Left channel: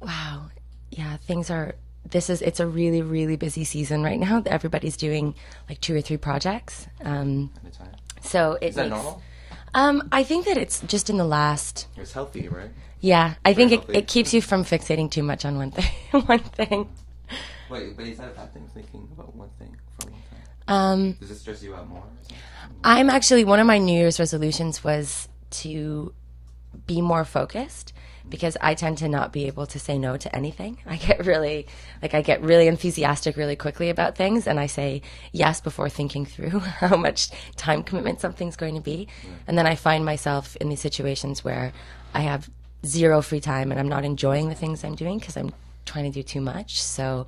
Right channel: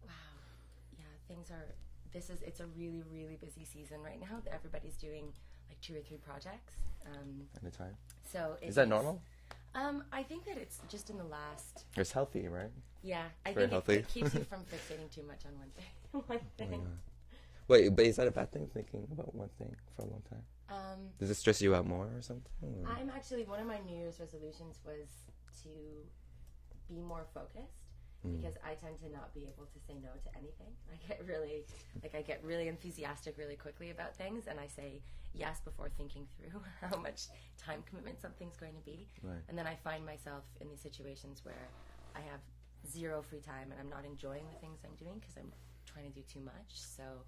Wow. Yeah, it's a really, really busy season right now. Everybody's doing like 2 or 3 projects. At a time. So it Is that makes, normal? I think that it's just in the last, It's healthy, right? yeah, I Very think healthy. it keeps you from fixating too much on one thing, one thing. Wait, but is that a bad thing? Thinking about one thing for a long time. Does it stress you out more or something? I'm actually, one of my New Year's resolutions was to be more focused because I tend to not be able to say no to anything. I get really enthusiastic really quickly about things, and I say yes before thinking through how much time commitment something's going to be. And then I find myself in these situations where I have zero free time and I'm not enjoying the things I'm doing because I'm trying to do too much. So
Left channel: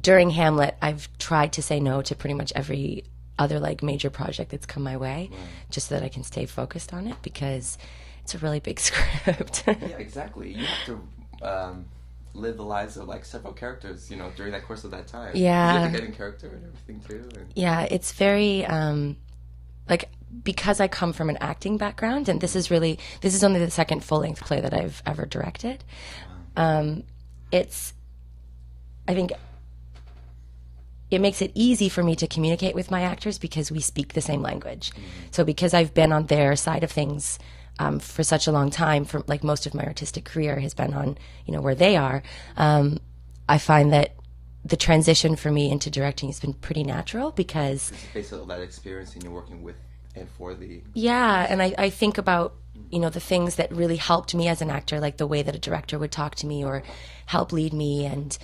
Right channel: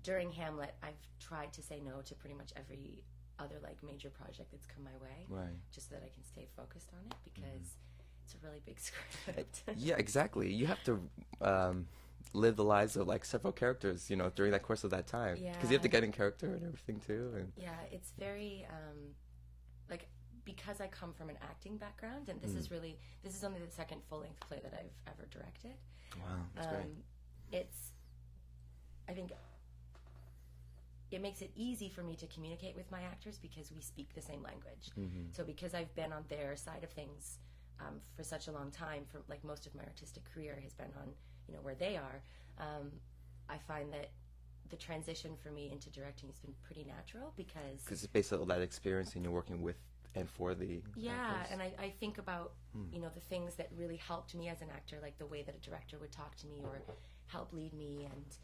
during Hamlet, I've tried to say no to pretty much every other like major project that's come my way, just so that I can stay focused on it because it's a really big script. Yeah, exactly. You have to live the lives of like several characters, during that course of that time. 'Cause Yeah. you have to get in character and everything too. And... Yeah, it's very like because I come from an acting background, and this is only the second full length play that I've ever directed. It's I think it makes it easy for me to communicate with my actors because we speak the same language. So because I've been on their side of things for such a long time, for like most of my artistic career has been on, where they are, I find that the transition for me into directing has been pretty natural because... It's based on that experience and you're working with and for the... Yeah, and I think about, the things that really helped me as an actor, like the way that a director would talk to me or help lead me, and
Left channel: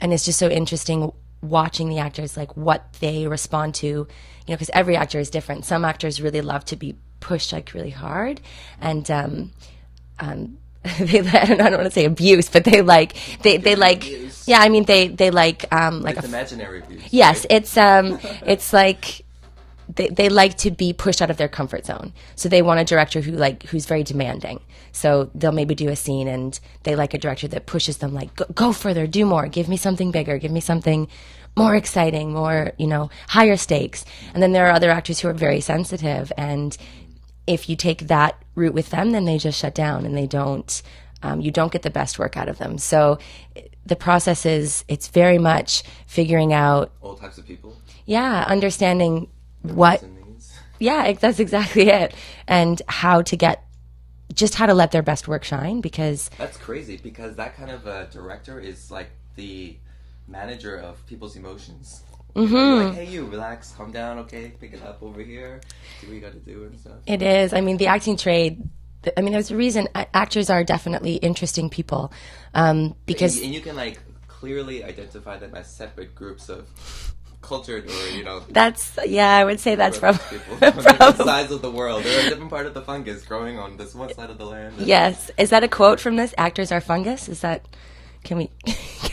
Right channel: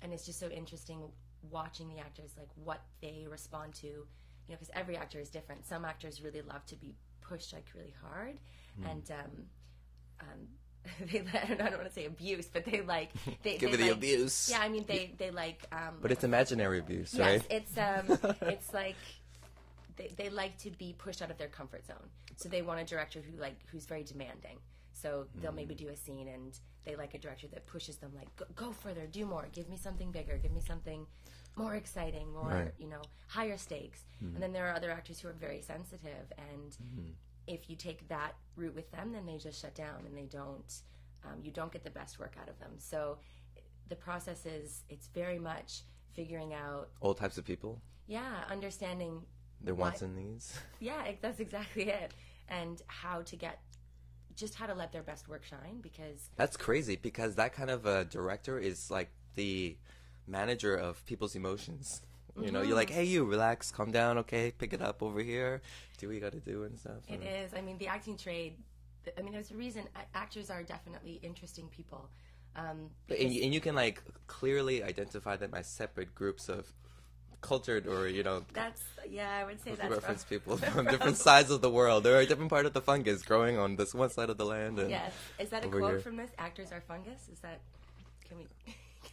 it's just so interesting watching the actors, like what they respond to, because every actor is different. Some actors really love to be pushed like really hard, and they I don't want to say abuse, but they like abuse. yeah, I mean they like But like it's imaginary abuse. yes, right? it's like they like to be pushed out of their comfort zone. So they want a director who's very demanding. So they'll maybe do a scene and they like a director that pushes them like, go further, do more, give me something bigger, give me something more exciting, more, higher stakes. And then there are other actors who are very sensitive, and if you take that route with them, then they just shut down and they don't, you don't get the best work out of them. So the process it's very much figuring out All types of people. yeah, understanding Their what, wants and needs. yeah, that's exactly it. And how to let their best work shine, because That's crazy because that kind of a director is like the manager of people's emotions. You're like, hey, you relax, calm down, okay, pick it up over here, do what you got to do and stuff. it is. I mean, the acting trade, there's a reason actors are definitely interesting people, because and you can like clearly identify them as separate groups of cultured or I would say that's people from different sides of the world. They're a different part of the fungus growing on this one side of the land. Yes. Is that a quote from this? Actors are fungus? Is that... Can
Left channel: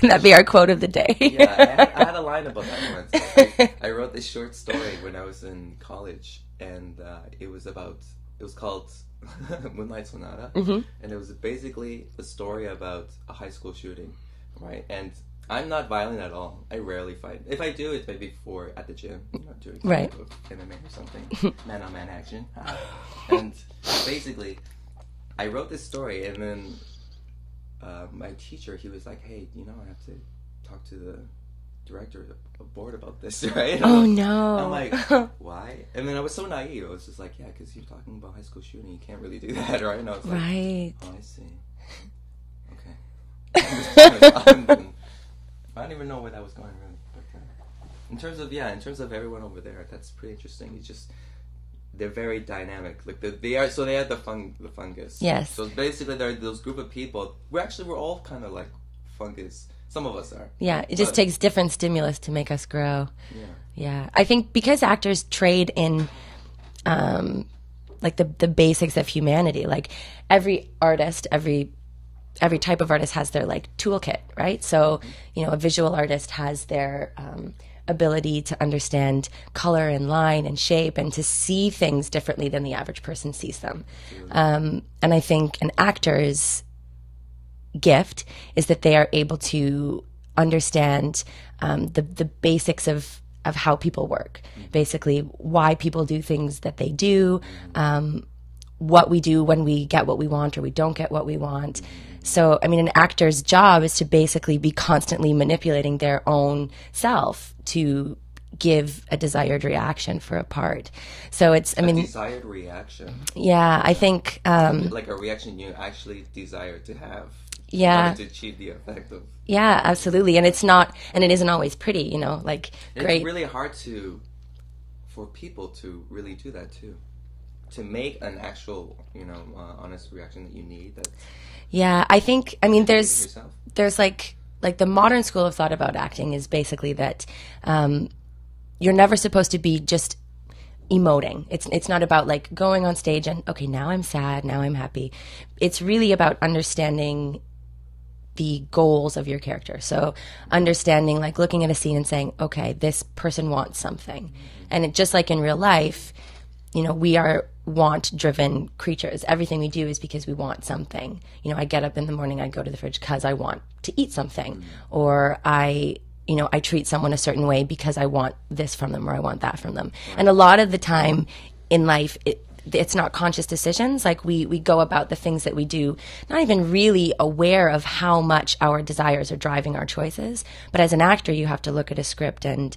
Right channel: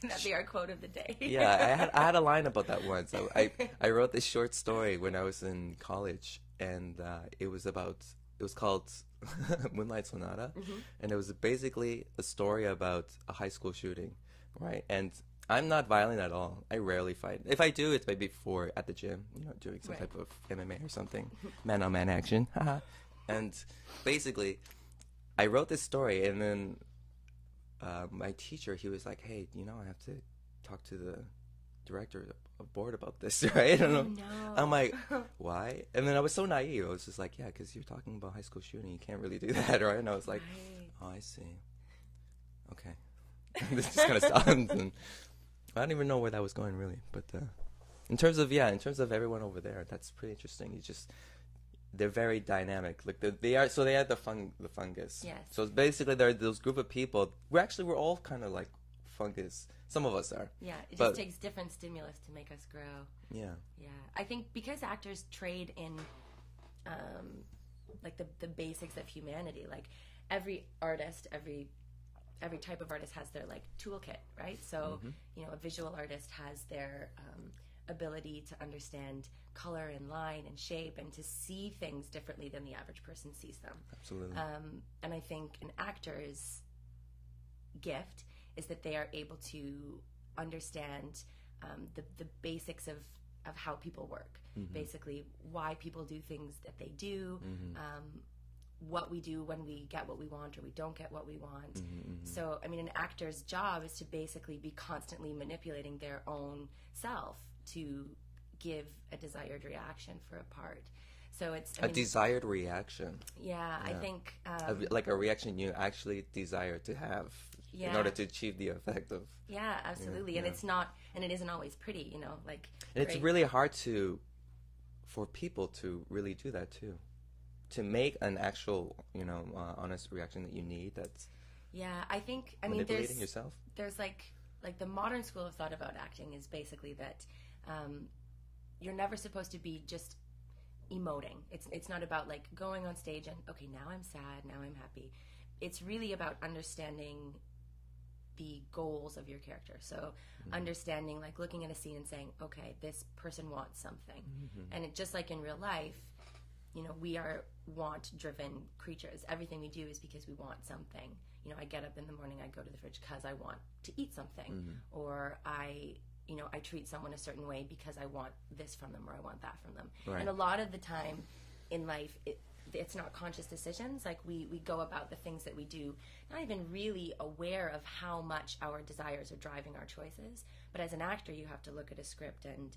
that be our quote of the day? Yeah, I had a line about that once. I wrote this short story when I was in college, and it was called Moonlight Sonata, and it was basically a story about a high school shooting, right? And I'm not violent at all. I rarely fight. If I do, it's maybe at the gym, doing some Right. type of MMA or something, man-on-man action. And basically, I wrote this story, and then my teacher, he was like, hey, I have to talk to the director of board about this, right? Oh, no. I'm like, why? And then I was so naive. I was just like, yeah, because you're talking about high school shooting. You can't really do that, right? And I was like, Right. oh, I see. Okay. I don't even know where that was going, really. But in terms of everyone over there, that's pretty interesting. They're very dynamic. Like they are the fungus. Yes. So basically, there are those group of people. We're all kind of like fungus. Some of us are. Yeah, it just takes different stimulus to make us grow. Yeah. Yeah, I think because actors trade in, like the basics of humanity. Like every artist, every type of artist has their like toolkit, right? So a visual artist has their ability to understand color and line and shape and to see things differently than the average person sees them. And I think an actor's gift is that they are able to understand the basics of how people work, basically why people do things that they do, what we do when we get what we want or we don't get what we want. So, I mean, an actor's job is to basically be constantly manipulating their own self to give a desired reaction for a part. So it's, I mean, desired reaction. Yeah, I think like a reaction you actually desire to have. Yeah. In order to achieve the effect of. Yeah, absolutely. And it's not, and it isn't always pretty, you know, like great. It's really hard for people to really do that too. To make an actual, you know, honest reaction that you need. Yeah, I think, I mean, there's like the modern school of thought about acting is basically that you're never supposed to be just emoting. It's not about like going on stage and, okay, now I'm sad, now I'm happy. It's really about understanding the goals of your character. So understanding, like looking at a scene and saying, okay, this person wants something. And it, just like in real life, you know, we are want-driven creatures. Everything we do is because we want something. You know, I get up in the morning, I go to the fridge because I want to eat something. Or I treat someone a certain way because I want this from them or I want that from them. Right. And a lot of the time in life, it's not conscious decisions. Like we go about the things that we do, not even really aware of how much our desires are driving our choices. But as an actor, you have to look at a script and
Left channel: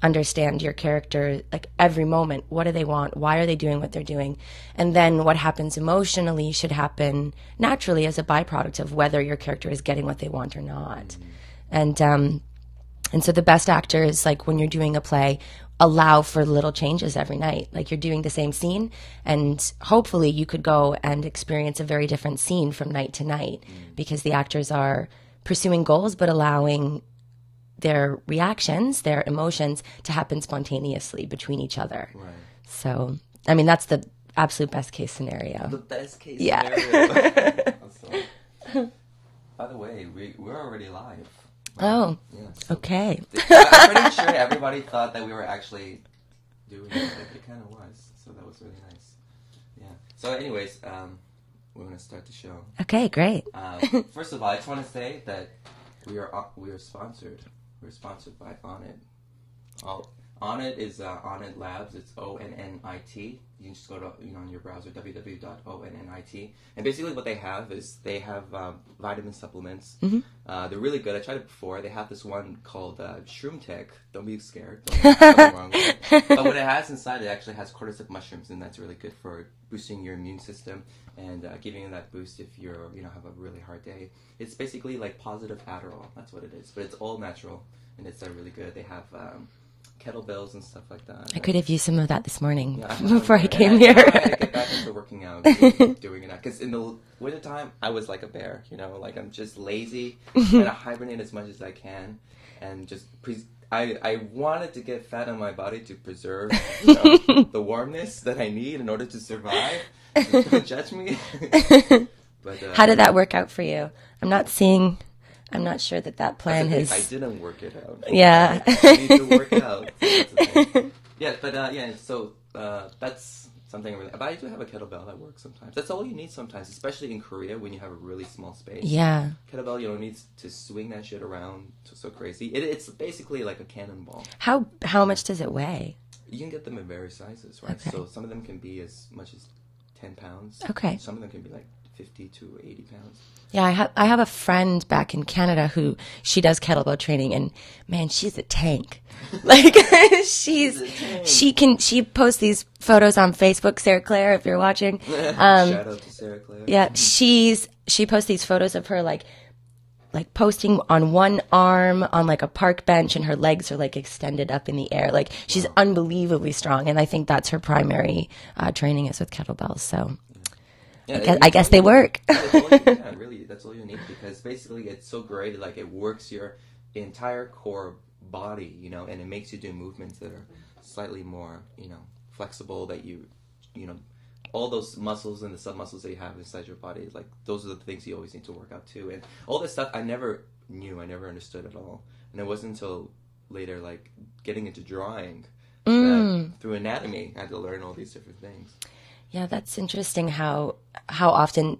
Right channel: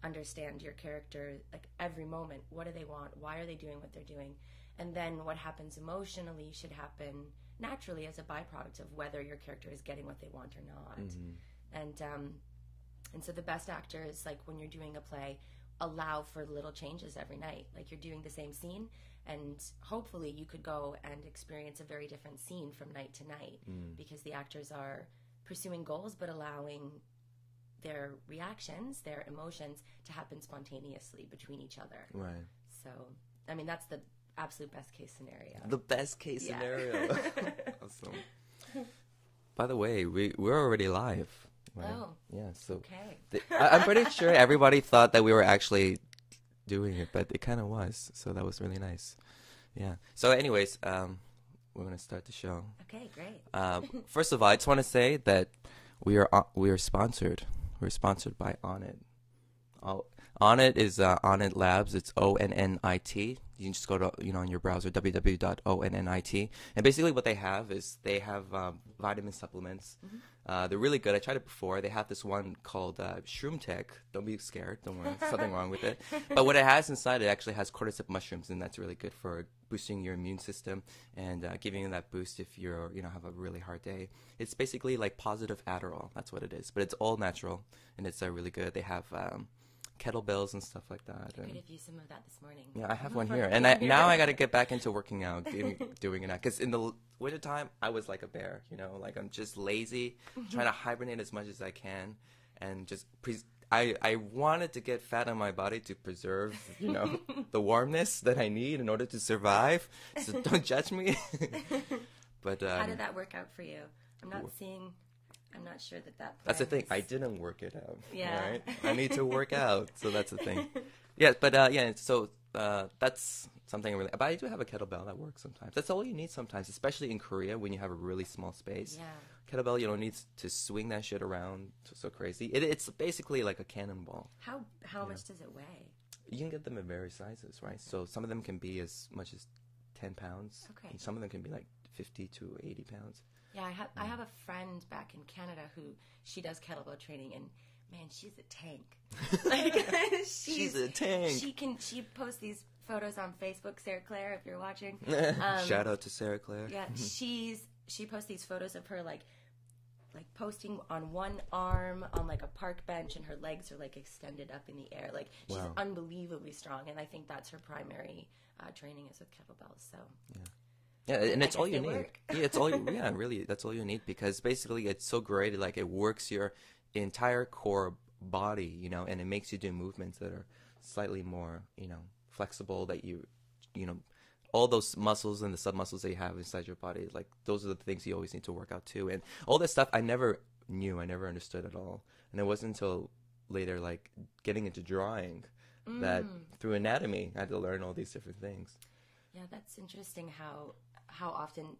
understand your character, like every moment. What do they want? Why are they doing what they're doing? And then what happens emotionally should happen naturally as a byproduct of whether your character is getting what they want or not. And so the best actors, like when you're doing a play, allow for little changes every night. Like you're doing the same scene and hopefully you could go and experience a very different scene from night to night because the actors are pursuing goals but allowing their reactions, their emotions to happen spontaneously between each other. Right. So, I mean, that's the absolute best case scenario. The best case scenario. Awesome. By the way, we're already live. Oh, yeah, so okay. I'm pretty sure everybody thought that we were actually doing it, but it kind of was. So that was really nice. Yeah. So anyways, we're going to start the show. Okay, great. First of all, I just want to say that we are sponsored. We're sponsored by Onnit. Onnit is Onnit Labs. It's ONNIT. You can just go to, you know, on your browser, www.onnit. And basically what they have is they have vitamin supplements. Mm-hmm. They're really good. I tried it before. They have this one called Shroom Tech. Don't be scared. Don't nothing wrong with it. But what it has inside, it actually has cordyceps mushrooms, and that's really good for boosting your immune system and giving you that boost if you're, you know, have a really hard day. It's basically like positive Adderall. That's what it is. But it's all natural, and it's really good. They have kettlebells and stuff like that. I could have used some of that this morning before I came here. Now I gotta get back into working out, doing it. Because in the winter time, I was like a bear, you know, like I'm just lazy, trying to hibernate as much as I can, and just I wanted to get fat on my body to preserve, you know, the warmness that I need in order to survive. So don't judge me. But how did that work out for you? I'm not sure that plan has... I didn't work it out. Yeah. I need to work out. So that's the thing. Yeah, but yeah, so that's something really... But I do have a kettlebell that works sometimes. That's all you need sometimes, especially in Korea when you have a really small space. Yeah. Kettlebell, you don't need to swing that shit around so crazy. It's basically like a cannonball. How much does it weigh? You can get them in various sizes, right? Okay. So some of them can be as much as 10 pounds. Okay. Some of them can be like 50 to 80 pounds. Yeah, I have a friend back in Canada who she does kettlebell training, and man, she's a tank. Like she posts these photos on Facebook. Sarah Claire, if you're watching, shout out to Sarah Claire. Yeah, she posts these photos of her like posting on one arm on like a park bench, and her legs are like extended up in the air. Like she's unbelievably strong, and I think that's her primary training is with kettlebells. So. Yeah, I guess they work. Really, that's all you need, because basically it's so great. Like it works your entire core body, you know, and it makes you do movements that are slightly more, you know, flexible. That you know, all those muscles and the submuscles that you have inside your body, like those are the things you always need to work out too. And all this stuff I never knew, I never understood at all. And it wasn't until later, like getting into drawing, that through anatomy, I had to learn all these different things. Yeah, that's interesting how often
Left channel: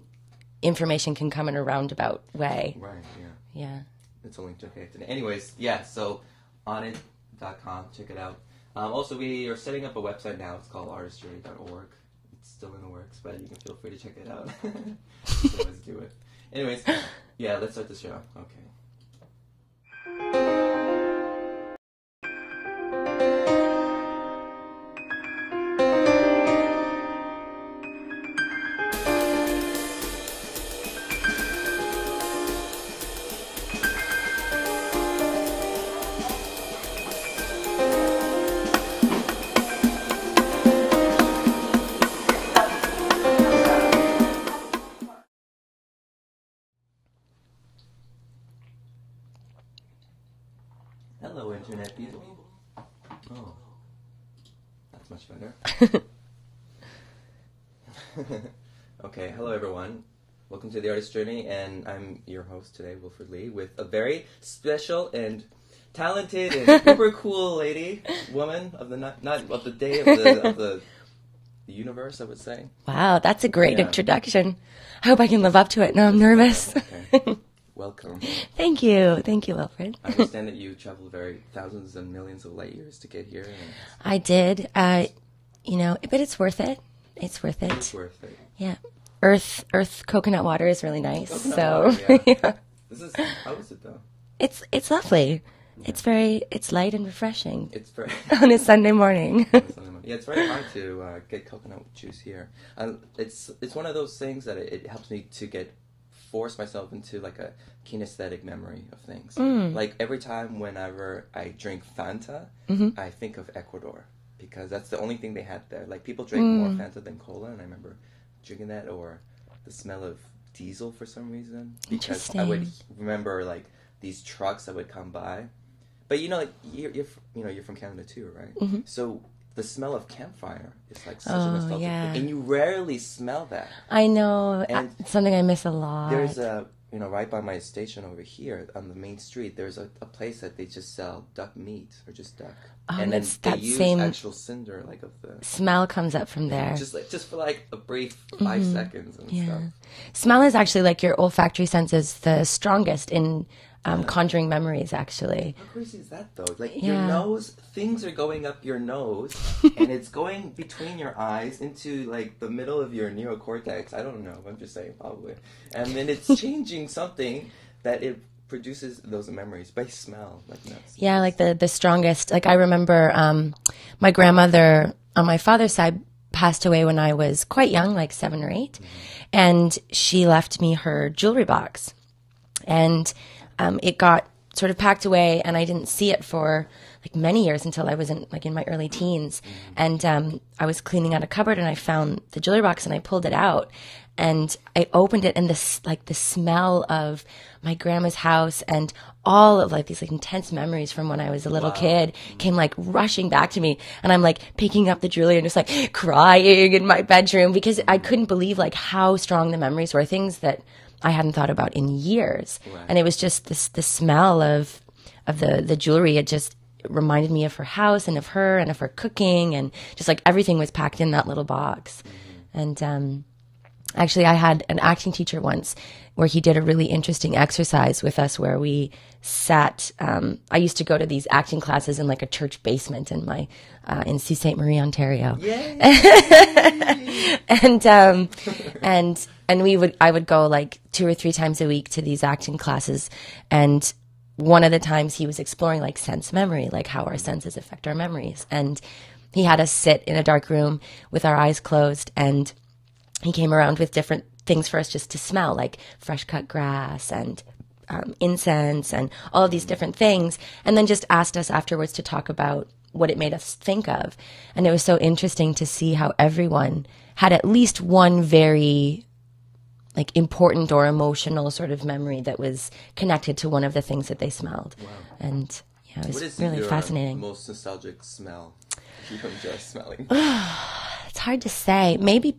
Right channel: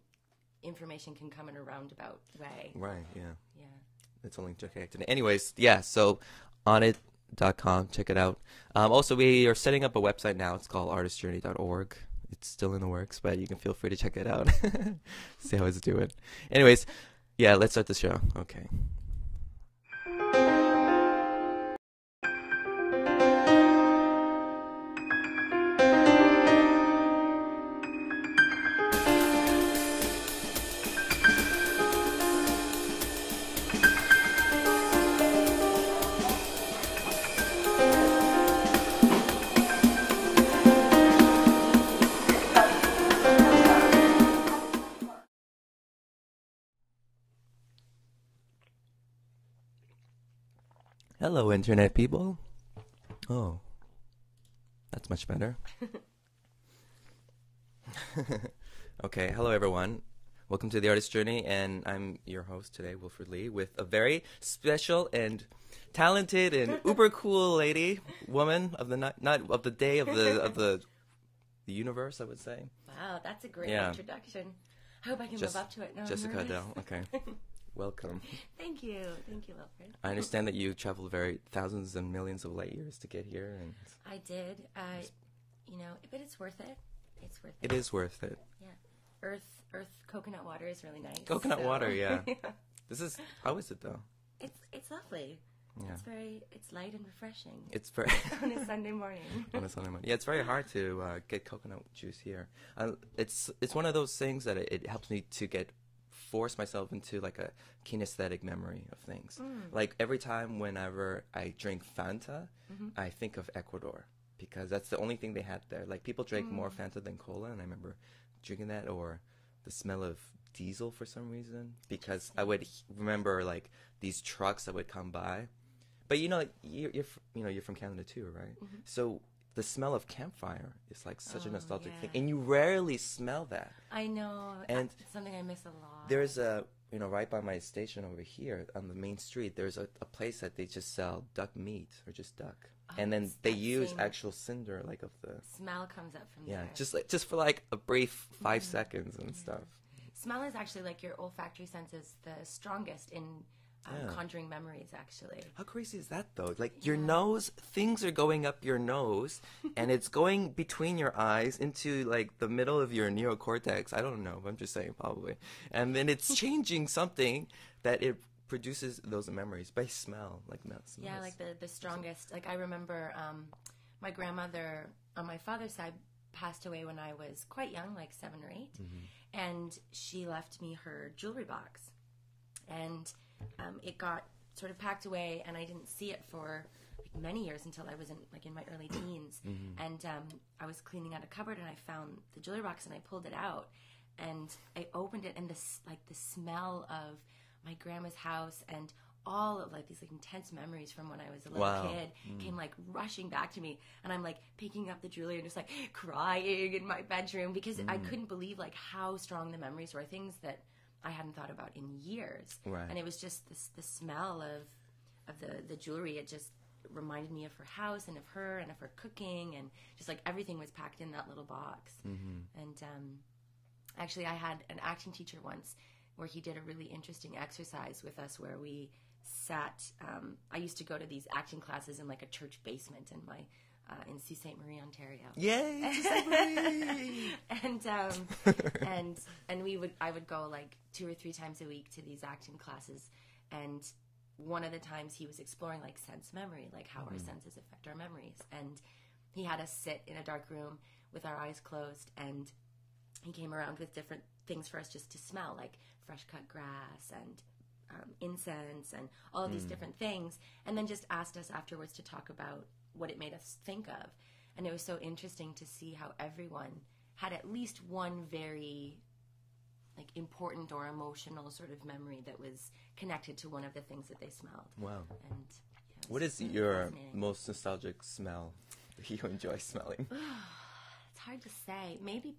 information can come in a roundabout way. Right, yeah. Yeah. It's only okay today. Anyways, yeah, so onnit.com, check it out. Also, we are setting up a website now. It's called artistjourney.org. It's still in the works, but you can feel free to check it out. See how it's doing. Anyways, yeah, let's start the show. Okay. Hello, internet people. Oh, that's much better. Okay, hello everyone. Welcome to The Artist Journey, and I'm your host today, Wilfred Lee, with a very special and talented and super cool woman of the not of the day of the universe, I would say. Wow, that's a great introduction. I hope I can live up to it. No, I'm nervous. Okay. Welcome. Thank you, Wilfred. I understand that you traveled thousands and millions of light years to get here. I did. But it's worth it. It's worth it. It's worth it. Yeah. Earth coconut water is really nice. Water, yeah. Yeah. How is it though? It's lovely. Yeah. It's light and refreshing. It's very on a Sunday morning. Yeah, it's very hard to get coconut juice here. It's one of those things that it helps me to force myself into like a kinesthetic memory of things. Like every time whenever I drink Fanta, I think of Ecuador because that's the only thing they had there. Like people drink more Fanta than cola, and I remember drinking that, or the smell of diesel for some reason, because I would remember like these trucks that would come by. But you're from Canada too, right? So the smell of campfire is like such a nostalgic thing, and you rarely smell that. I know, and it's something I miss a lot. There's right by my station over here on the main street, there's a place that they just sell duck meat, or just duck. And then they use actual cinder, like of the smell comes up from there. Just for like a brief 5 seconds and stuff. Smell is actually like your olfactory sense is the strongest in conjuring memories, actually. How crazy is that, though? Like, your nose, things are going up your nose, and it's going between your eyes into, like, the middle of your neocortex. I don't know. I'm just saying, probably. And then it's changing something that it produces those memories by smell. Like, yeah, like the strongest. Like, I remember my grandmother on my father's side passed away when I was quite young, like 7 or 8. And she left me her jewelry box. And it got sort of packed away, and I didn't see it for like many years until I was in my early teens. And I was cleaning out a cupboard, and I found the jewelry box, and I pulled it out, and I opened it, and the smell of my grandma's house and all of like these like intense memories from when I was a little kid came like rushing back to me, and I'm like picking up the jewelry and just like crying in my bedroom because I couldn't believe like how strong the memories were, things that I hadn't thought about in years. Right. And it was just the smell of the jewelry. It just reminded me of her house and of her and of her cooking, and just like everything was packed in that little box. And actually I had an acting teacher once where he did a really interesting exercise with us where we sat, I used to go to these acting classes in like a church basement in in Sault Ste. Marie, Ontario. Yay! And I would go like 2 or 3 times a week to these acting classes. And one of the times he was exploring like sense memory, like how our senses affect our memories. And he had us sit in a dark room with our eyes closed, and he came around with different things for us just to smell, like fresh cut grass and incense and all of these different things. And then just asked us afterwards to talk about what it made us think of. And it was so interesting to see how everyone had at least one very like important or emotional sort of memory that was connected to one of the things that they smelled. Wow. And yeah, it was really fascinating. Most nostalgic smell you enjoy smelling? It's hard to say. Maybe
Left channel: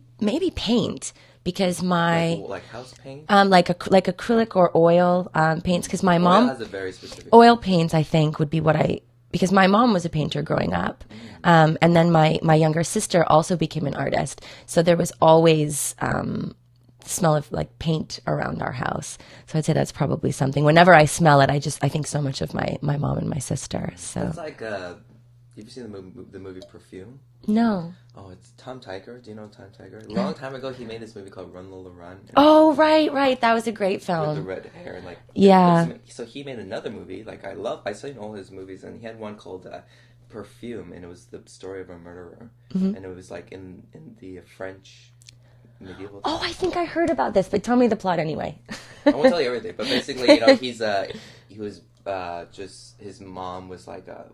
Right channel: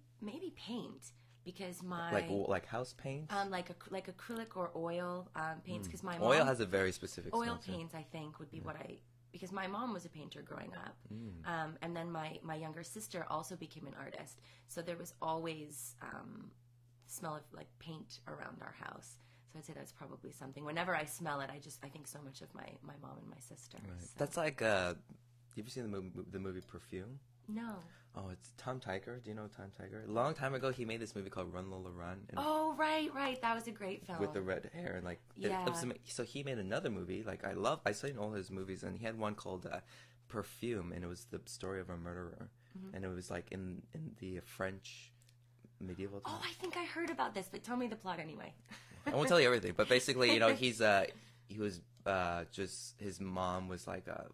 paint, because like house paint, like acrylic or oil paints. Because my mom has a very specific oil paints, I think, would be because my mom was a painter growing up, and then my younger sister also became an artist. So there was always smell of like paint around our house. So I'd say that's probably something. Whenever I smell it, I think so much of my mom and my sister. So that's like Have you seen the movie Perfume? No. Oh, it's Tom Tiger. Do you know Tom Tiger? A long time ago, he made this movie called Run Lola Run. Oh, right. That was a great film. With the red hair and like. Yeah. So he made another movie. Like I saw all his movies, and he had one called Perfume, and it was the story of a murderer, and it was like in the French medieval time. Oh, I think I heard about this, but tell me the plot anyway. I won't tell you everything, but basically, you know, he was just his mom was like a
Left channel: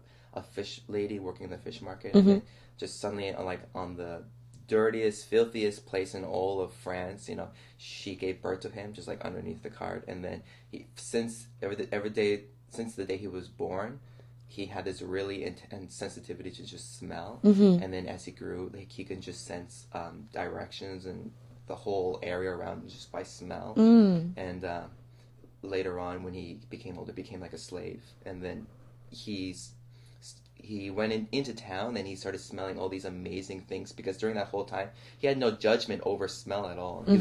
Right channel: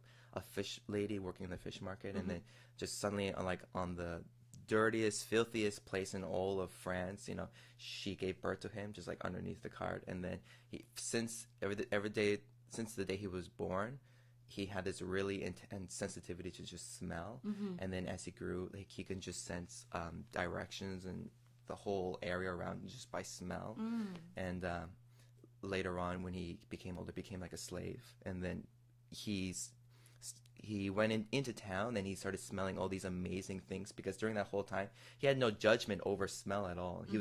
fish lady working in the fish market, and then just suddenly like on the dirtiest, filthiest place in all of France, you know, she gave birth to him just like underneath the cart, and then since the day he was born, he had this really intense sensitivity to just smell, and then as he grew, like he can just sense directions and the whole area around him just by smell. And later on, when he became older, became like a slave, and then he went into town and he started smelling all these amazing things, because during that whole time he had no judgment over smell at all. He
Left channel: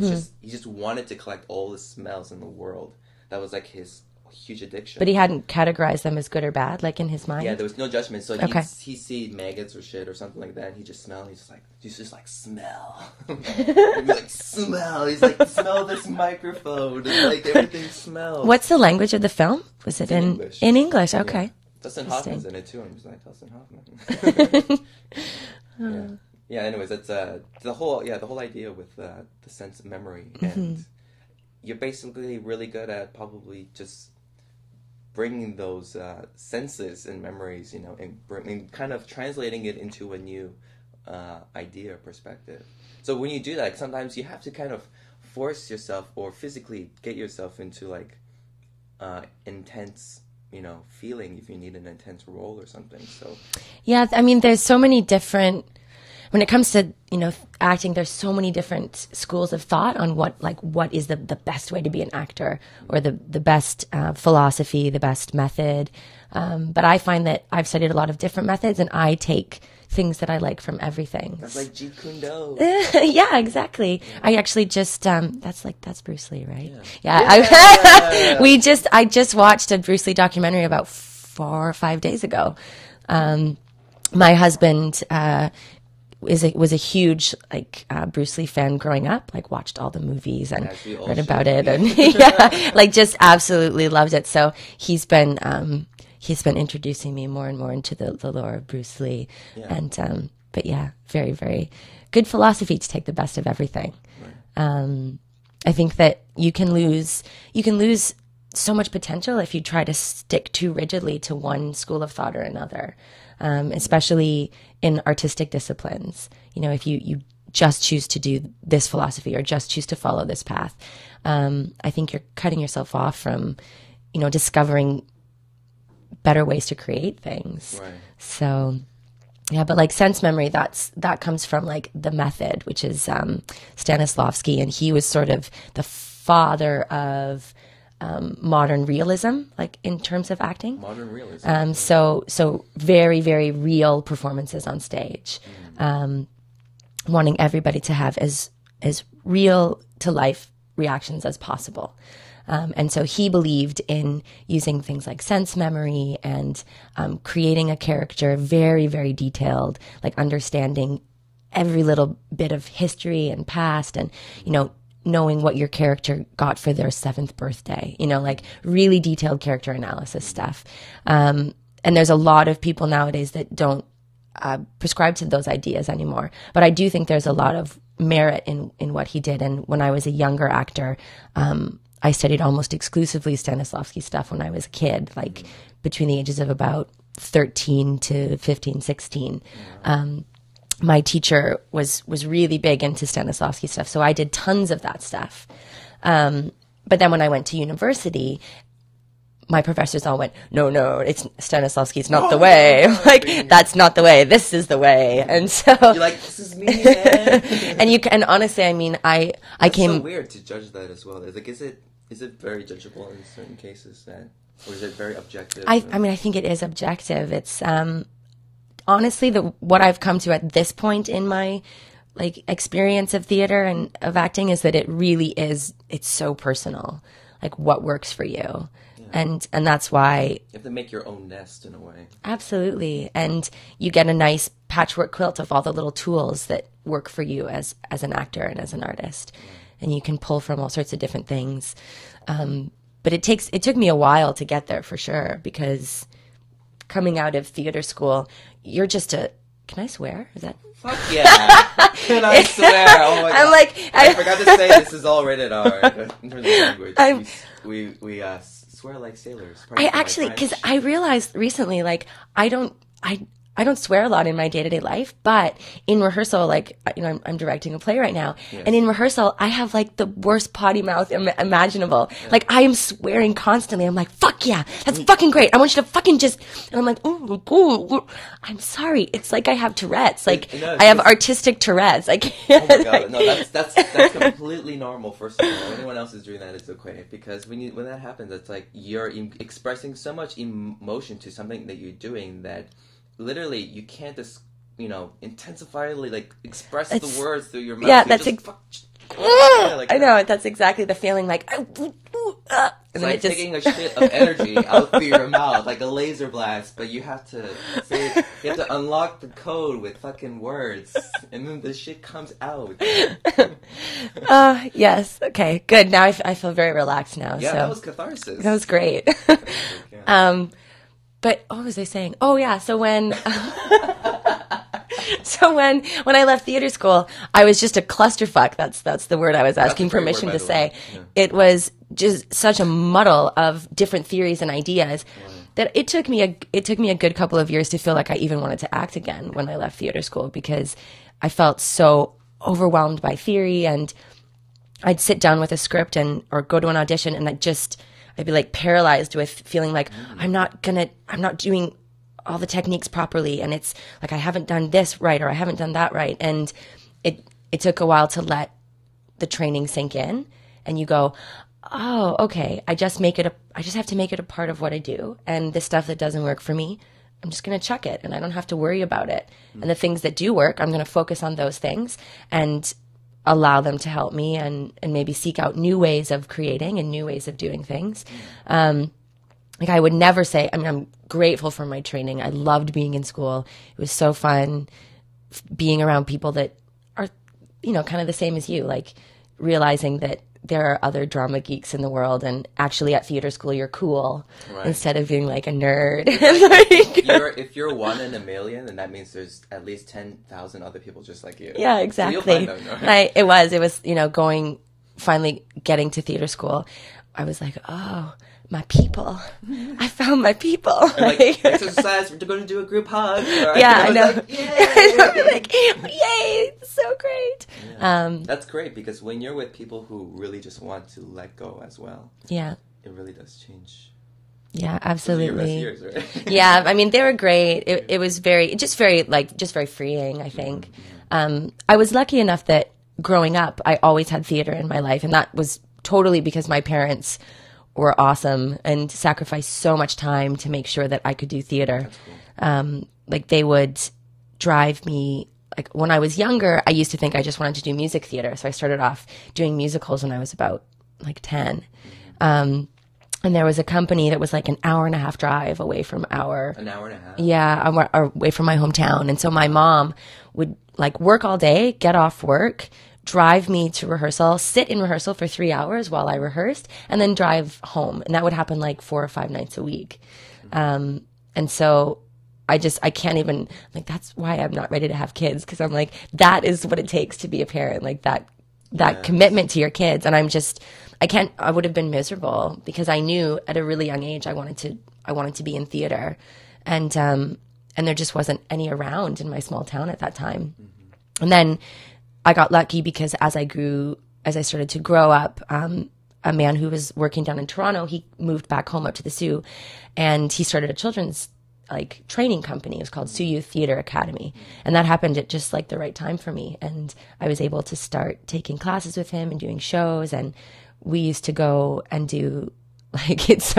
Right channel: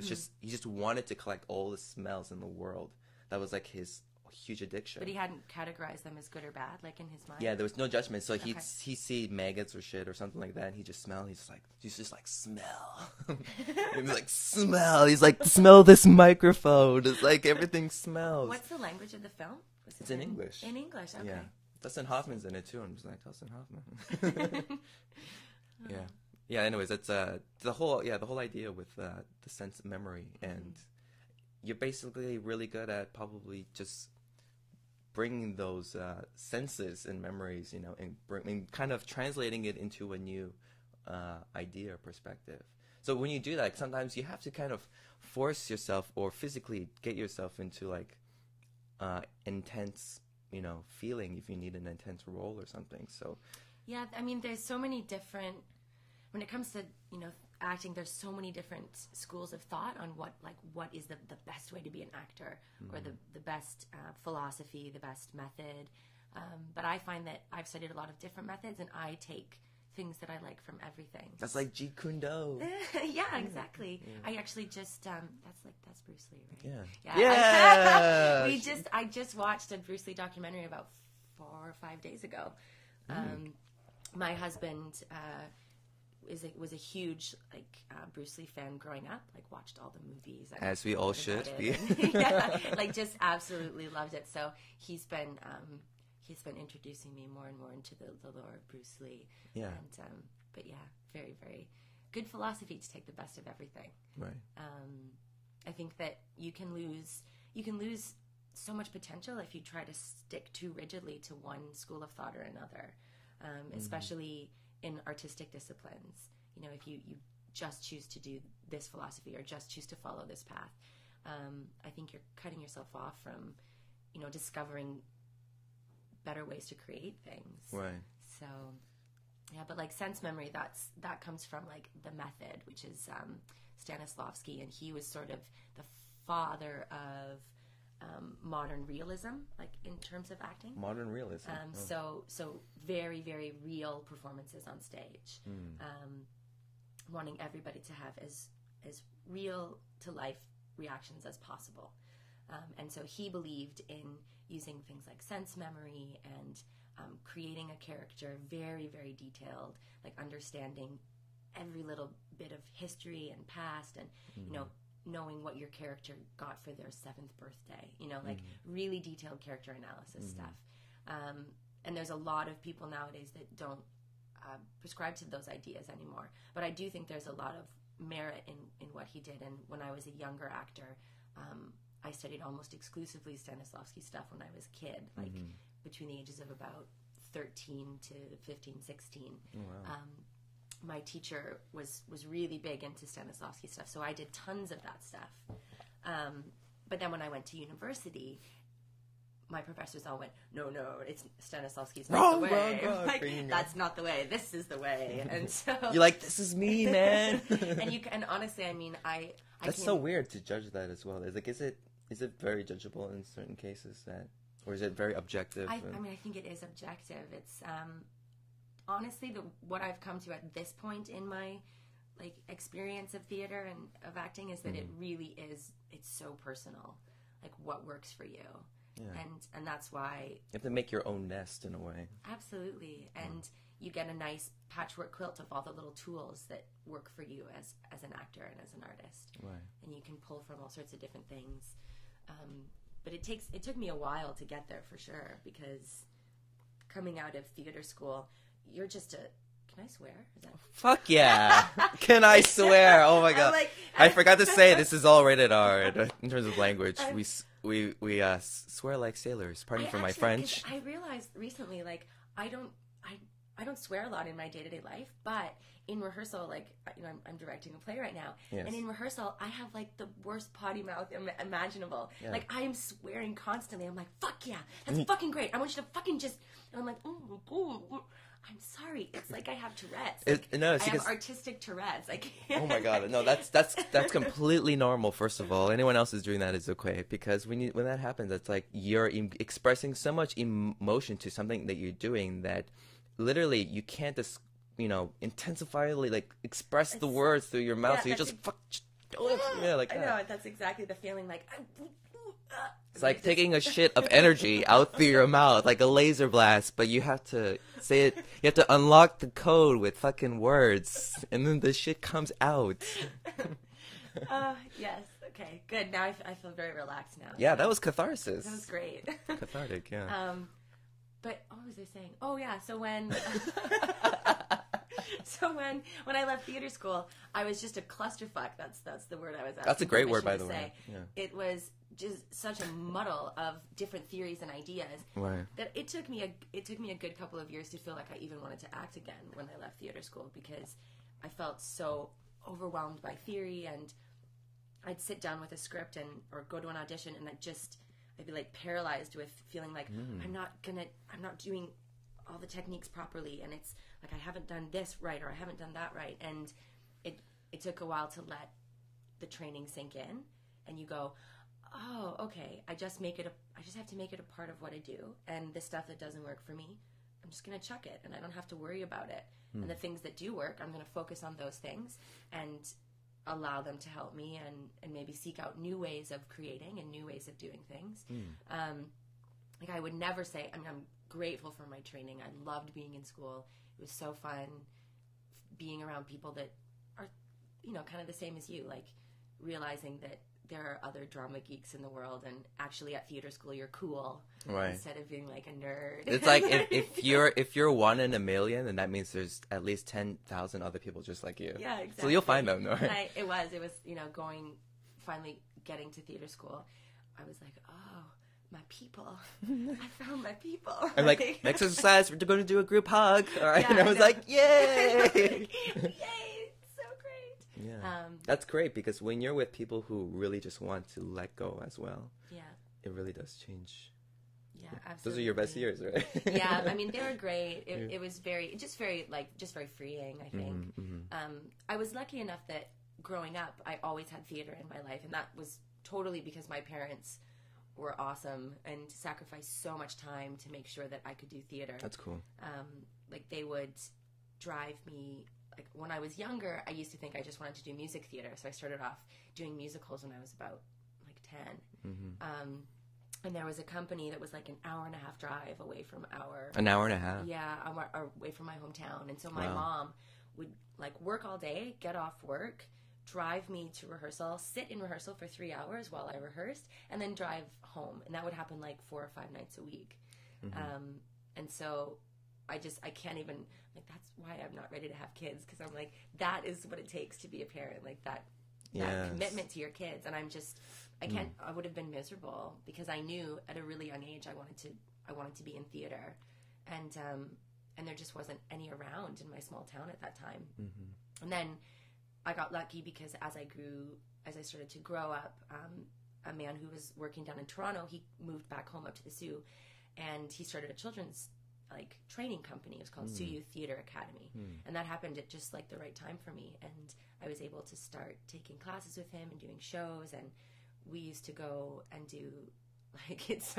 just wanted to collect all the smells in the world. That was like his huge addiction. But he hadn't categorized them as good or bad, like in his mind? Yeah, there was no judgment. So he'd see maggots or shit or something like that, and he'd just smell, and he's just like, smell. He'd be like, smell. He's like, smell this microphone. It's like, everything smells. What's the language of the film? Was it in English? In English, okay. Yeah. Dustin Hoffman's in it too. I'm just like, Dustin Hoffman. Yeah, anyways, that's the whole idea with the sense of memory. And you're basically really good at probably just bringing those senses and memories, you know, and kind of translating it into a new idea or perspective. So when you do that, sometimes you have to kind of force yourself or physically get yourself into like intense, you know, feeling if you need an intense role or something. So yeah, I mean, there's so many different, when it comes to, you know, acting, there's so many different schools of thought on what is the best way to be an actor, or the best philosophy, the best method. But I find that I've studied a lot of different methods, and I take things that I like from everything. That's like Jeet Kune Do. Yeah, exactly. I actually just that's Bruce Lee, right? Yeah. I just watched a Bruce Lee documentary about 4 or 5 days ago. My husband was a huge Bruce Lee fan growing up, like watched all the movies and read about it, and like just absolutely loved it. So he's been introducing me more and more into the lore of Bruce Lee, and but yeah, very, very good philosophy to take the best of everything. Right. I think that you can lose so much potential if you try to stick too rigidly to one school of thought or another, especially in artistic disciplines. You know, if you just choose to do this philosophy or just choose to follow this path, I think you're cutting yourself off from, you know, discovering better ways to create things. Right. So yeah, but like sense memory, that comes from like the method, which is Stanislavski, and he was sort of the father of modern realism, like in terms of acting. Modern realism. So very, very real performances on stage, wanting everybody to have as real to life reactions as possible. And so he believed in using things like sense memory and creating a character very, very detailed, like understanding every little bit of history and past, and, you know, knowing what your character got for their 7th birthday, you know, like really detailed character analysis stuff. And there's a lot of people nowadays that don't prescribe to those ideas anymore. But I do think there's a lot of merit in what he did. And when I was a younger actor, I studied almost exclusively Stanislavski stuff when I was a kid, like between the ages of about 13 to 15, 16. My teacher was really big into Stanislavski stuff, so I did tons of that stuff. But then when I went to university, my professors all went, no, it's Stanislavski, it's not the way. Like, that's not the way, this is the way. And so you're like, this is me, man. and honestly, I mean, I came. It's so weird to judge that as well. It's like, is it very judgeable in certain cases, or is it very objective? I mean, I think it is objective. It's honestly what I've come to at this point in my like experience of theater and of acting is that it really is. It's so personal, like what works for you. And that's why you have to make your own nest in a way. Absolutely. And you get a nice patchwork quilt of all the little tools that work for you as an actor and as an artist. Yeah. And you can pull from all sorts of different things. But it took me a while to get there for sure, because coming out of theater school, you're just can I swear? Is that? Fuck yeah! Can I swear? Oh my god! I'm like, I forgot to say this is all rated R in terms of language. We swear like sailors. I actually, because I realized recently, like I don't swear a lot in my day-to-day life, but in rehearsal, like, I'm directing a play right now, and in rehearsal, I have, like, the worst potty mouth imaginable. Yeah. Like, I am swearing constantly. I'm like, fuck yeah, that's fucking great. I want you to fucking just, and I'm like, oh, I'm sorry. It's like I have Tourette's. Like, I have artistic Tourette's. I can't. Oh my god, no, that's completely normal, first of all. Anyone else is doing that is okay, because when that happens, it's like you're expressing so much emotion to something that you're doing that literally you can't just intensify, like express the words through your mouth. Yeah, that's I know, that's exactly the feeling. Like it's like taking a shit of energy out through your mouth like a laser blast, but you have to say it, you have to unlock the code with fucking words, and then the shit comes out. Yes, okay, good. Now I feel very relaxed now. Yeah, so. That was catharsis. That was great. But what was I saying? Oh yeah, so when when I left theater school, I was just a clusterfuck. That's the word I was asking permission to say. Yeah. It was just such a muddle of different theories and ideas that it took me a good couple of years to feel like I even wanted to act again when I left theater school, because I felt so overwhelmed by theory, and I'd sit down with a script or go to an audition, and I'd be like paralyzed with feeling like I'm not doing all the techniques properly, and it's like I haven't done this right or I haven't done that right. And it took a while to let the training sink in, and you go, oh, okay, I just have to make it a part of what I do. And the stuff that doesn't work for me, I'm just going to chuck it, and I don't have to worry about it. And the things that do work, I'm going to focus on those things and allow them to help me, and maybe seek out new ways of creating and new ways of doing things. Like I would never say, I'm grateful for my training. I loved being in school. It was so fun being around people that are, kind of the same as you, like realizing that there are other drama geeks in the world, and actually at theater school you're cool instead of being like a nerd. If you're one in a million, then that means there's at least 10,000 other people just like you. Yeah, exactly. So you'll find them, right? It was finally getting to theater school, I was like, oh, my people. I found my people. Like exercise, we're going to do a group hug. Right? Yeah, I know. Like, yay! Like, yay! It's so great. Yeah. That's great, because when you're with people who really just want to let go as well, yeah, it really does change. Yeah, absolutely. Those are your best years, right? Yeah, they were great. It was very freeing, I think. Mm-hmm. I was lucky enough that growing up, I always had theater in my life, and that was totally because my parents were awesome and sacrificed so much time to make sure that I could do theater. That's cool. Like they would drive me, like when I was younger, I used to think I just wanted to do music theater. So I started off doing musicals when I was about like 10. Mm-hmm. And there was a company that was like an hour and a half drive away from An hour and a half? Yeah, away from my hometown. And so my mom would like work all day, get off work, drive me to rehearsal, sit in rehearsal for 3 hours while I rehearsed, and then drive home. And that would happen like 4 or 5 nights a week. And so I can't even, like, that's why I'm not ready to have kids, because I'm like, that is what it takes to be a parent, like that commitment to your kids. And I would have been miserable, because I knew at a really young age I wanted to be in theater. And there just wasn't any around in my small town at that time. Mm-hmm. And then I got lucky, because as I started to grow up, a man who was working down in Toronto, he moved back home up to the Sioux, and he started a children's like training company. It was called Sioux Youth Theater Academy, and that happened at just like the right time for me. And I was able to start taking classes with him and doing shows, and we used to go and do. Like it's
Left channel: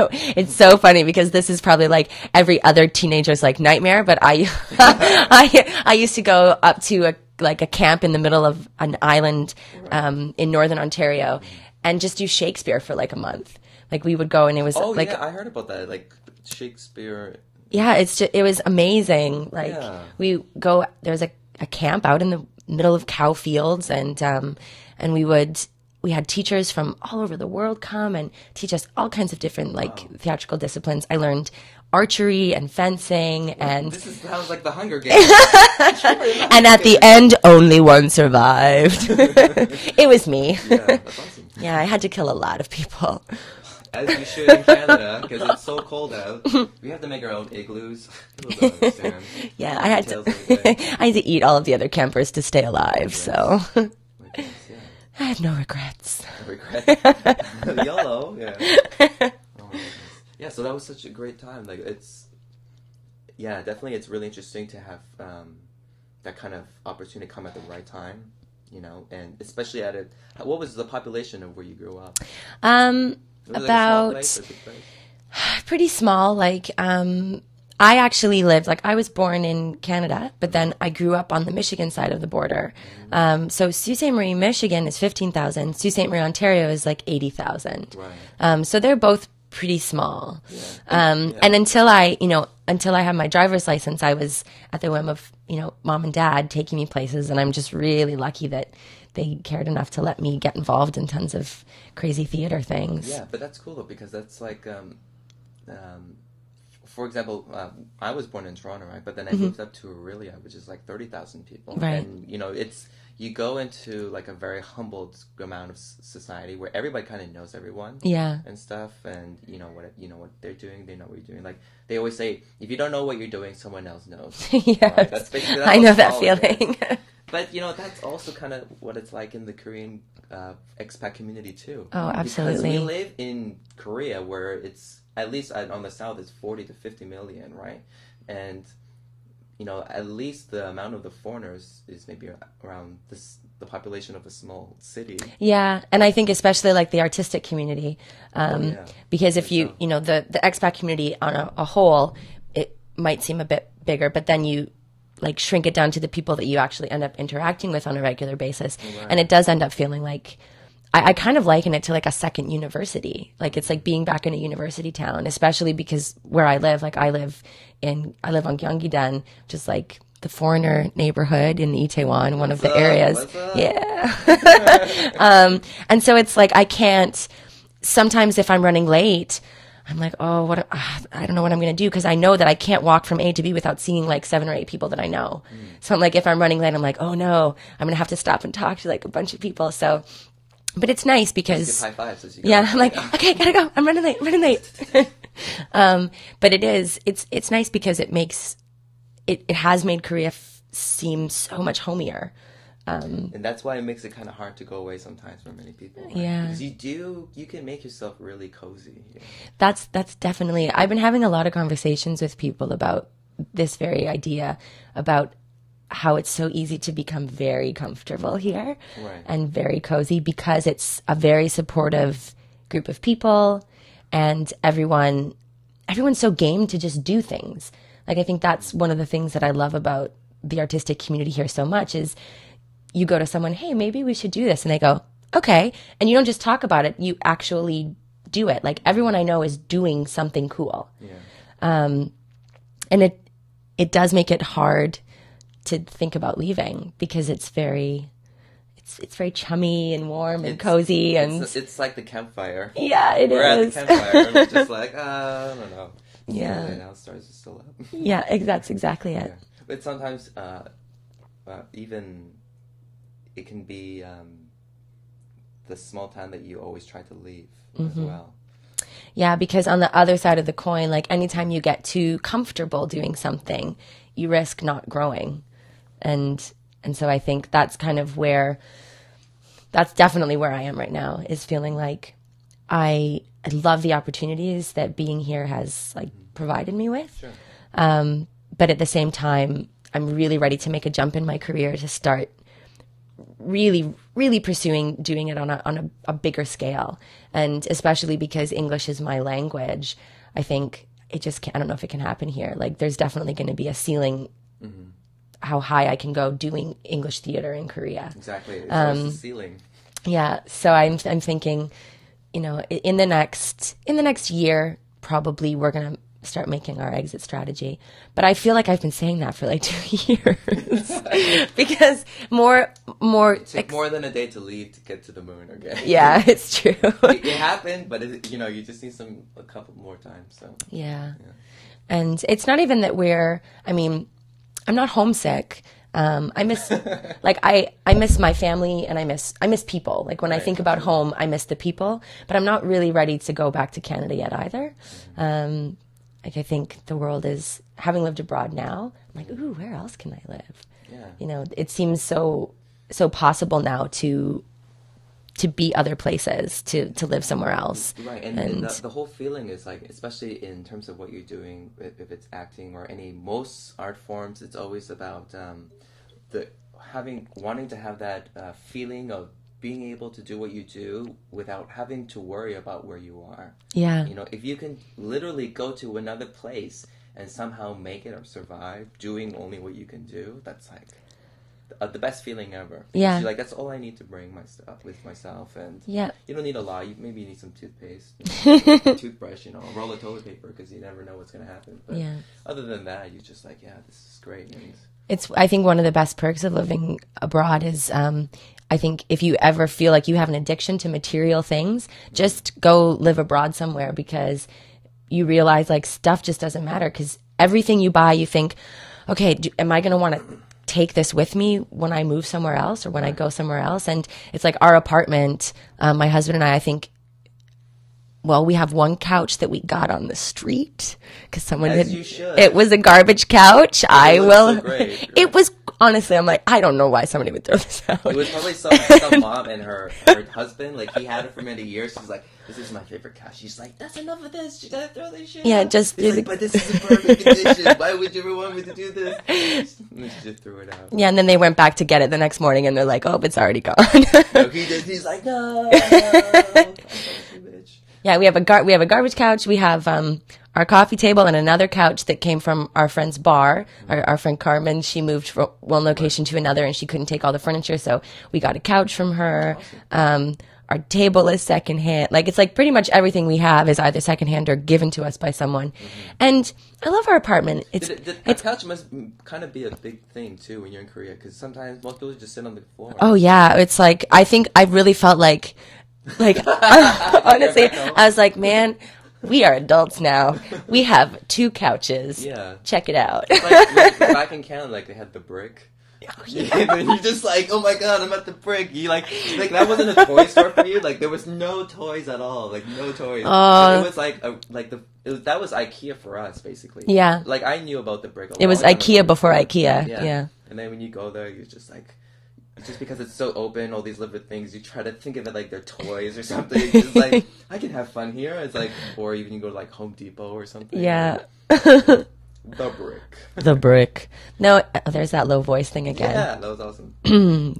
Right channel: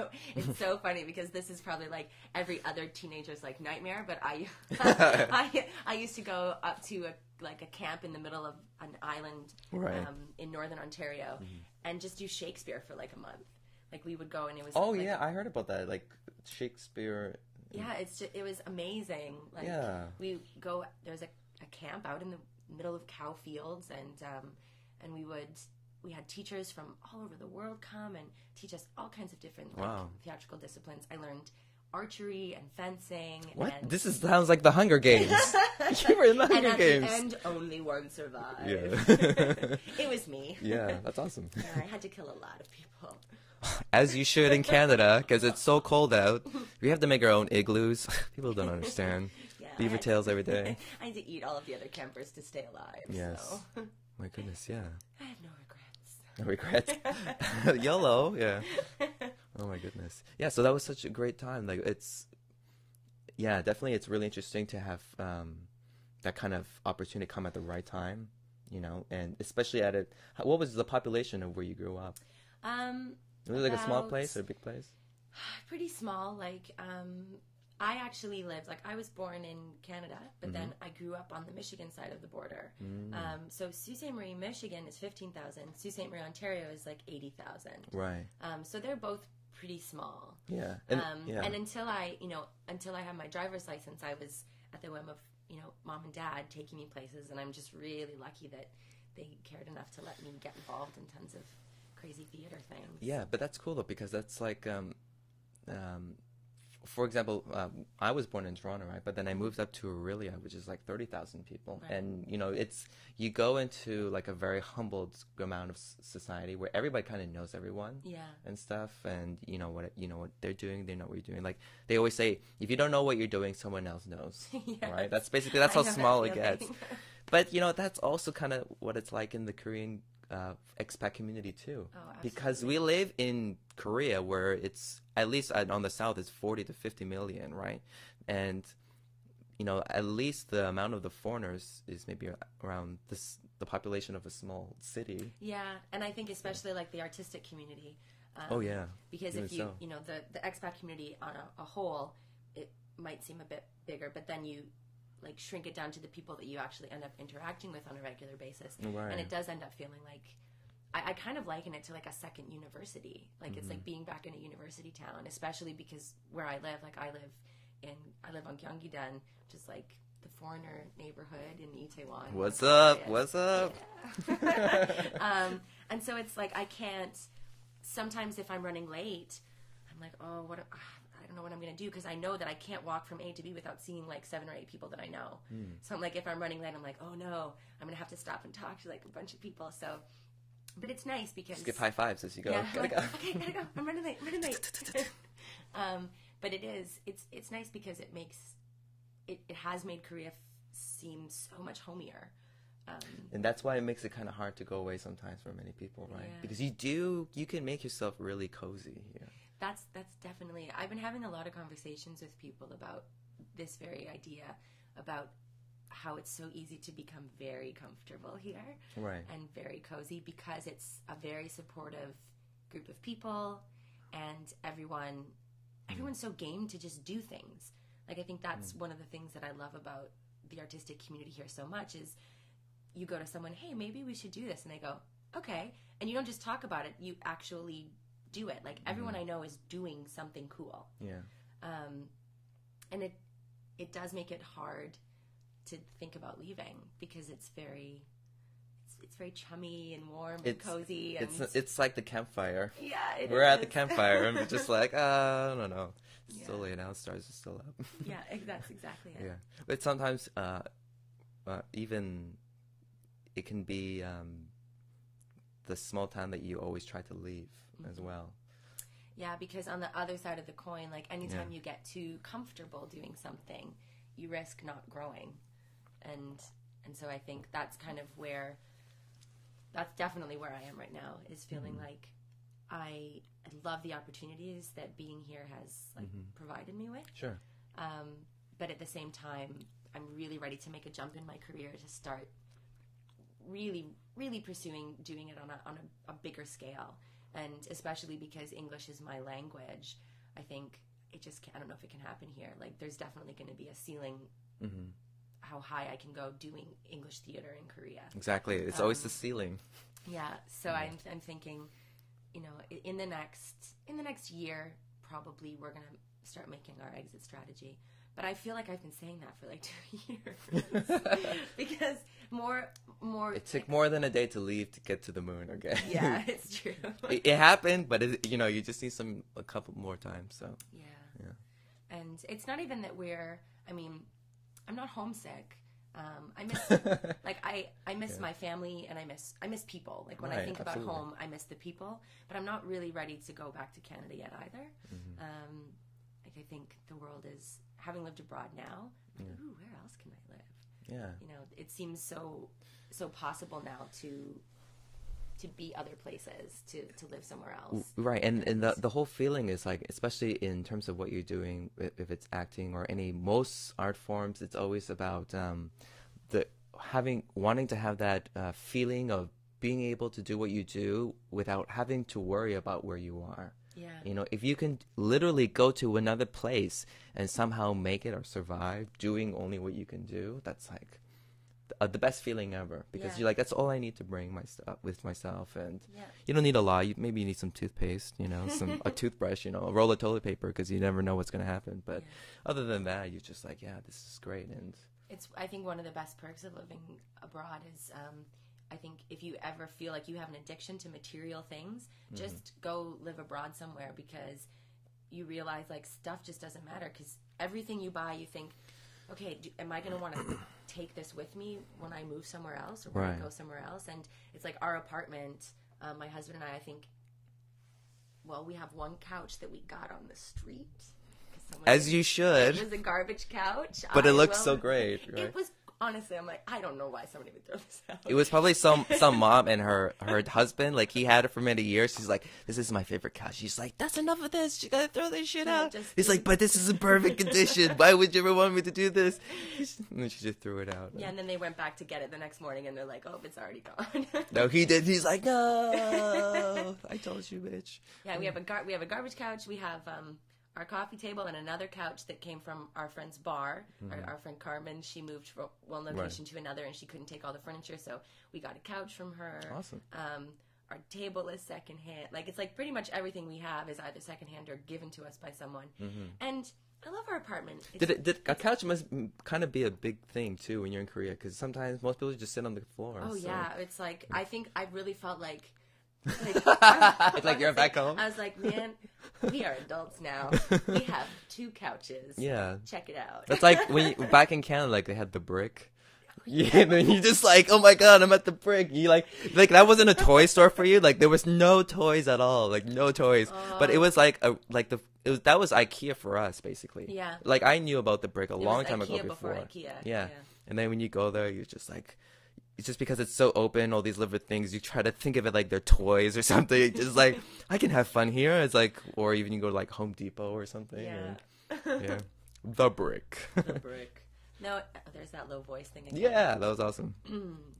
so funny, because this is probably like every other teenager's like nightmare, but I used to go up to a camp in the middle of an island in northern Ontario and just do Shakespeare for like a month. Like we would go and it was Oh like, yeah, I heard about that. Like Shakespeare. yeah, it was amazing. Like we go, there's a camp out in the middle of cow fields, and we had teachers from all over the world come and teach us all kinds of different theatrical disciplines. I learned archery and fencing, and sounds like the Hunger Games. And at the end, only one survived. It was me. Yeah, that's awesome. Yeah, I had to kill a lot of people. As you should in Canada, because it's so cold out. We have to make our own igloos. People don't understand. Yeah, I had to eat all of the other campers to stay alive. So my goodness, yeah. I have no regrets. No regrets. Yellow, yeah. Oh my goodness. Yeah, so that was such a great time. Like definitely, it's really interesting to have that kind of opportunity come at the right time. You know, and especially what was the population of where you grew up? Was it like a small place or a big place? Pretty small. Like, I actually lived, I was born in Canada, but then I grew up on the Michigan side of the border. So Sault Ste. Marie, Michigan is 15,000. Sault Ste. Marie, Ontario is 80,000. Right. So they're both pretty small. Yeah. And until I had my driver's license, I was at the whim of, mom and dad taking me places. And I'm just really lucky that they cared enough to let me get involved in tons of crazy theater things. Yeah, but that's cool though, because that's for example, I was born in Toronto, right? But then I moved up to Aurelia, which is 30,000 people. Right. And, you go into a very humbled amount of society where everybody kind of knows everyone. Yeah. And stuff, and you know what they're doing, they know what you're doing. They always say, if you don't know what you're doing, someone else knows. Yes. Right? That's I know that feeling. But, that's also kind of what it's like in the Korean expat community, too. Oh, absolutely. Because we live in Korea where it's, at least on the south, it's 40 to 50 million, right? And, at least the amount of the foreigners is maybe around the population of a small city. Yeah, and I think especially the artistic community. Because if the expat community on a whole, it might seem a bit bigger, but then you shrink it down to the people that you actually end up interacting with on a regular basis. Right. And it does end up feeling I kind of liken it to a second university. It's like being back in a university town, especially because where I live, I live on Gyeonggi-dan, which is the foreigner neighborhood in Itaewon, one of the areas. Yeah. And so it's I can't, sometimes if I'm running late, I'm I don't know what I'm going to do, because I know that I can't walk from A to B without seeing 7 or 8 people that I know. So I'm if I'm running late, I'm oh no, I'm going to have to stop and talk to a bunch of people. So, but it's nice because, high fives as you go. Yeah, I'm okay, gotta go. I'm running late. But it's nice because it has made Korea seem so much homier. And that's why it makes it kind of hard to go away sometimes for many people. Right? Yeah. Because you can make yourself really cozy. That's definitely, I've been having a lot of conversations with people about this very idea, about how it's so easy to become very comfortable here. Right. And very cozy, because it's a very supportive group of people, and everyone's so game to just do things. I think that's one of the things that I love about the artistic community here so much is you go to someone, hey, maybe we should do this. And they go, okay. And you don't just talk about it, you actually do it. Everyone I know is doing something cool. Yeah. And it does make it hard to think about leaving, because it's very chummy and warm and cozy, and it's like the campfire. Yeah, it We're is. at the campfire, and it's just I don't know. Yeah. Now stars are still up. Yeah, that's exactly it. Yeah. But sometimes, even it can be the small town that you always try to leave as well. Yeah, because on the other side of the coin, anytime you get too comfortable doing something, you risk not growing. And so I think that's definitely where I am right now, is feeling I love the opportunities that being here has provided me with. Sure. But at the same time, I'm really ready to make a jump in my career to start really, really pursuing doing it on a bigger scale. And especially because English is my language, I think it just can't, I don't know if it can happen here. There's definitely going to be a ceiling how high I can go doing English theater in Korea. Exactly. It's always the ceiling. Yeah. So I'm thinking, you know, in the next year, probably we're going to start making our exit strategy. But I feel like I've been saying that for like 2 years because more It took more than a day to leave to get to the moon. Okay. Yeah, it's true. It happened, but you know, you just need a couple more times. So yeah. And it's not even that I'm not homesick. I miss I miss my family, and I miss people. Like when I think about home, I miss the people, but I'm not really ready to go back to Canada yet either. Like I think the world is, having lived abroad now, I'm like, ooh, where else can I live? Yeah. You know, it seems so possible now to be other places, to live somewhere else. Right, and the whole feeling is like, especially in terms of what you're doing, if it's acting or most art forms, it's always about wanting to have that feeling of being able to do what you do without having to worry about where you are. Yeah. You know, if you can literally go to another place and somehow make it or survive doing only what you can do, that's like the best feeling ever. Yeah. You're like, that's all I need to bring with myself. And yeah, you don't need a lot. Maybe you need some toothpaste, a toothbrush, a roll of toilet paper, because you never know what's going to happen. But other than that, you're just like, yeah, this is great. And I think one of the best perks of living abroad is, I think if you ever feel like you have an addiction to material things, just go live abroad somewhere, because you realize like stuff just doesn't matter, because everything you buy, you think, okay, am I going to want to take this with me when I move somewhere else or when I go somewhere else? And it's like our apartment, my husband and I think, well, we have one couch that we got on the street because someone it was a garbage couch. So great. It was, honestly, I'm like, I don't know why somebody would throw this out. It was probably some mom and her husband, like he had it for many years. She's like, this is my favorite couch. She's like, that's enough of this. You gotta throw this shit out. He's like, but this is in perfect condition. Why would you ever want me to do this? And then she just threw it out. Yeah, and then they went back to get it the next morning, and they're like, oh, it's already gone. So he's like, no. Yeah, we have a garbage couch. We have our coffee table and another couch that came from our friend's bar. Our friend Carmen, she moved from one location to another, and she couldn't take all the furniture, so we got a couch from her. Our table is secondhand. Like, it's like pretty much everything we have is either secondhand or given to us by someone. And I love our apartment. The couch must kind of be a big thing too when you're in Korea, because sometimes most people just sit on the floor. Oh yeah, it's like, I think I really felt like honestly, I was like, man, we are adults now. We have 2 couches. Yeah. Check it out. It's like back in Canada, like they had the brick. Oh, yeah. And you're just like, oh my god, I'm at the brick. You like that wasn't a toy store for you. Like there was no toys at all. Like no toys. But it was that was IKEA for us basically. Yeah. Like I knew about the brick. It was IKEA before IKEA. Yeah. And then when you go there, you're just like, just because it's so open, all these little things, you try to think of it like they're toys or something. It's just like, I can have fun here. It's like, or even you go to like Home Depot or something. Yeah. The brick. The brick. No, there's that low voice thing again. Yeah, that was awesome.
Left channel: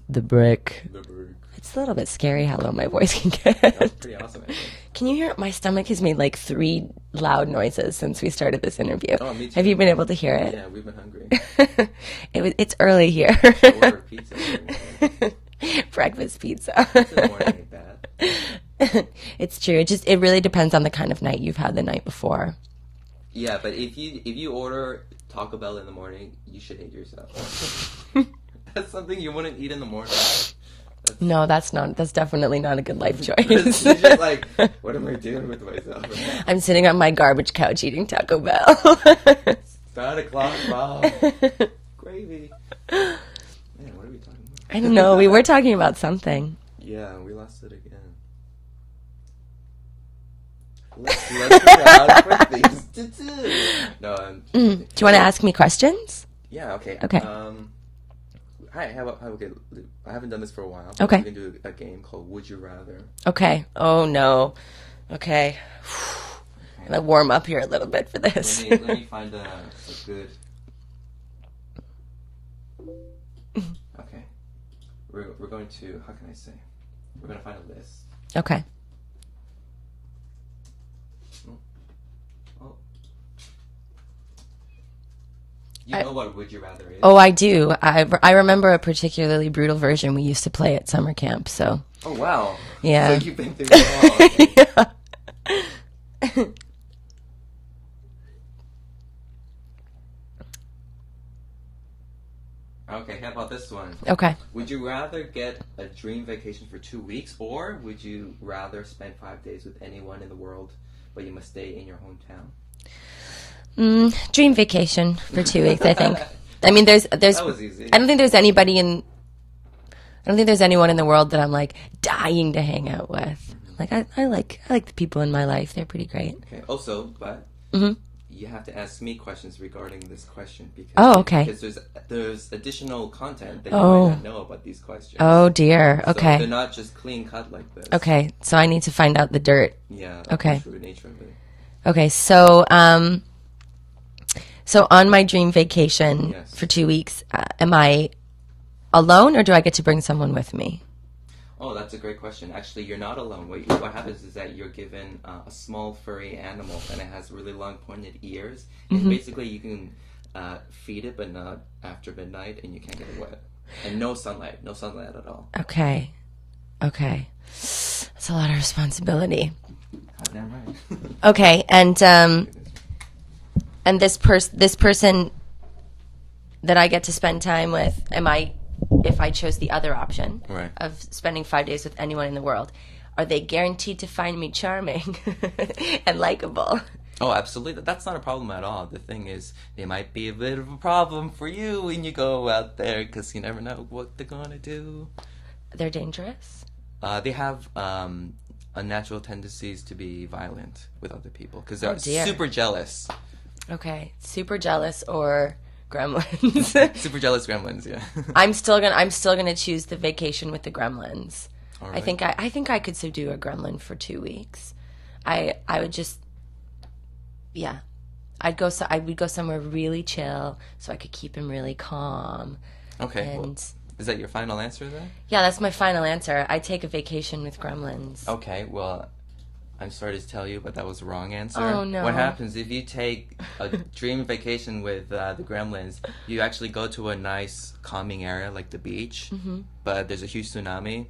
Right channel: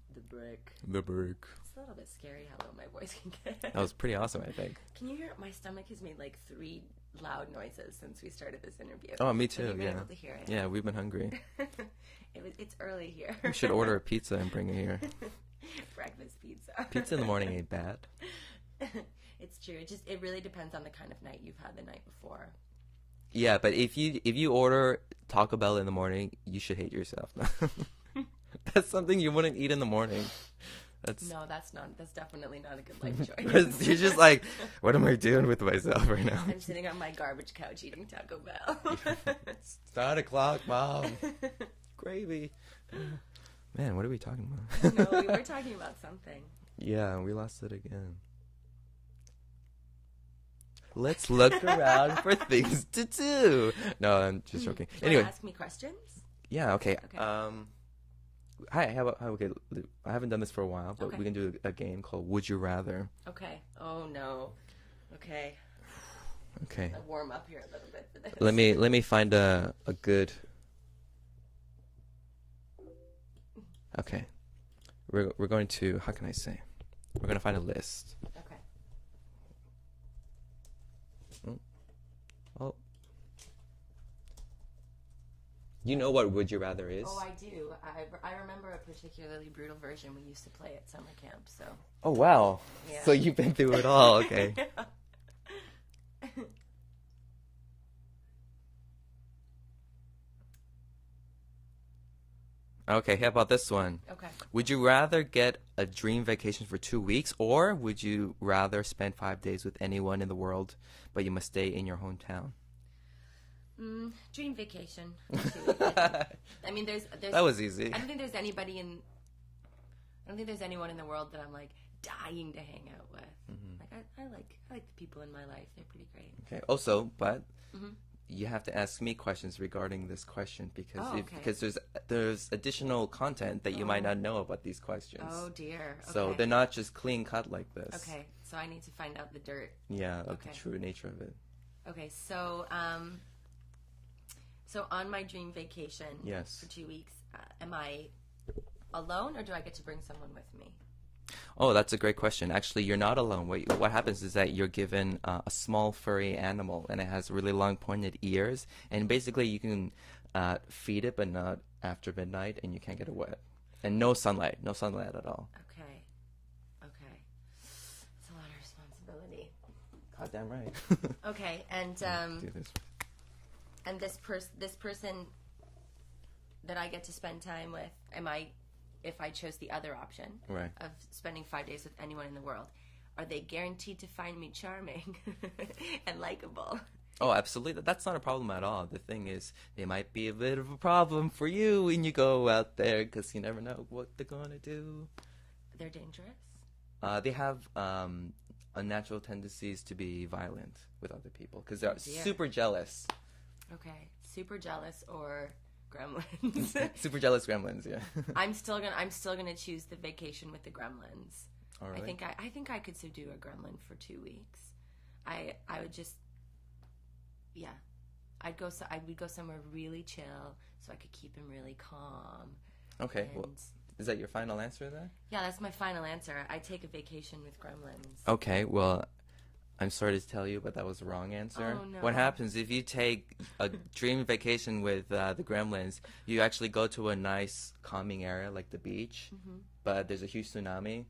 The brick. The brick. It's a little bit scary how low my voice can get. That was pretty awesome, I think. Can you hear it? My stomach has made like 3 loud noises since we started this interview. Oh, me too. Have you been able to hear it? Yeah, we've been hungry. It's early here. Order pizza and bring it here. Breakfast pizza. Pizza in the morning ain't bad. It's true. It really depends on the kind of night you've had the night before. Yeah, but if you order Taco Bell in the morning, you should hate yourself. That's something you wouldn't eat in the morning. That's definitely not a good life choice. It's just like, what am I doing with myself right now? I'm sitting on my garbage couch eating Taco Bell. It's 9 o'clock, Bob. Gravy. Man, what are we talking about? I don't know. We were talking about something. Yeah, we lost it again. Let's look around for things to do. No. Do you want to ask me questions? Yeah. Okay. Okay. Okay. I haven't done this for a while. Okay. We can do a game called Would You Rather. Okay. Oh no. Okay. Okay. I'm gonna warm up here a little bit for this. Let me find a good. Okay. We're going to, how can I say? We're going to find a list. Okay. Oh. You know what Would You Rather is? Oh, I do. I remember a particularly brutal version we used to play at summer camp, so Oh, wow. Yeah. So you've been through it all. Okay. Yeah. Okay, how about this one? Okay. Would you rather get a dream vacation for 2 weeks, or would you rather spend 5 days with anyone in the world, but you must stay in your hometown? Dream vacation for 2 weeks, I think. I mean, there's. That was easy. I don't think there's anyone in the world that I'm like dying to hang out with. Like I like the people in my life. They're pretty great. Okay. Also, but Mm-hmm. you have to ask me questions regarding this question because Okay. because there's additional content that you Oh. might not know about these questions. Oh dear. So Okay. they're not just clean cut like this. Okay. So I need to find out the dirt. Yeah. Okay. The true nature of it. Okay. So so on my dream vacation Yes. for 2 weeks, am I alone or do I get to bring someone with me? Oh, that's a great question. Actually, you're not alone. What happens is that you're given a small furry animal, and it has really long pointed ears. And Mm-hmm. basically, you can feed it, but not after midnight, and you can't get it wet. And no sunlight at all. Okay. Okay. That's a lot of responsibility. Goddamn right. Okay, and this person that I get to spend time with, if I chose the other option Right. of spending 5 days with anyone in the world, are they guaranteed to find me charming and likable? Oh, absolutely. That's not a problem at all. The thing is, it might be a bit of a problem for you when you go out there, because you never know what they're gonna do. They're dangerous? They have unnatural tendencies to be violent with other people because Oh, they're dear. super jealous. Okay, super jealous or gremlins. Super jealous gremlins, yeah. I'm still gonna choose the vacation with the gremlins. All I right. think I could subdue a gremlin for 2 weeks. I would just, yeah, I would go somewhere really chill so I could keep him really calm. Okay. And Well, is that your final answer then? yeah, that's my final answer. I take a vacation with gremlins. Okay. Well, I'm sorry to tell you, but that was the wrong answer. Oh, no. What happens if you take a dream vacation with the gremlins? You actually go to a nice calming area like the beach, but there's a huge tsunami.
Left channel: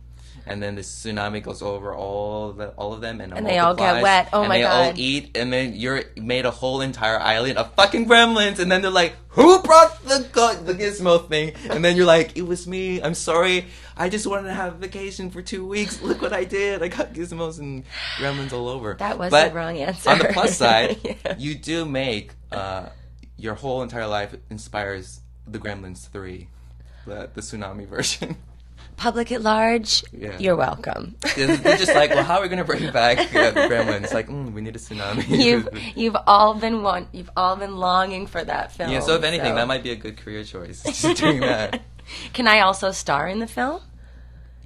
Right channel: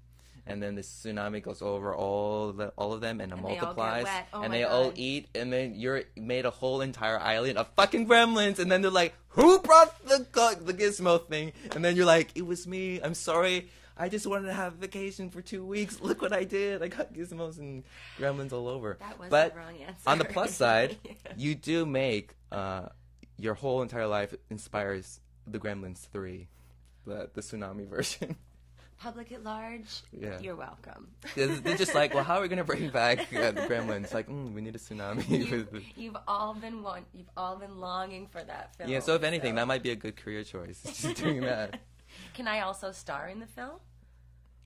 And then the tsunami goes over all of them, and they all get multiplies, wet. Oh, and my they all God. eat, and then you're made a whole entire island of fucking gremlins. And then they're like, "Who brought the gizmo thing?" And then you're like, "It was me. I'm sorry. I just wanted to have a vacation for 2 weeks. Look what I did. I got gizmos and gremlins all over." That was But the wrong answer. on the plus side, Yeah. you do make your whole entire life inspires the Gremlins 3, the tsunami version. Public at large, Yeah. you're welcome. They're just like, well, how are we gonna bring back Gremlins? Like, we need a tsunami. You've all been longing for that film. Yeah. So if anything, that might be a good career choice. Just doing that. Can I also star in the film?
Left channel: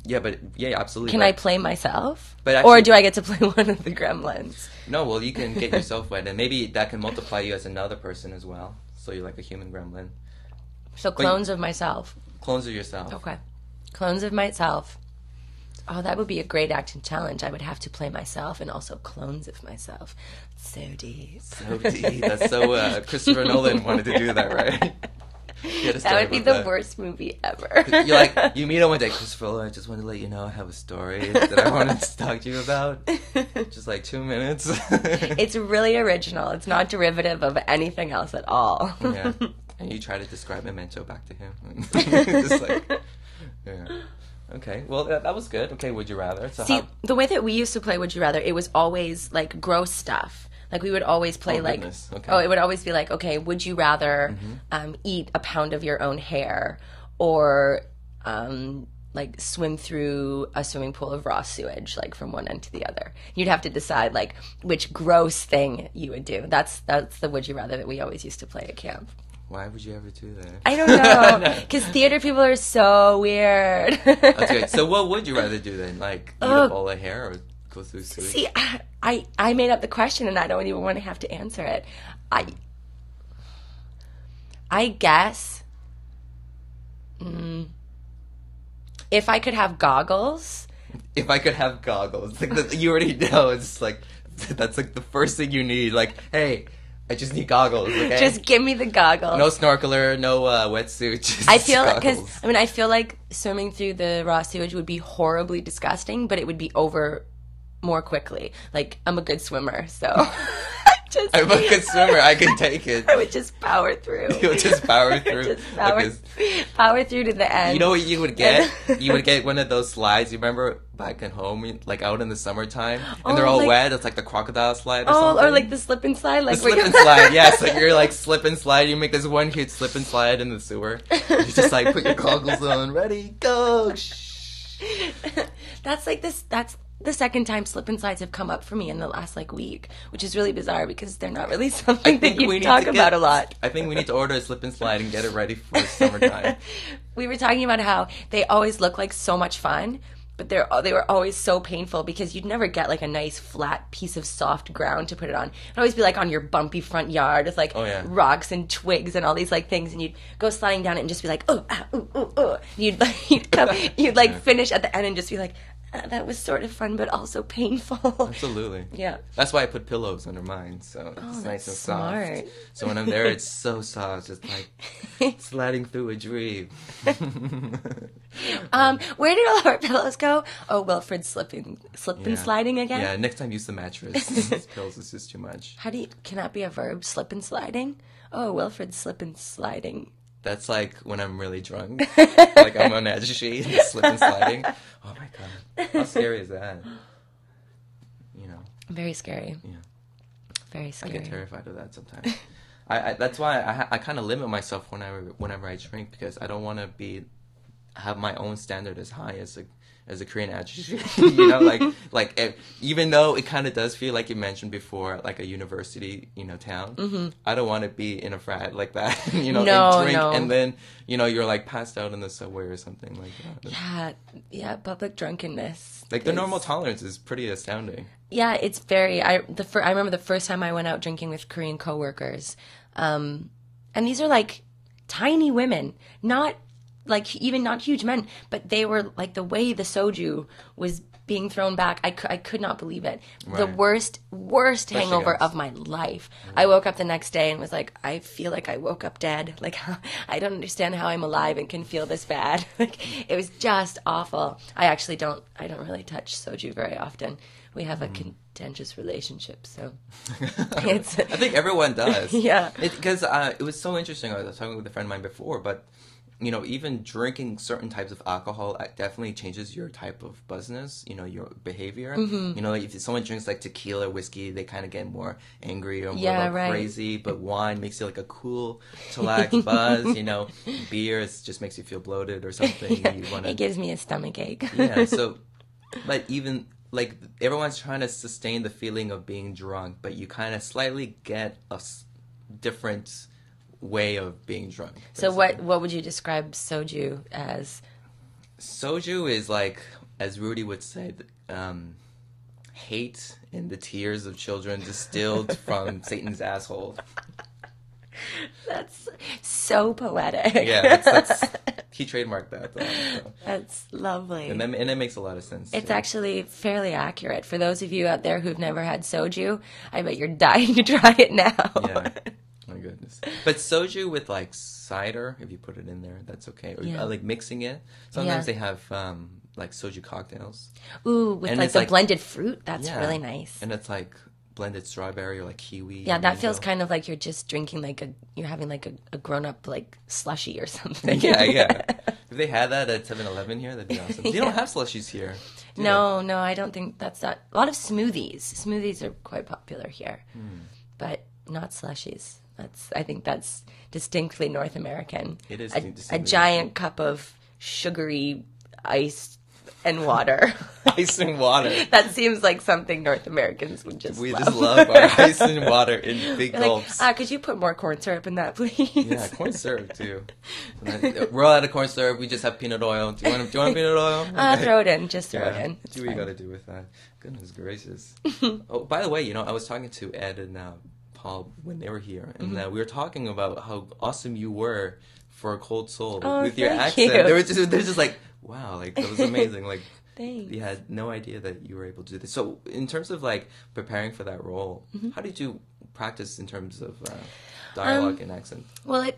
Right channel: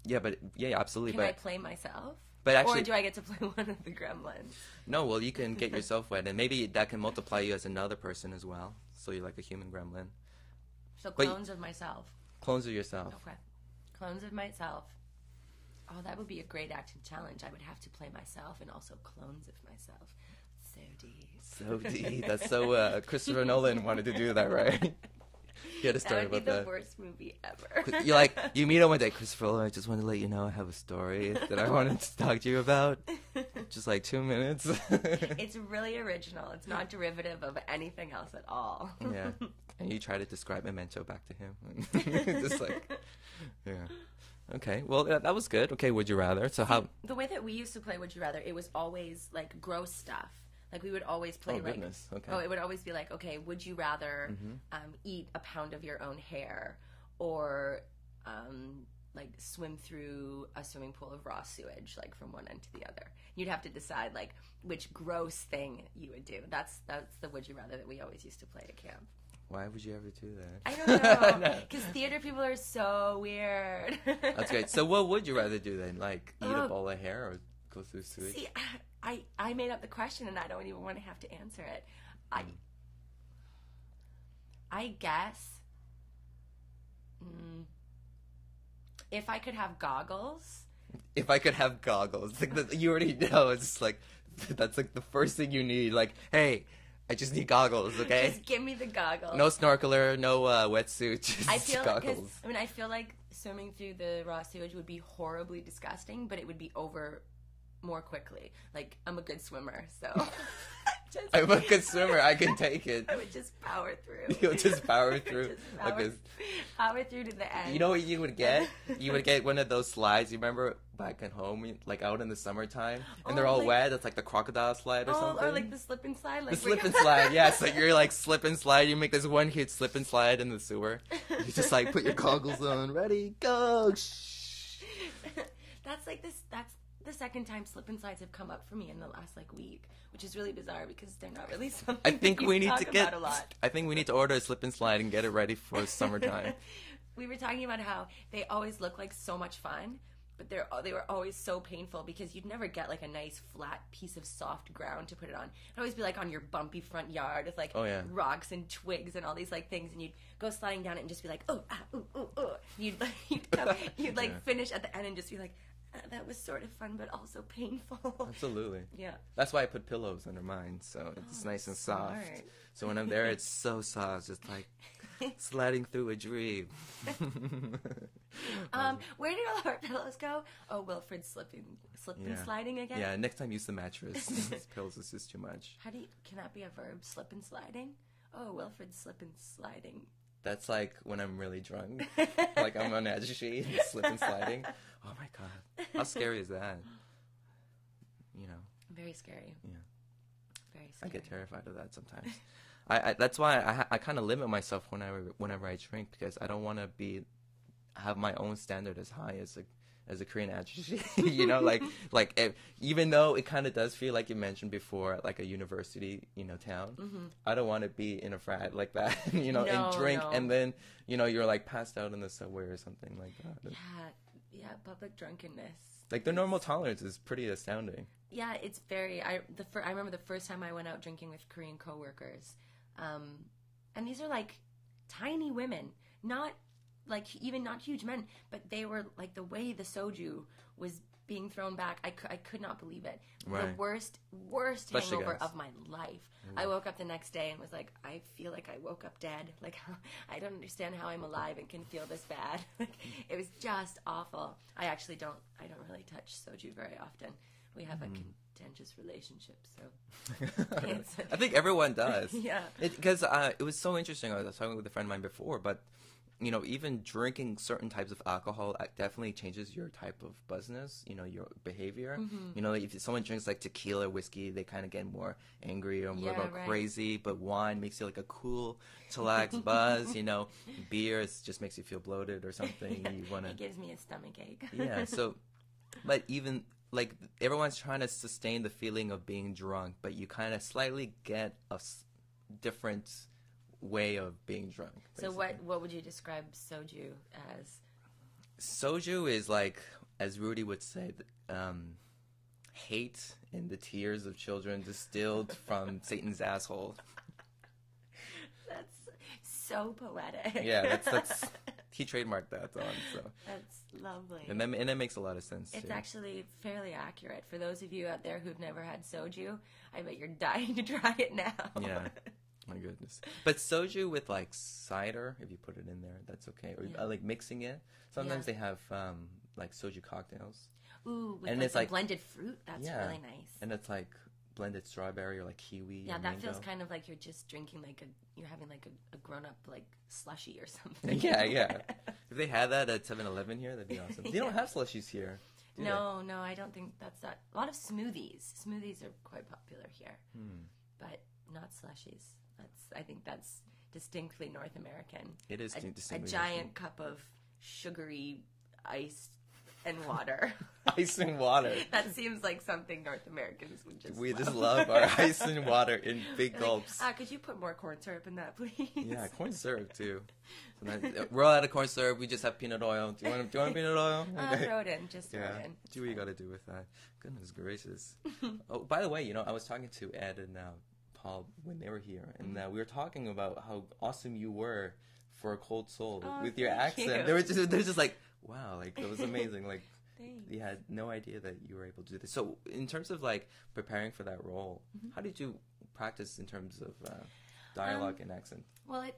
Yeah, absolutely. Can I play myself? But Or actually- do I get to play one of the gremlins? No, well, you can get yourself wet, and maybe that can multiply you as another person as well. So you're like a human gremlin. So clones of myself. Clones of yourself. Okay. Clones of myself. Oh, that would be a great acting challenge. I would have to play myself and also clones of myself. So deep. So deep. That's so Christopher Nolan wanted to do that, right? That would be the worst movie ever. You're like, you meet him one day, Christopher, I just want to let you know I have a story that I wanted to talk to you about. Just like 2 minutes. It's really original. It's not derivative of anything else at all. Yeah. And you try to describe Memento back to him. Just like, yeah. Okay, well, that was good. Okay, would you rather? So See, the way that we used to play Would You Rather, it was always like gross stuff. Like we would always play goodness. Okay. it would always be like, okay, would you rather eat a pound of your own hair or like swim through a swimming pool of raw sewage, like from one end to the other? You'd have to decide like which gross thing you would do. That's the Would You Rather that we always used to play at camp. Why would you ever do that? I don't know, because theater people are so weird. That's good. So what would you rather do then? Like eat a bowl of hair or go through sewage? See, I made up the question and I don't even want to have to answer it. I guess if I could have goggles. If I could have goggles, like you already know, it's like that's like the first thing you need. Like, hey, I just need goggles, okay? Just give me the goggles. No snorkeler, no wetsuit, just I feel goggles. because I feel like swimming through the raw sewage would be horribly disgusting, but it would be over more quickly. Like, I'm a good swimmer, so I'm a good swimmer. I can take it. I would just power through. You would just power through. Power through to the end. You know what you would get? You would get one of those slides. You remember back at home, like out in the summertime, and they're all wet. It's like the crocodile slide or something. Or like the slip and slide. Like the slip and slide, yes. Like you're like slip and slide. You make this one huge slip and slide in the sewer. You just like put your goggles on, ready, go. That's the second time slip and slides have come up for me in the last like week, which is really bizarre because they're not really something that you talk about a lot. I think we need to order a slip and slide and get it ready for summertime. We were talking about how they always look like so much fun, but they were always so painful because you'd never get like a nice flat piece of soft ground to put it on. It'd always be like on your bumpy front yard with like rocks and twigs and all these like things, and you'd go sliding down it and just be like, oh, ah, ooh, ooh, ooh. You'd like finish at the end and just be like, that was sort of fun, but also painful. Absolutely. Yeah. That's why I put pillows under mine, so it's nice and smart. soft. So when I'm there, it's so soft. It's like sliding through a dream. Where did all our pillows go? Oh, Wilfred slipping sliding again? Yeah, next time use the mattress. These pills is just too much. Can that be a verb? Slip and sliding? Oh, Wilfred slip and sliding. That's like when I'm really drunk. Like I'm on edge sheet, slip and sliding. Oh my god. How scary is that? You know. Very scary. Yeah. Very scary. I get terrified of that sometimes. That's why I kind of limit myself whenever I drink, because I don't want to have my own standard as high as a Korean ajushi. You know, like even though it kind of does feel like you mentioned before, like a university, town. Mm-hmm. I don't want to be in a frat like that. Drink and then you're like passed out in the subway or something like that. Yeah, public drunkenness. Like the normal tolerance is pretty astounding. Yeah, it's very. I remember the first time I went out drinking with Korean coworkers, and these are like tiny women, not huge men, but they were like, the way the soju was being thrown back, I could not believe it. Right. The worst hangover of my life. I woke up the next day and was like, I feel like I woke up dead. Like, I don't understand how I'm alive and can feel this bad. Like, it was just awful. I don't really touch soju very often. We have a contentious relationship, so I think everyone does. Yeah. Because it was so interesting. I was talking with a friend of mine before, but even drinking certain types of alcohol definitely changes your type of buzzness, your behavior. Mm-hmm. Like if someone drinks like tequila, whiskey, they kind of get more angry or more crazy. But wine makes you like a cool, chillaxed buzz. Beer just makes you feel bloated or something. Yeah, it gives me a stomach ache. Yeah, so, but even like everyone's trying to sustain the feeling of being drunk, but you kind of slightly get a different way of being drunk. So what would you describe soju as? Soju is like, as Rudy would say, hate and the tears of children distilled from Satan's asshole. That's so poetic. Yeah, that's he trademarked that. So. That's lovely. And it makes a lot of sense. It's actually fairly accurate. For those of you out there who've never had soju, I bet you're dying to try it now. Yeah. My goodness. But soju with like cider, if you put it in there, that's okay. Or like mixing it. Sometimes they have like soju cocktails. Ooh, with like the blended fruit. That's really nice. And it's like blended strawberry or like kiwi. Yeah, that feels kind of like you're just drinking you're having like a grown up like slushy or something. Yeah. If they had that at 7-Eleven here, that'd be awesome. They don't have slushies here. No, I don't think that's not. A lot of smoothies. Smoothies are quite popular here, but not slushies. I think that's distinctly North American. It is a giant cup of sugary ice and water. Ice and water. That seems like something North Americans would just We love. just love our ice and water in big gulps. Could you put more corn syrup in that, please? Yeah, corn syrup too. We're all out of corn syrup. We just have peanut oil. Do you want peanut oil? Throw it in. Just throw it in. See what you got to do with that. Goodness gracious. Oh, by the way, I was talking to Ed and Paul when they were here, and we were talking about how awesome you were for a cold soul with your accent. They're just like, wow, like that was amazing. Like, thanks. You had no idea that you were able to do this. So, in terms of like preparing for that role, how did you practice in terms of dialogue and accent? Well,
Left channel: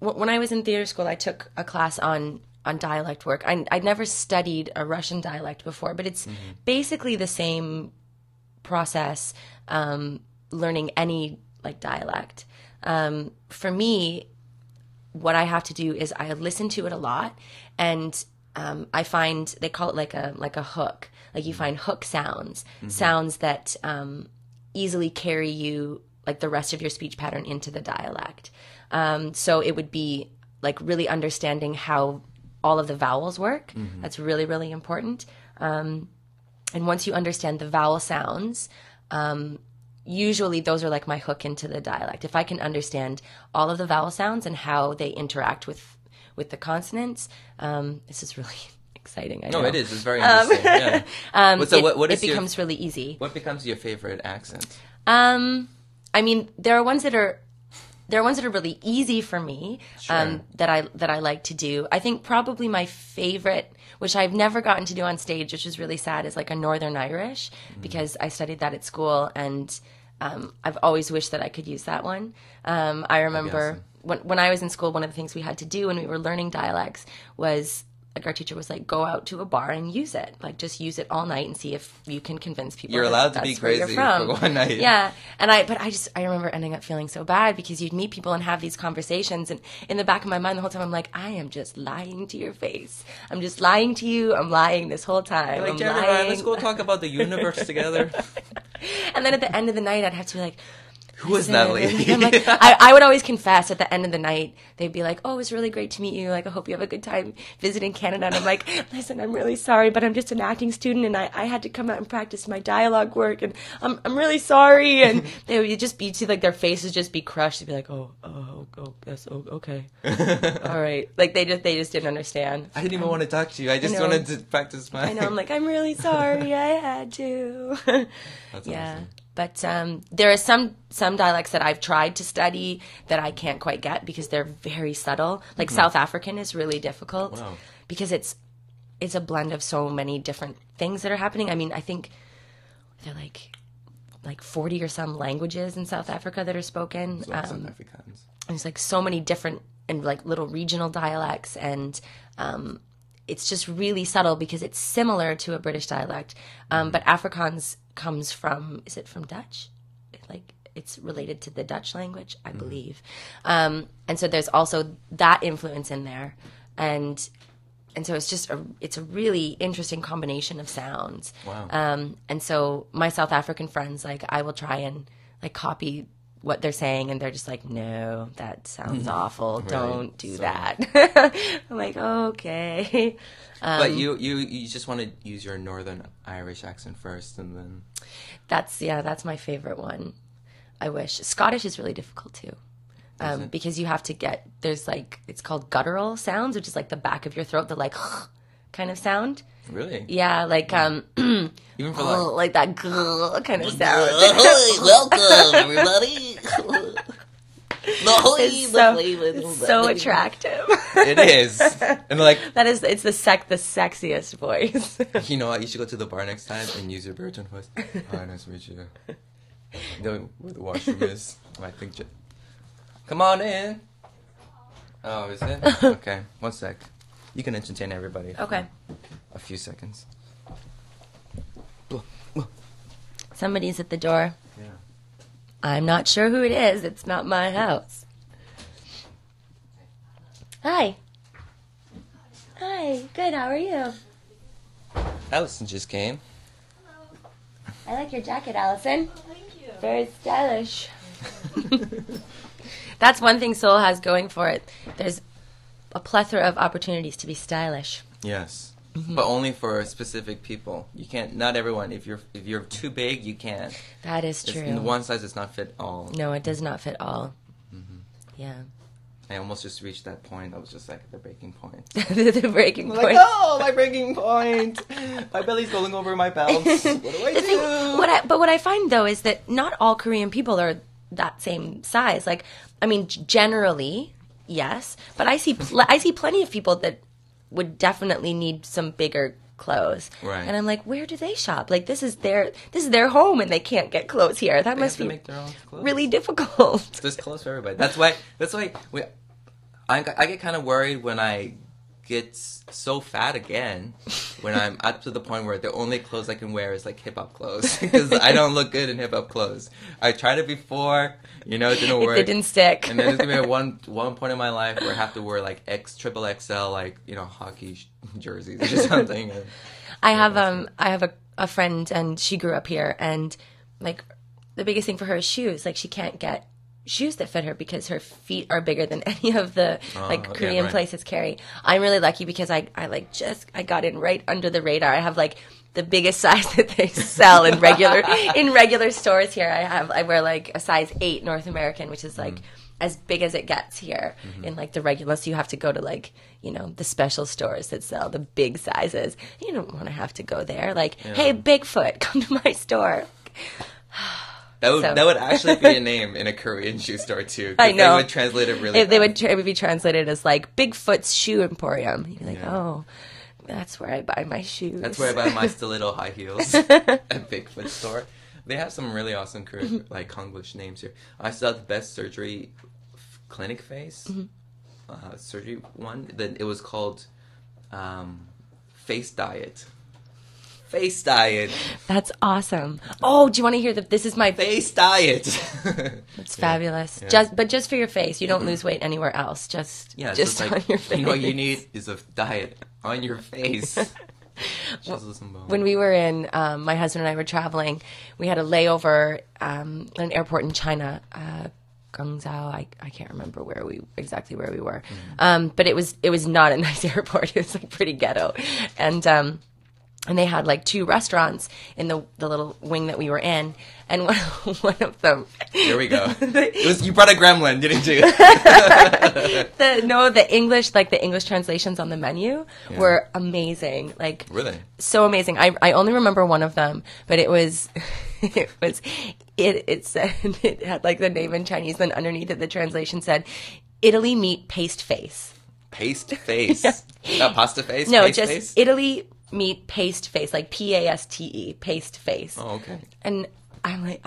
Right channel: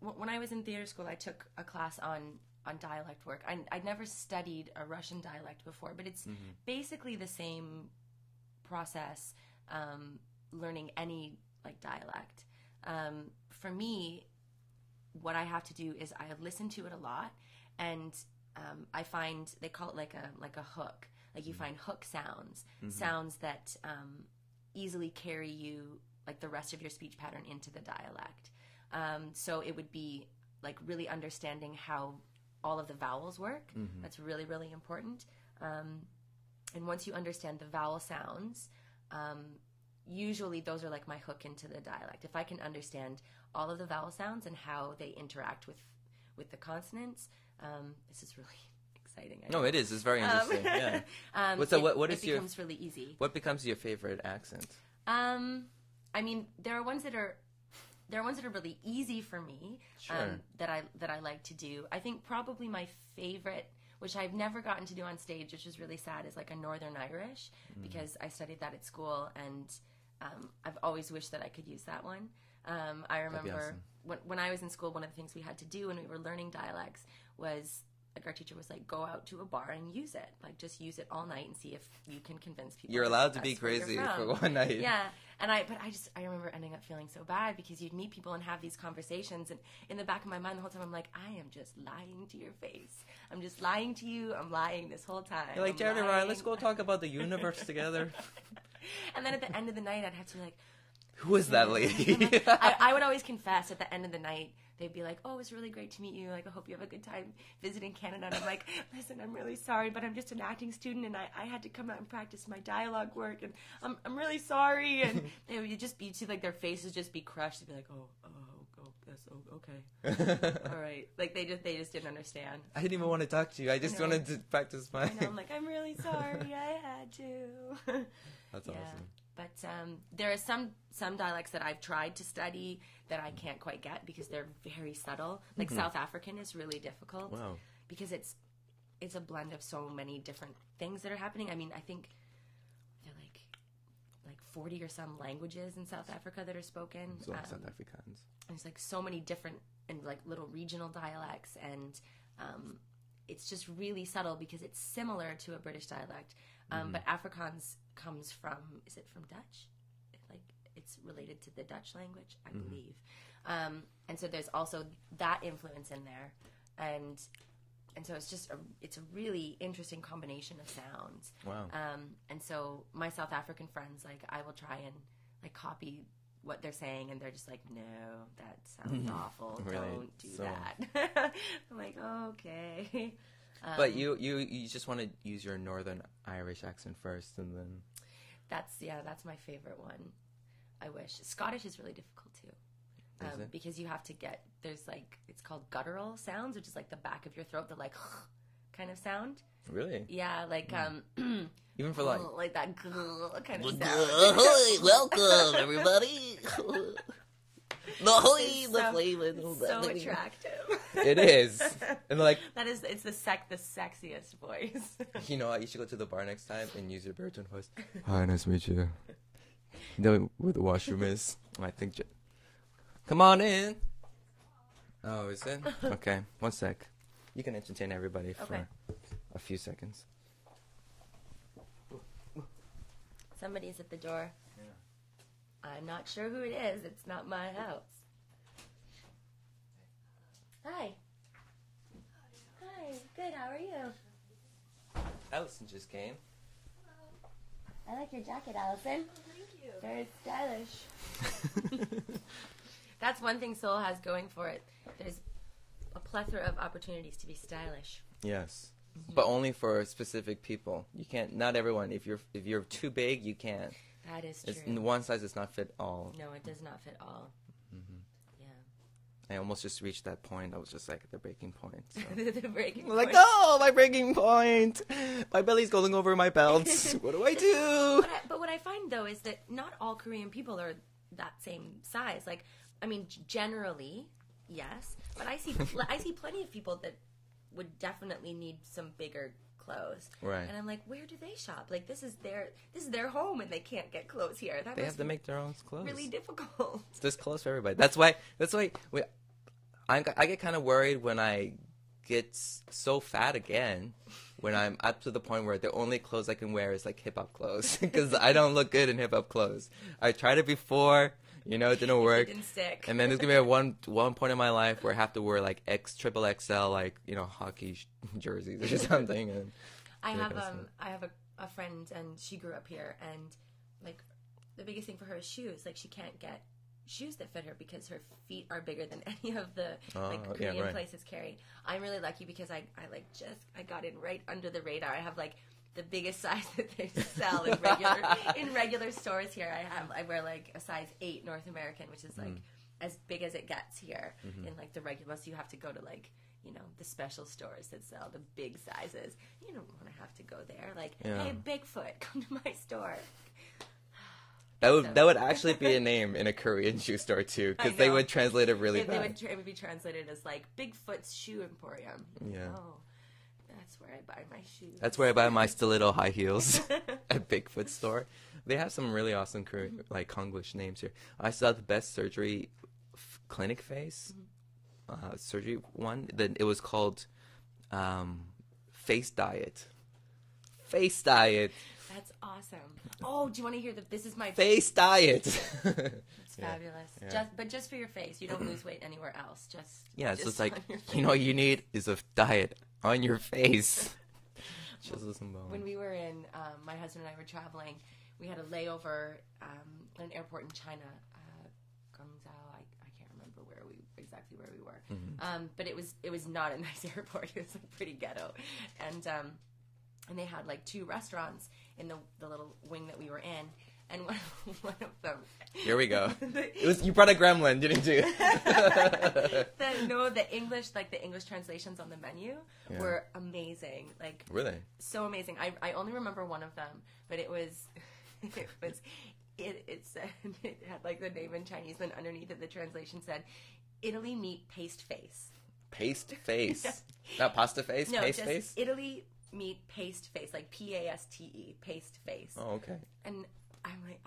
when I was in theater school, I took a class on dialect work. I'd never studied a Russian dialect before, but it's basically the same process, learning any like dialect. For me, what I have to do is I listen to it a lot, and I find they call it like a hook. Like you find hook sounds, sounds that easily carry you like the rest of your speech pattern into the dialect. So it would be like really understanding how all of the vowels work. That's really, really important. And once you understand the vowel sounds, usually those are like my hook into the dialect. If I can understand all of the vowel sounds and how they interact with the consonants, this is really exciting. I know. No, it is. It's very interesting. Yeah. It becomes really easy. What becomes your favorite accent? I mean, there are ones that are really easy for me, Sure. that I like to do. I think probably my favorite, which I've never gotten to do on stage, which is really sad, is like a Northern Irish, because I studied that at school, and I've always wished that I could use that one. I remember when I was in school, one of the things we had to do when we were learning dialects was, like, our teacher was like, go out to a bar and use it. Like, just use it all night and see if you can convince people You're allowed to that's be where crazy you're from. for one night. Yeah. And I remember ending up feeling so bad, because you'd meet people and have these conversations, and in the back of my mind the whole time I'm like, I am just lying to your face. I'm just lying to you. I'm lying this whole time. You're like, I'm Jenna, lying. let's go talk about the universe together. And then at the end of the night, I'd have to be like, Who is that lady? I'm like, I would always confess at the end of the night. They'd be like, oh, it was really great to meet you. Like, I hope you have a good time visiting Canada. And I'm like, listen, I'm really sorry, but I'm just an acting student, and I had to come out and practice my dialogue work, and I'm really sorry. And they would just be, like, their faces just be crushed. They'd be like, oh, yes, okay. All right. Like, they just didn't understand. I didn't even want to talk to you. I just wanted to practice my... I know. I'm like, I'm really sorry. I had to. That's yeah. awesome. But there are some dialects that I've tried to study that I can't quite get, because they're very subtle. Like South African is really difficult. Wow. Because it's a blend of so many different things that are happening. I mean, I think they're like 40 or some languages in South Africa that are spoken. So South Africans. There's like so many different and like little regional dialects, and it's just really subtle because it's similar to a British dialect. But Afrikaans comes from, is it from Dutch? Like, it's related to the Dutch language, I believe. And so there's also that influence in there. And so it's just it's a really interesting combination of sounds. Wow. And so my South African friends, like, I will try and like copy what they're saying, and they're just like, no, that sounds awful. Right. Don't do that. I'm like, okay. But you just want to use your Northern Irish accent first, and then... That's my favorite one. I wish. Scottish is really difficult too. Because you have to there's like, it's called guttural sounds, which is like the back of your throat, the like kind of sound. Really? Yeah, like even for like that kind of sound. Welcome everybody. It's so attractive. It is. And like it's the sexiest voice. You know what? You should go to the bar next time and use your baritone voice. Hi, nice to meet you. You know where the washroom is? I think. Come on in. Oh, is it? Okay, 1 sec. You can entertain everybody. Okay. A few seconds. Somebody's at the door. Yeah. I'm not sure who it is. It's not my house. Hi. Hi. Good. How are you? Allison just came. I like your jacket, Allison. Thank you. Very stylish. That's one thing Seoul has going for it. There's a plethora of opportunities to be stylish. Yes. But only for specific people. You can't. Not everyone. If you're too big, you can't. That is true. In one size does not fit all. No, it does not fit all. Yeah. I almost just reached that point. I was just like at the breaking point. The breaking point. Like, oh, my breaking point. My belly's going over my belt. What do I do? But what I find though is that not all Korean people are that same size. Like, I mean, generally, yes, but I see plenty of people that would definitely need some bigger clothes. Right. And I'm like, where do they shop? Like, this is their home, and they can't get clothes here. That must be make their own clothes. really difficult. There's clothes for everybody. That's why I get kind of worried when I get so fat again, when I'm up to the point where the only clothes I can wear is like hip hop clothes, because I don't look good in hip hop clothes. I tried it before, it didn't work. It didn't stick. And then there's gonna be one point in my life where I have to wear like triple XL, like hockey jerseys or something. And, I have a friend, and she grew up here, and like the biggest thing for her is shoes. Like, she can't get shoes that fit her because her feet are bigger than any of the Korean places carry. I'm really lucky because I got in right under the radar. I have like the biggest size that they sell in regular stores here. I wear like a size 8 North American, which is like as big as it gets here in like the regular. So you have to go to like, the special stores that sell the big sizes. You don't want to have to go there. Like, hey, Bigfoot, come to my store. That would actually be a name in a Korean shoe store too. I know. They would translate it really. It would be translated as like Bigfoot's Shoe Emporium. You're like, oh, that's where I buy my shoes. That's where I buy my stiletto high heels at Bigfoot store. They have some really awesome Korean, like Konglish names here. I saw the best surgery clinic face surgery one. That it was called Face Diet. Face Diet. That's awesome. Oh, do you want to hear this is my Face Diet. It's fabulous. Yeah. Just for your face. You don't lose weight anywhere else. Just like, on your face. What you need is a diet on your face. When we were in, my husband and I were traveling, we had a layover at an airport in China, Guangzhou. I can't remember exactly where we were, but it was not a nice airport. It was like pretty ghetto, and they had like 2 restaurants in the little wing that we were in, and one of them. Here we go. You brought a gremlin, didn't you? The English translations on the menu were amazing. Like, really? So amazing. I only remember one of them, but it said, it had like the name in Chinese, then underneath it the translation said, Italy meat paste face. Paste face? Not pasta face? No, paste just face? Italy meat paste face, like PASTE, paste face. Oh, okay. And I'm like,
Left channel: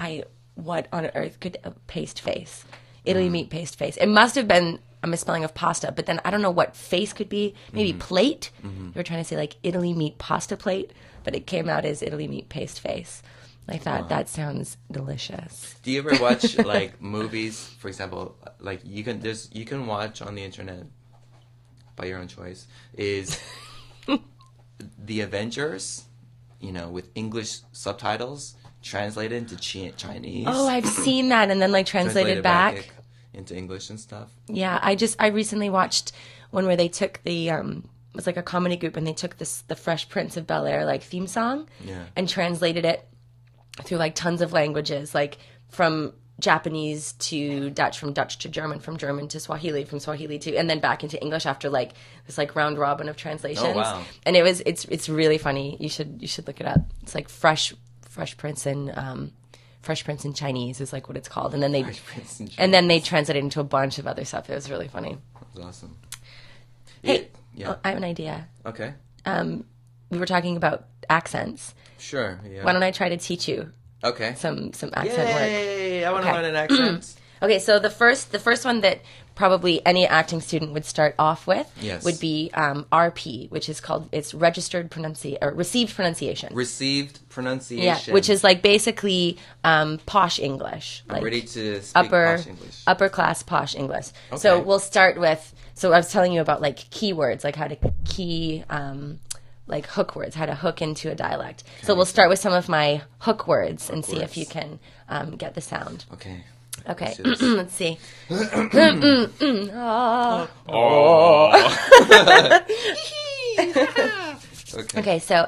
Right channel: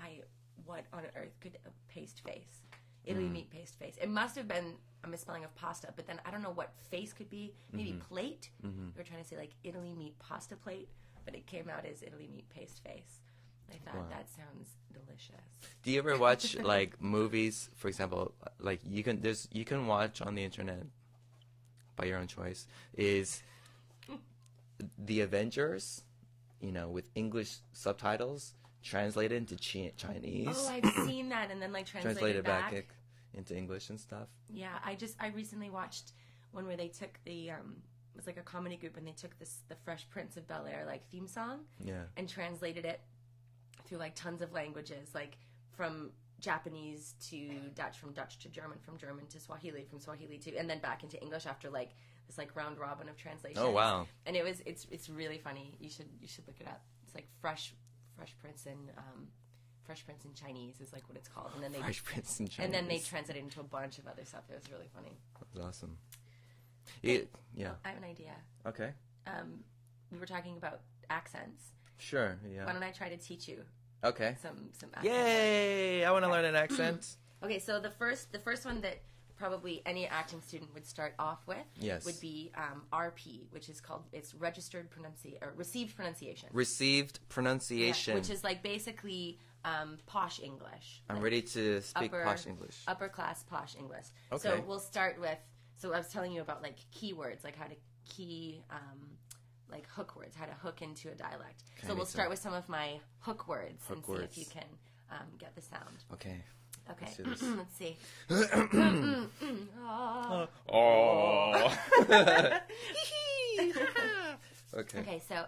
what on earth could a paste face? Italy meat paste face. It must have been a misspelling of pasta, but then I don't know what face could be. Maybe plate? You were trying to say like Italy meat pasta plate, but it came out as Italy meat paste face. I thought that sounds delicious. Do you ever watch like movies, for example, like you can watch on the internet by your own choice, is The Avengers, with English subtitles translated into Chinese. Oh, I've seen that, and then like translated back into English and stuff. Yeah, I recently watched one where they took the it was like a comedy group, and they took the Fresh Prince of Bel-Air like theme song and translated it through like tons of languages, like from Japanese to Dutch, from Dutch to German, from German to Swahili, from Swahili to, and then back into English after like this like round robin of translations. Oh, wow. And it's really funny. You should look it up. It's like Fresh Prince in Chinese is like what it's called, and then they translate it into a bunch of other stuff. It was really funny. That was awesome. Hey, I have an idea. Okay. We were talking about accents. Sure. Yeah. Why don't I try to teach you? Okay. Some accent work. Yay! I want to learn an accent. Okay, so the first one that probably any acting student would start off with would be RP, which is called received pronunciation. Received pronunciation. Yeah, which is like basically posh English. Like ready to speak posh English. Upper class posh English. Okay. So we'll start with. So I was telling you about like keywords, like how to key. Like hook words, how to hook into a dialect. Okay. So we'll start with some of my hook words and see if you can get the sound. Okay. Let's see. Okay, so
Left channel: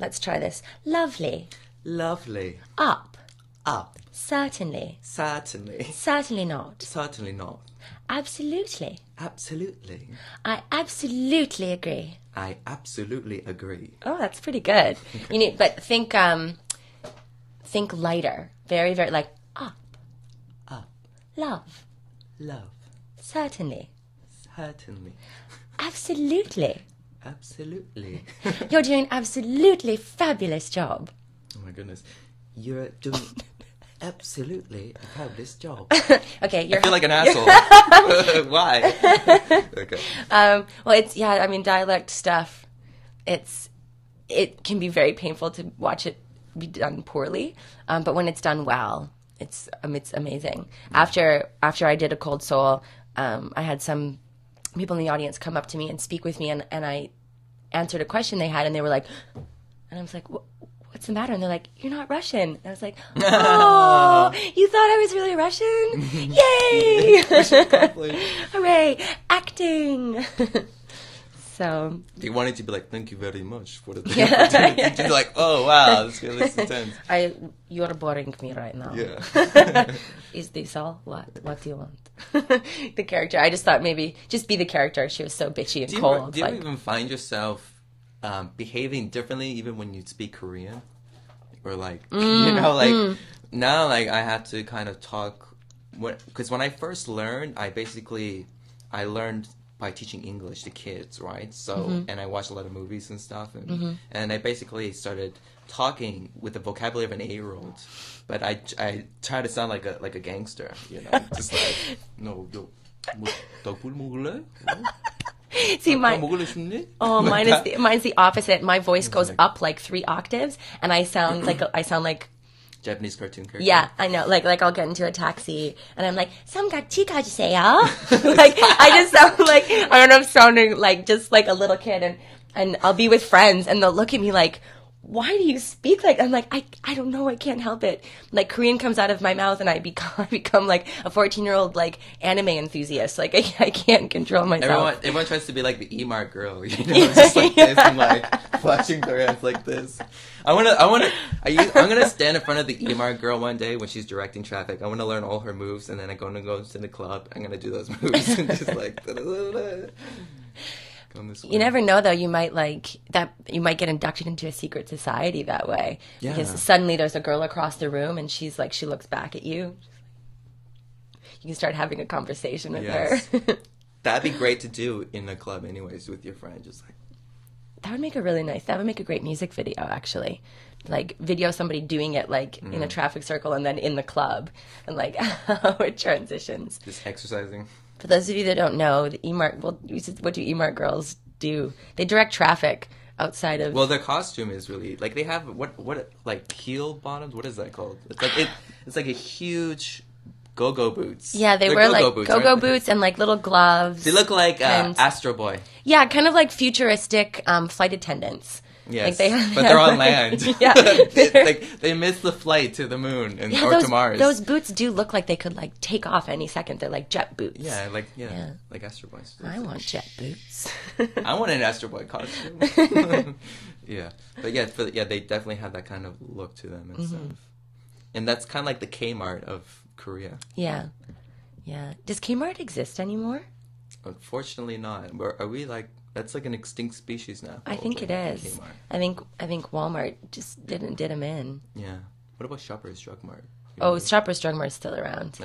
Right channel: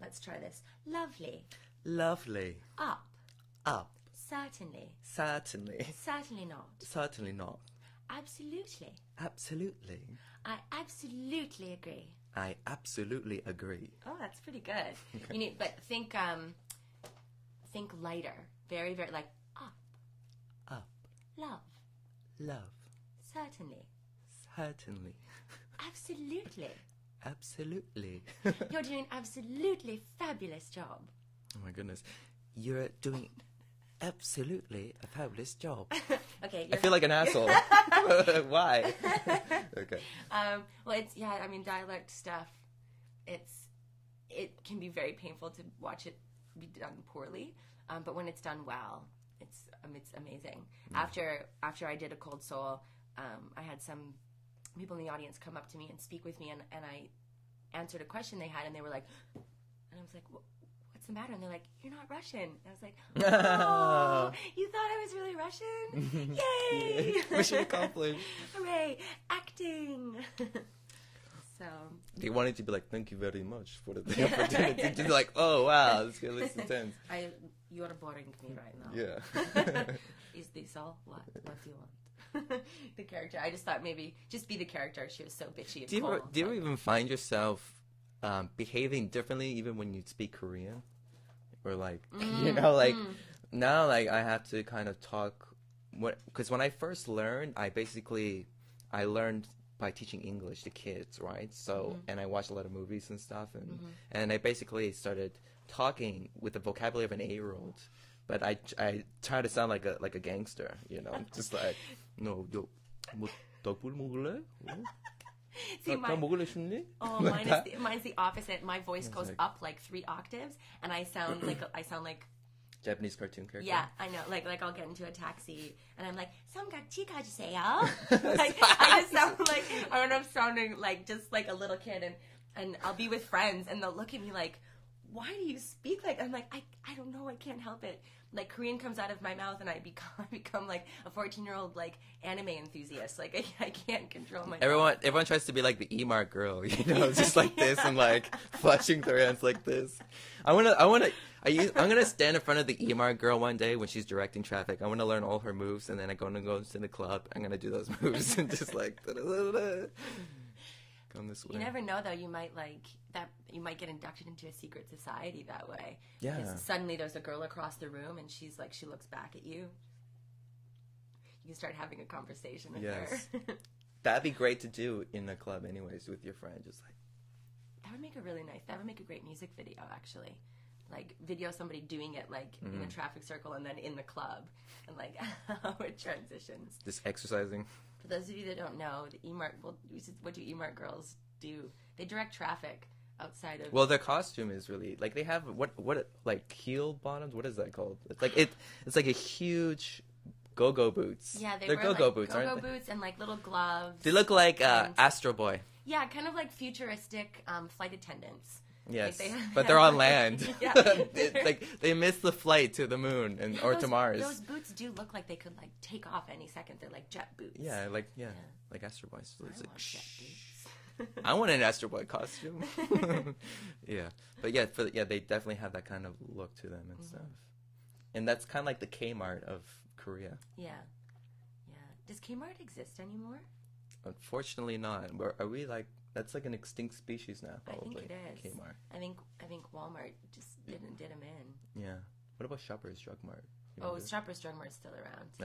let's try this. Lovely. Lovely. Up. Up. Certainly. Certainly. Certainly not. Certainly not. Absolutely. Absolutely. I absolutely agree. I absolutely agree. Oh, that's pretty good. But think lighter. Very, very like up. Up. Love. Love. Certainly. Certainly. Absolutely. absolutely. You're doing an absolutely fabulous job. Oh my goodness. You're doing absolutely a fabulous job. Okay, I feel like an asshole. Why? Okay. Well, it's, yeah, I mean, dialect stuff, it can be very painful to watch it be done poorly. But when it's done well, it's amazing. After I did A Cold Soul, I had some people in the audience come up to me and speak with me, and I answered a question they had, and they were like, and I was like, what's the matter? And they're like, you're not Russian. And I was like, oh, you thought I was really Russian? Yay! Hooray! Acting! So they wanted to be like, thank you very much for the opportunity. To be like, oh wow, this girl is intense. You're boring me right now. Yeah. Is this all? What do you want? The character. I just thought maybe just be the character. She was so bitchy and cold. Do you even find yourself behaving differently even when you speak Korean? Or like, you know, like now, like I have to kind of talk because when I first learned, I learned by teaching English to kids, right? So, and I watched a lot of movies and stuff, and I basically started talking with the vocabulary of an 8-year-old, but I try to sound like a gangster, you know, just like yo, See, mine's the opposite. My voice goes up like 3 octaves, and I sound like Japanese cartoon character. Yeah, I know. Like I'll get into a taxi and I'm like, "삼각지가주세요." Like I just sound like I don't know, I'm sounding like just like a little kid, and I'll be with friends and they'll look at me like, why do you speak like? I'm like, I don't know, I can't help it. Like Korean comes out of my mouth and I become like a 14-year-old like anime enthusiast. Like I can't control myself. Everyone tries to be like the Emart girl, you know, just like this and like flashing their hands like this. I'm gonna stand in front of the Emart girl one day when she's directing traffic. I want to learn all her moves, and then I'm gonna go to the club. I'm gonna do those moves and just like. You never know, though. You might get inducted into a secret society that way. Yeah. Because suddenly there's a girl across the room, and she looks back at you. You can start having a conversation with her. That'd be great to do in a club, anyways, with your friend. Just like that would make a great music video, actually. Like video somebody doing it like in a traffic circle and then in the club, and like how it transitions. Just exercising. For those of you that don't know, the what do Emart girls do? They direct traffic outside of. Well, their costume is really like they have what like heel bottoms. What is that called? It's like a huge go-go boots. Yeah, they wear like go-go boots and like little gloves. They look like Astro Boy. Yeah, kind of like futuristic flight attendants. Yes, like but they're on land. Yeah, they missed the flight to the moon or those, to Mars. Those boots do look like they could like take off any second. They're like jet boots. Yeah, like Astro Boys. I want jet boots. I want an Astro Boy costume. Yeah, but they definitely have that kind of look to them and stuff. And that's kind of like the Kmart of Korea. Yeah. Does Kmart exist anymore? Unfortunately, not. Are we like? That's like an extinct species now. I think it is. Kmart. I think Walmart just did them in. Yeah. What about Shoppers Drug Mart? Shoppers Drug Mart is still around.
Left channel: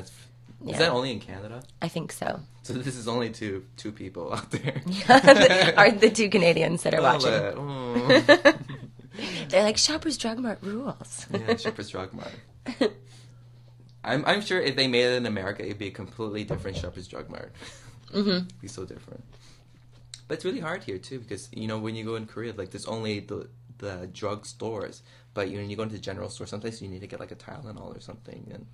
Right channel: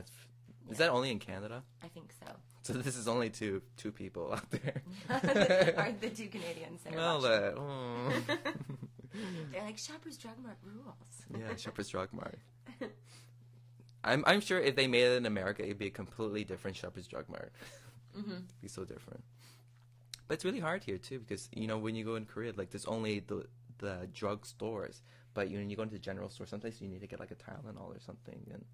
Is that only in Canada? I think so. So this is only two people out there. Are the 2 Canadians that are watching? Oh. They're like, Shoppers Drug Mart rules. Yeah, Shoppers Drug Mart. I'm sure if they made it in America, it'd be a completely different Shoppers Drug Mart. It'd be so different. But it's really hard here too because you know when you go in Korea, like there's only the drug stores, but when you go into the general store, sometimes you need to get like a Tylenol or something. And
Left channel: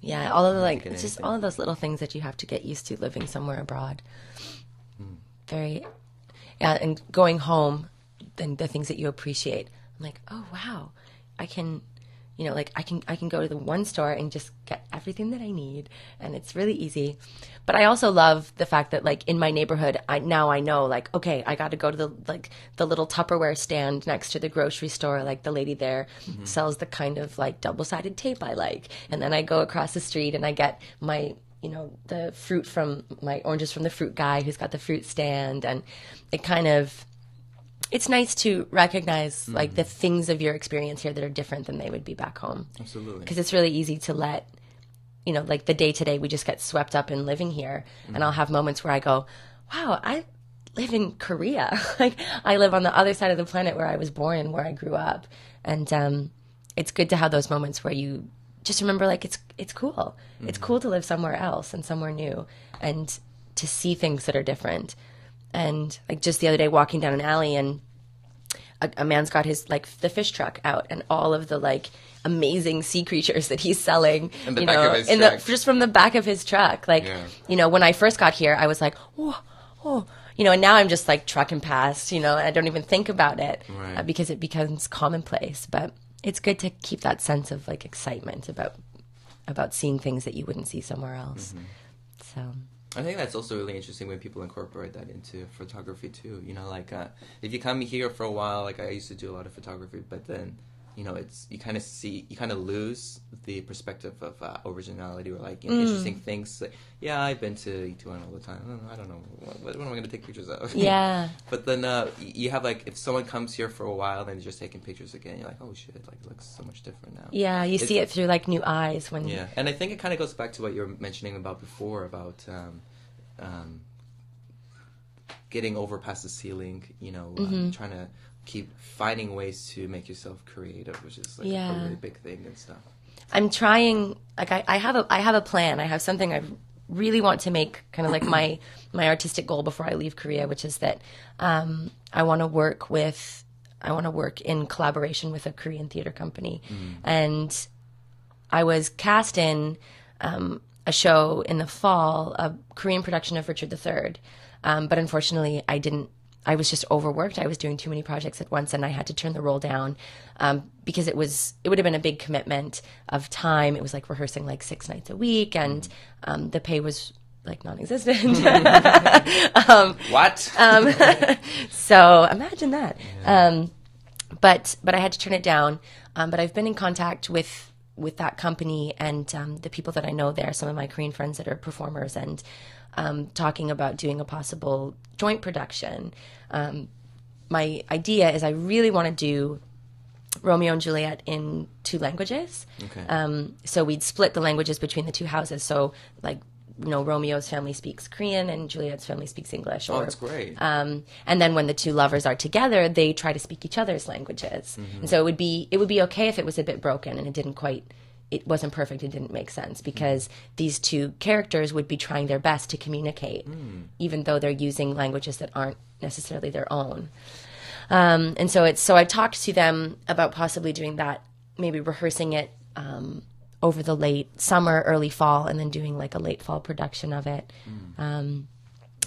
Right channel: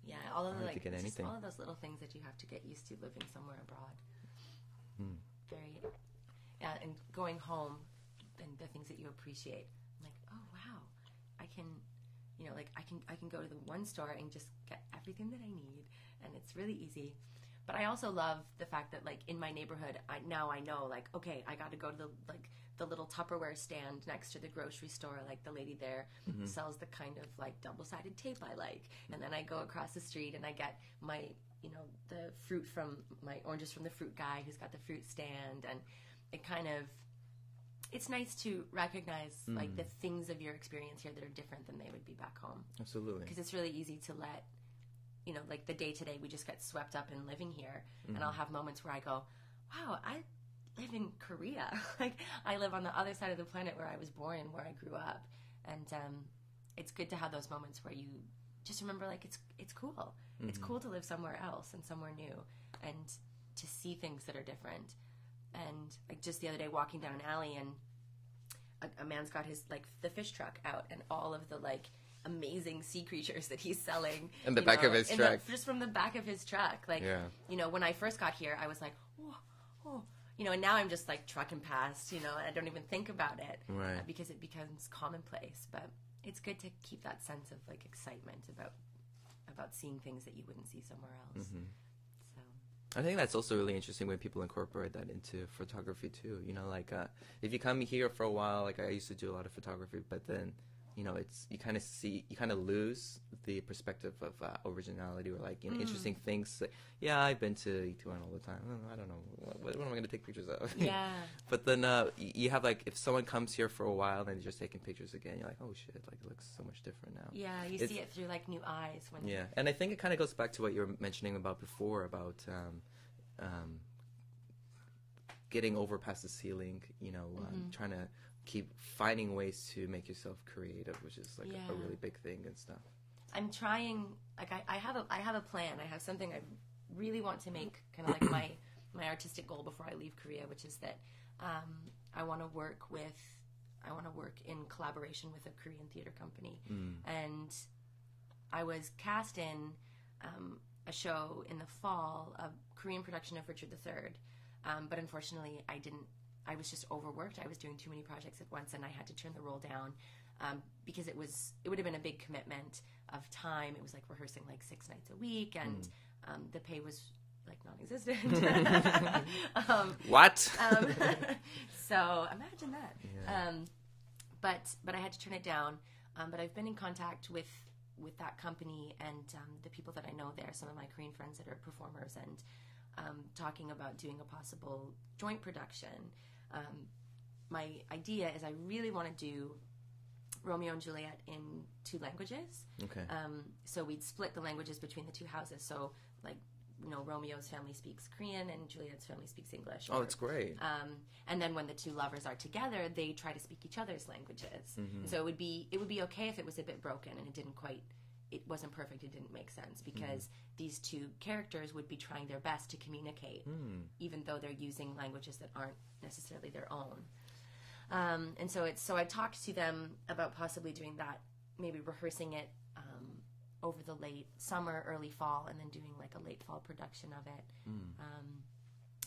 yeah, all of the it's just all of those little things that you have to get used to living somewhere abroad. And going home, then the things that you appreciate. I'm like, oh wow, I can go to the one store and just get everything that I need, and it's really easy. But I also love the fact that, like, in my neighborhood, I know, like, okay, I got to go to the little Tupperware stand next to the grocery store. Like, the lady there sells the kind of, like, double-sided tape I like. And then I go across the street and I get my, the fruit from, my oranges from the fruit guy who's got the fruit stand. And it kind of, it's nice to recognize, like, the things of your experience here that are different than they would be back home. Absolutely. Because it's really easy to let, like the day to day, we just get swept up in living here. And I'll have moments where I go, wow, I live in Korea. Like, I live on the other side of the planet where I was born and where I grew up. And it's good to have those moments where you just remember, like, it's cool. Mm-hmm. It's cool to live somewhere else and somewhere new and to see things that are different. And like just the other day walking down an alley, and a man's got his, like, the fish truck out, and all of the, like, amazing sea creatures that he's selling, just from the back of his truck. Like, when I first got here, I was like, oh, and now I'm just like trucking past, and I don't even think about it, right. Because it becomes commonplace. But it's good to keep that sense of, like, excitement about seeing things that you wouldn't see somewhere else. Mm-hmm. So I think that's also really interesting when people incorporate that into photography too. Like, if you come here for a while, like I used to do a lot of photography, but then, you kind of lose the perspective of originality, or, like, interesting things. Like, I've been to Ituan all the time. I don't know. What am I going to take pictures of? Yeah. But then you have, like, if someone comes here for a while and just taking pictures again, you're like, oh shit, like, it looks so much different now. Yeah, you see it through, like, new eyes when. Yeah, and I think it kind of goes back to what you were mentioning about before about getting over past the ceiling. Trying to keep finding ways to make yourself creative, which is, like, a really big thing and stuff. I'm trying, like, I have a plan. I have something I really want to make kind of like my artistic goal before I leave Korea, which is that I want to work in collaboration with a Korean theater company. And I was cast in a show in the fall, a Korean production of Richard III. But unfortunately, I was just overworked. I was doing too many projects at once, and I had to turn the role down because it would have been a big commitment of time. It was like rehearsing like 6 nights a week, and the pay was like non-existent. What? So imagine that. But I had to turn it down. But I've been in contact with that company and the people that I know there, some of my Korean friends that are performers, and talking about doing a possible joint production. My idea is I really want to do Romeo and Juliet in 2 languages. Okay. So we'd split the languages between the 2 houses. So, like, Romeo's family speaks Korean and Juliet's family speaks English. Oh, that's great. And then when the 2 lovers are together, they try to speak each other's languages. Mm-hmm. And so it would be okay if it was a bit broken and it wasn't perfect, it didn't make sense, because these 2 characters would be trying their best to communicate, even though they're using languages that aren't necessarily their own. And so I talked to them about possibly doing that, maybe rehearsing it over the late summer, early fall, and then doing like a late fall production of it. And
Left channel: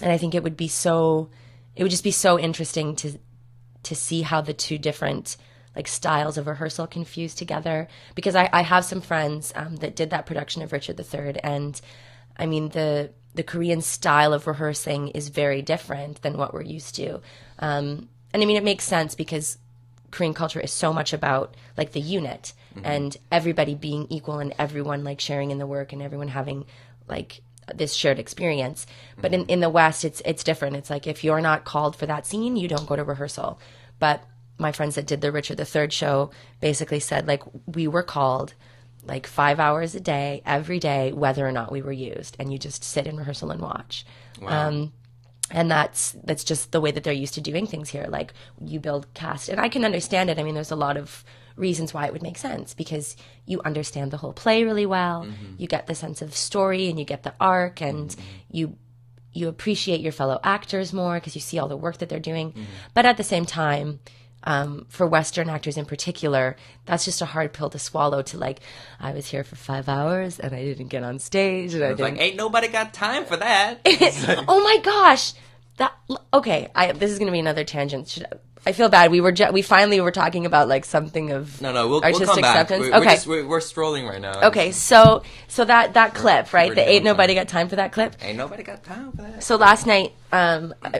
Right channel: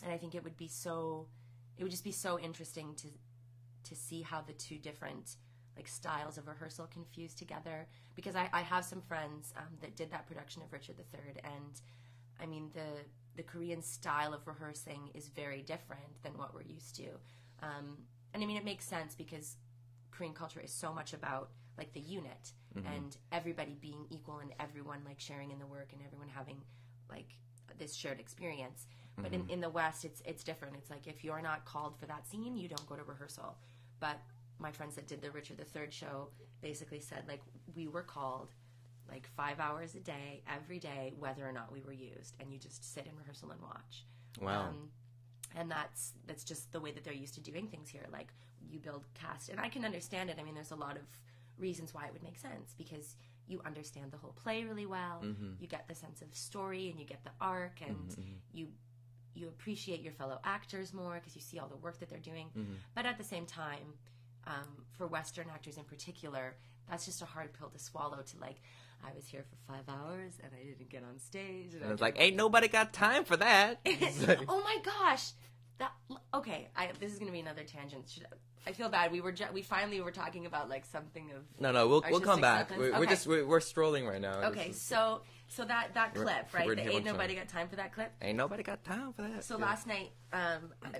I think it would just be so interesting to see how the 2 different like styles of rehearsal can fuse together, because I have some friends that did that production of Richard III, and I mean the Korean style of rehearsing is very different than what we're used to, and I mean it makes sense because Korean culture is so much about like the unit and everybody being equal and everyone like sharing in the work and everyone having like this shared experience. But in the West it's different. It's like if you're not called for that scene, you don't go to rehearsal. But my friends that did the Richard III show basically said, like, we were called like 5 hours a day, every day, whether or not we were used. And you just sit in rehearsal and watch. Wow. And that's just the way that they're used to doing things here. Like, you build cast. And I can understand it. I mean, there's a lot of reasons why it would make sense, because you understand the whole play really well. You get the sense of story and you get the arc, and you appreciate your fellow actors more because you see all the work that they're doing. But at the same time, for Western actors in particular, that's just a hard pill to swallow, to like, I was here for 5 hours and I didn't get on stage. And I didn't... like, ain't nobody got time for that. Oh my gosh. Okay, this is going to be another tangent. I feel bad. We finally were talking about like something of we'll artistic come back. acceptance. We're strolling right now. Okay, so that clip, right? The ain't nobody got time for that clip. Ain't nobody got time for that. So last night,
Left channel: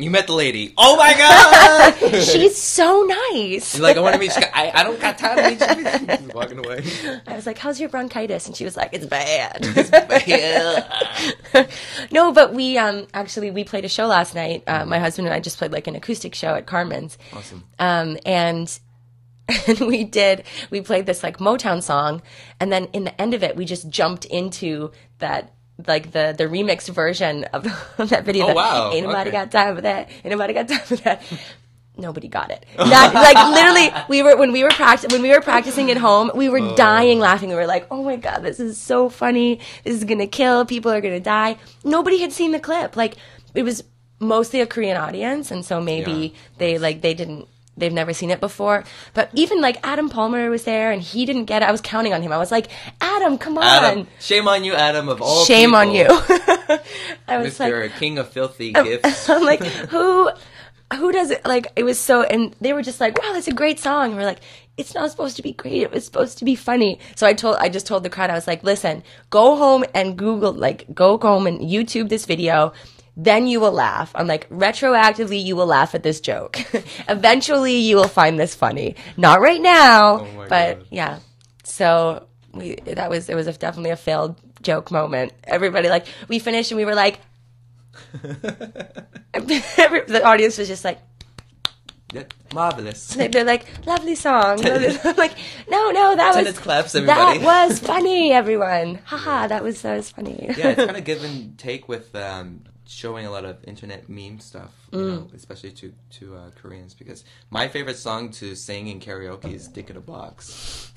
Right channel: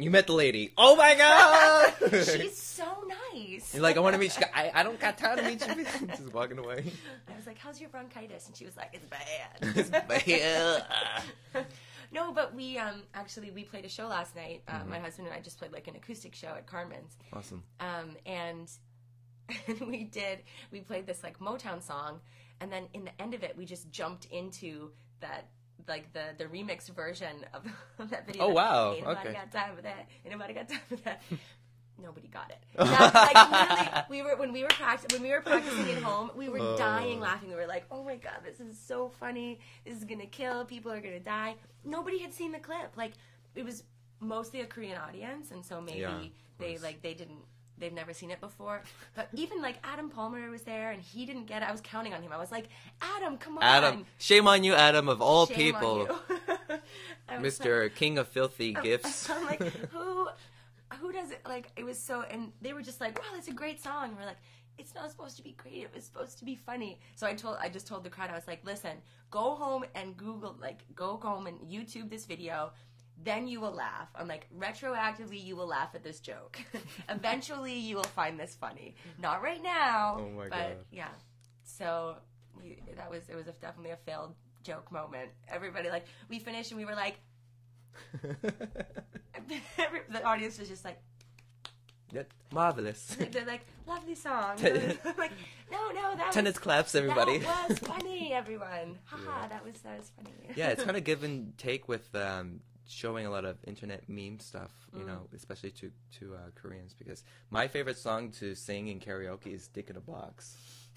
you met the lady. Oh my god, she's so nice. She's like, I want to meet you. I don't got time to meet you. She's walking away. I was like, how's your bronchitis? And she was like, it's bad. It's bad. No, but we we played a show last night. My husband and I just played like an acoustic show at Carmen's. Awesome. And we played this like Motown song, and then in the end of it we just jumped into that like the remixed version of that video. Oh, wow. Ain't nobody Okay. got time for that. Ain't nobody got time for that. Nobody got it. Not, like literally, when we were practicing at home, we were dying laughing. We were like, "Oh my god, this is so funny! This is gonna kill. People are gonna die." Nobody had seen the clip. Like it was mostly a Korean audience, and so maybe they've never seen it before. But even like Adam Palmer was there, and he didn't get it. I was counting on him. I was like, "Adam, come on!" Adam, shame on you, Adam. Of all Shame people. on you. I was Mr. like, King of Filthy Gifts. I'm like, who does it? Like, it was so, and they were just like, wow, that's a great song. And we're like, it's not supposed to be great. It was supposed to be funny. So I just told the crowd, I was like, listen, go home and go home and YouTube this video. Then you will laugh. I'm like, retroactively, you will laugh at this joke. Eventually, you will find this funny. Not right now, but God. Yeah. So it was definitely a failed joke moment. Everybody, like, we finished and we were like, the audience was just like, yeah, marvelous. They're like, lovely song. I'm like, no, Tennis claps, everybody. That was funny, everyone. Haha, that was funny. Yeah, it's kind of give and take with showing a lot of internet meme stuff, you know, especially to Koreans, because my favorite song to sing in karaoke is "Dick in a Box."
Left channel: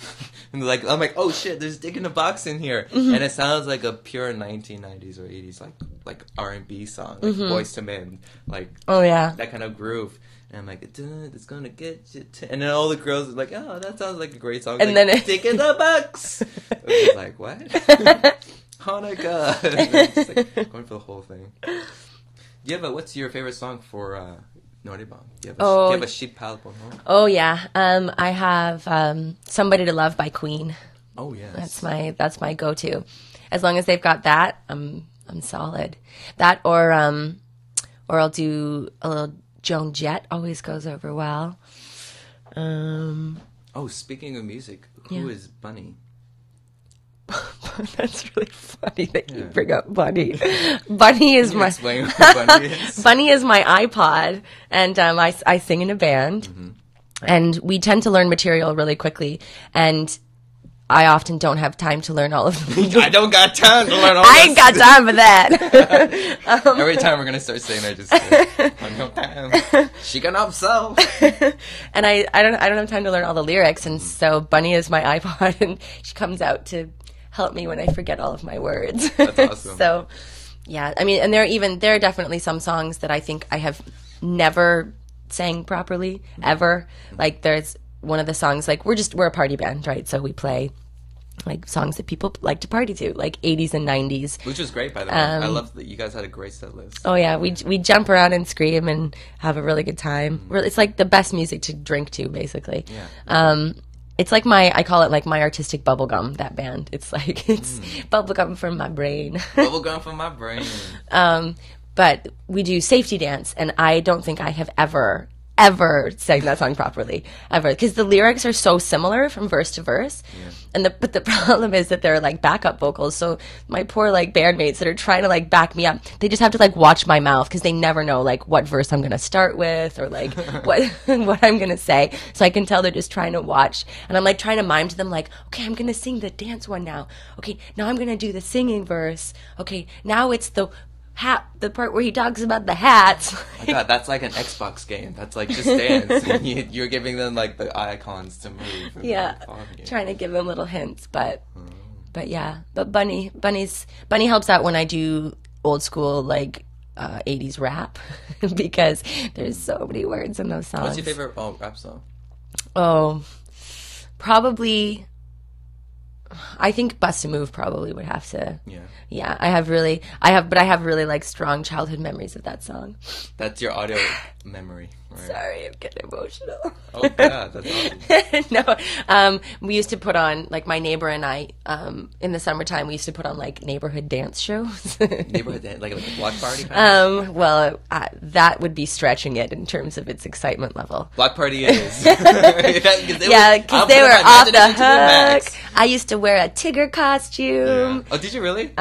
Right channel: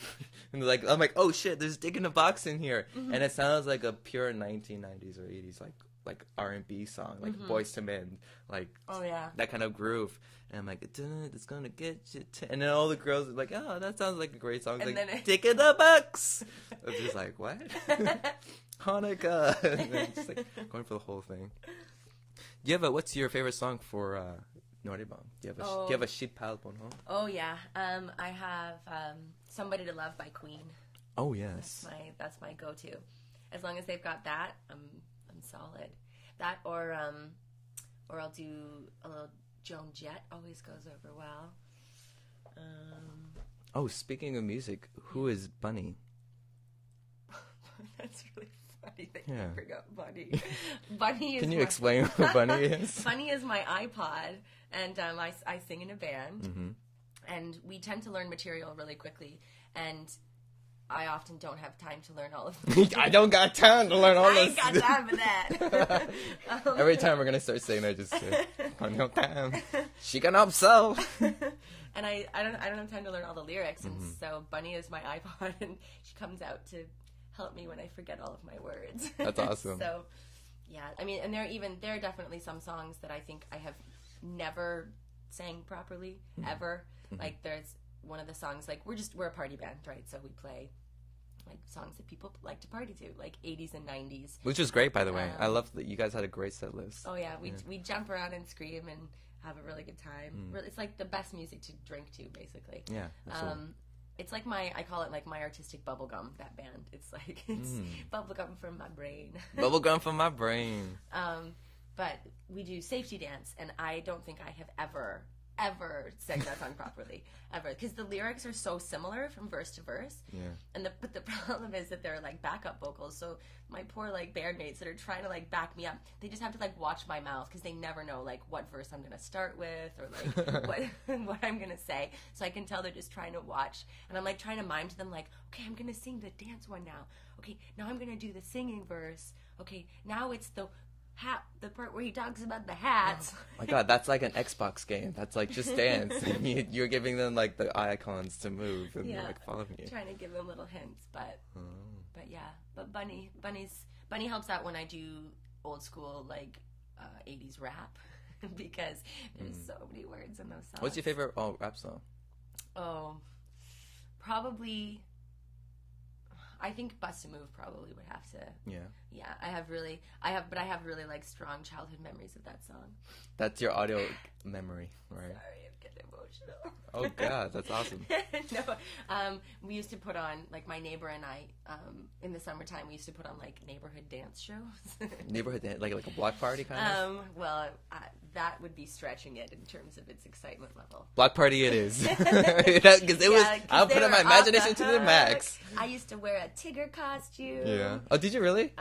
And I'm like, oh shit, there's "Dick in a Box" in here, and it sounds like a pure 1990s or 80s like R&B song, like Boyz II Men, like that kind of groove. And I'm like, it's gonna get you. And then all the girls are like, oh, that sounds like a great song. And like, then "Dick in the Box." I was like, what? Hanukkah. It's like going for the whole thing. Yeah, but what's your favorite song for Noraebang? Do you have a sheep album? Oh yeah, I have "Somebody to Love" by Queen. Oh yes, that's my go-to. As long as they've got that, I'm solid. That or I'll do a little Joan Jett. Always goes over well. Speaking of music, who is Bunny? That's really funny that you bring up Bunny. Bunny is my explain what Bunny is? Bunny is my iPod, and I sing in a band, and we tend to learn material really quickly, and I often don't have time to learn all of them. I don't got time to learn all I ain't got time for that. Every time we're gonna start saying, I just say, I don't have time. She can upsell. And I don't have time to learn all the lyrics, and so Bunny is my iPod, and she comes out to help me when I forget all of my words. That's awesome. So, yeah, I mean, and there are definitely some songs that I think I have never sang properly ever. Like there's one of the songs, like we're a party band, right? So we play like songs that people like to party to, like 80s and 90s. Which was great, by the way. I love that you guys had a great set list. Oh yeah, we jump around and scream and have a really good time. It's like the best music to drink to, basically. Yeah. It's like I call it like my artistic bubblegum, that band. It's like, it's bubblegum from my brain. Bubblegum from my brain. But we do Safety Dance, and I don't think I have ever sang that song properly, ever. Because the lyrics are so similar from verse to verse. Yeah. But the problem is that they're like backup vocals. So my poor like bandmates that are trying to like back me up, they just have to like watch my mouth because they never know like what verse I'm gonna start with or like what I'm gonna say. So I can tell they're just trying to watch, and I'm like trying to mime to them like, okay, I'm gonna sing the dance one now. Okay, now I'm gonna do the singing verse. Okay, now it's the part where he talks about the hats. Oh my God, that's like an Xbox game. That's like Just Dance. You're giving them like the icons to move. Yeah, trying to give them little hints, but yeah. But Bunny helps out when I do old school like 80s rap because there's so many words in those songs. What's your favorite rap song? Oh, probably. I think "Bust a Move" probably would have to. Yeah, I have really like strong childhood memories of that song. That's your audio memory. Right? Sorry, I'm getting emotional. Oh yeah, that's awesome. No, we used to put on, like my neighbor and I, in the summertime, we used to put on like neighborhood dance shows. Neighborhood dance, like a block party kind of? Well, that would be stretching it in terms of its excitement level. Block party is. Yeah, because they were off the hook. I used to wear a Tigger costume. Yeah. Oh, did you really?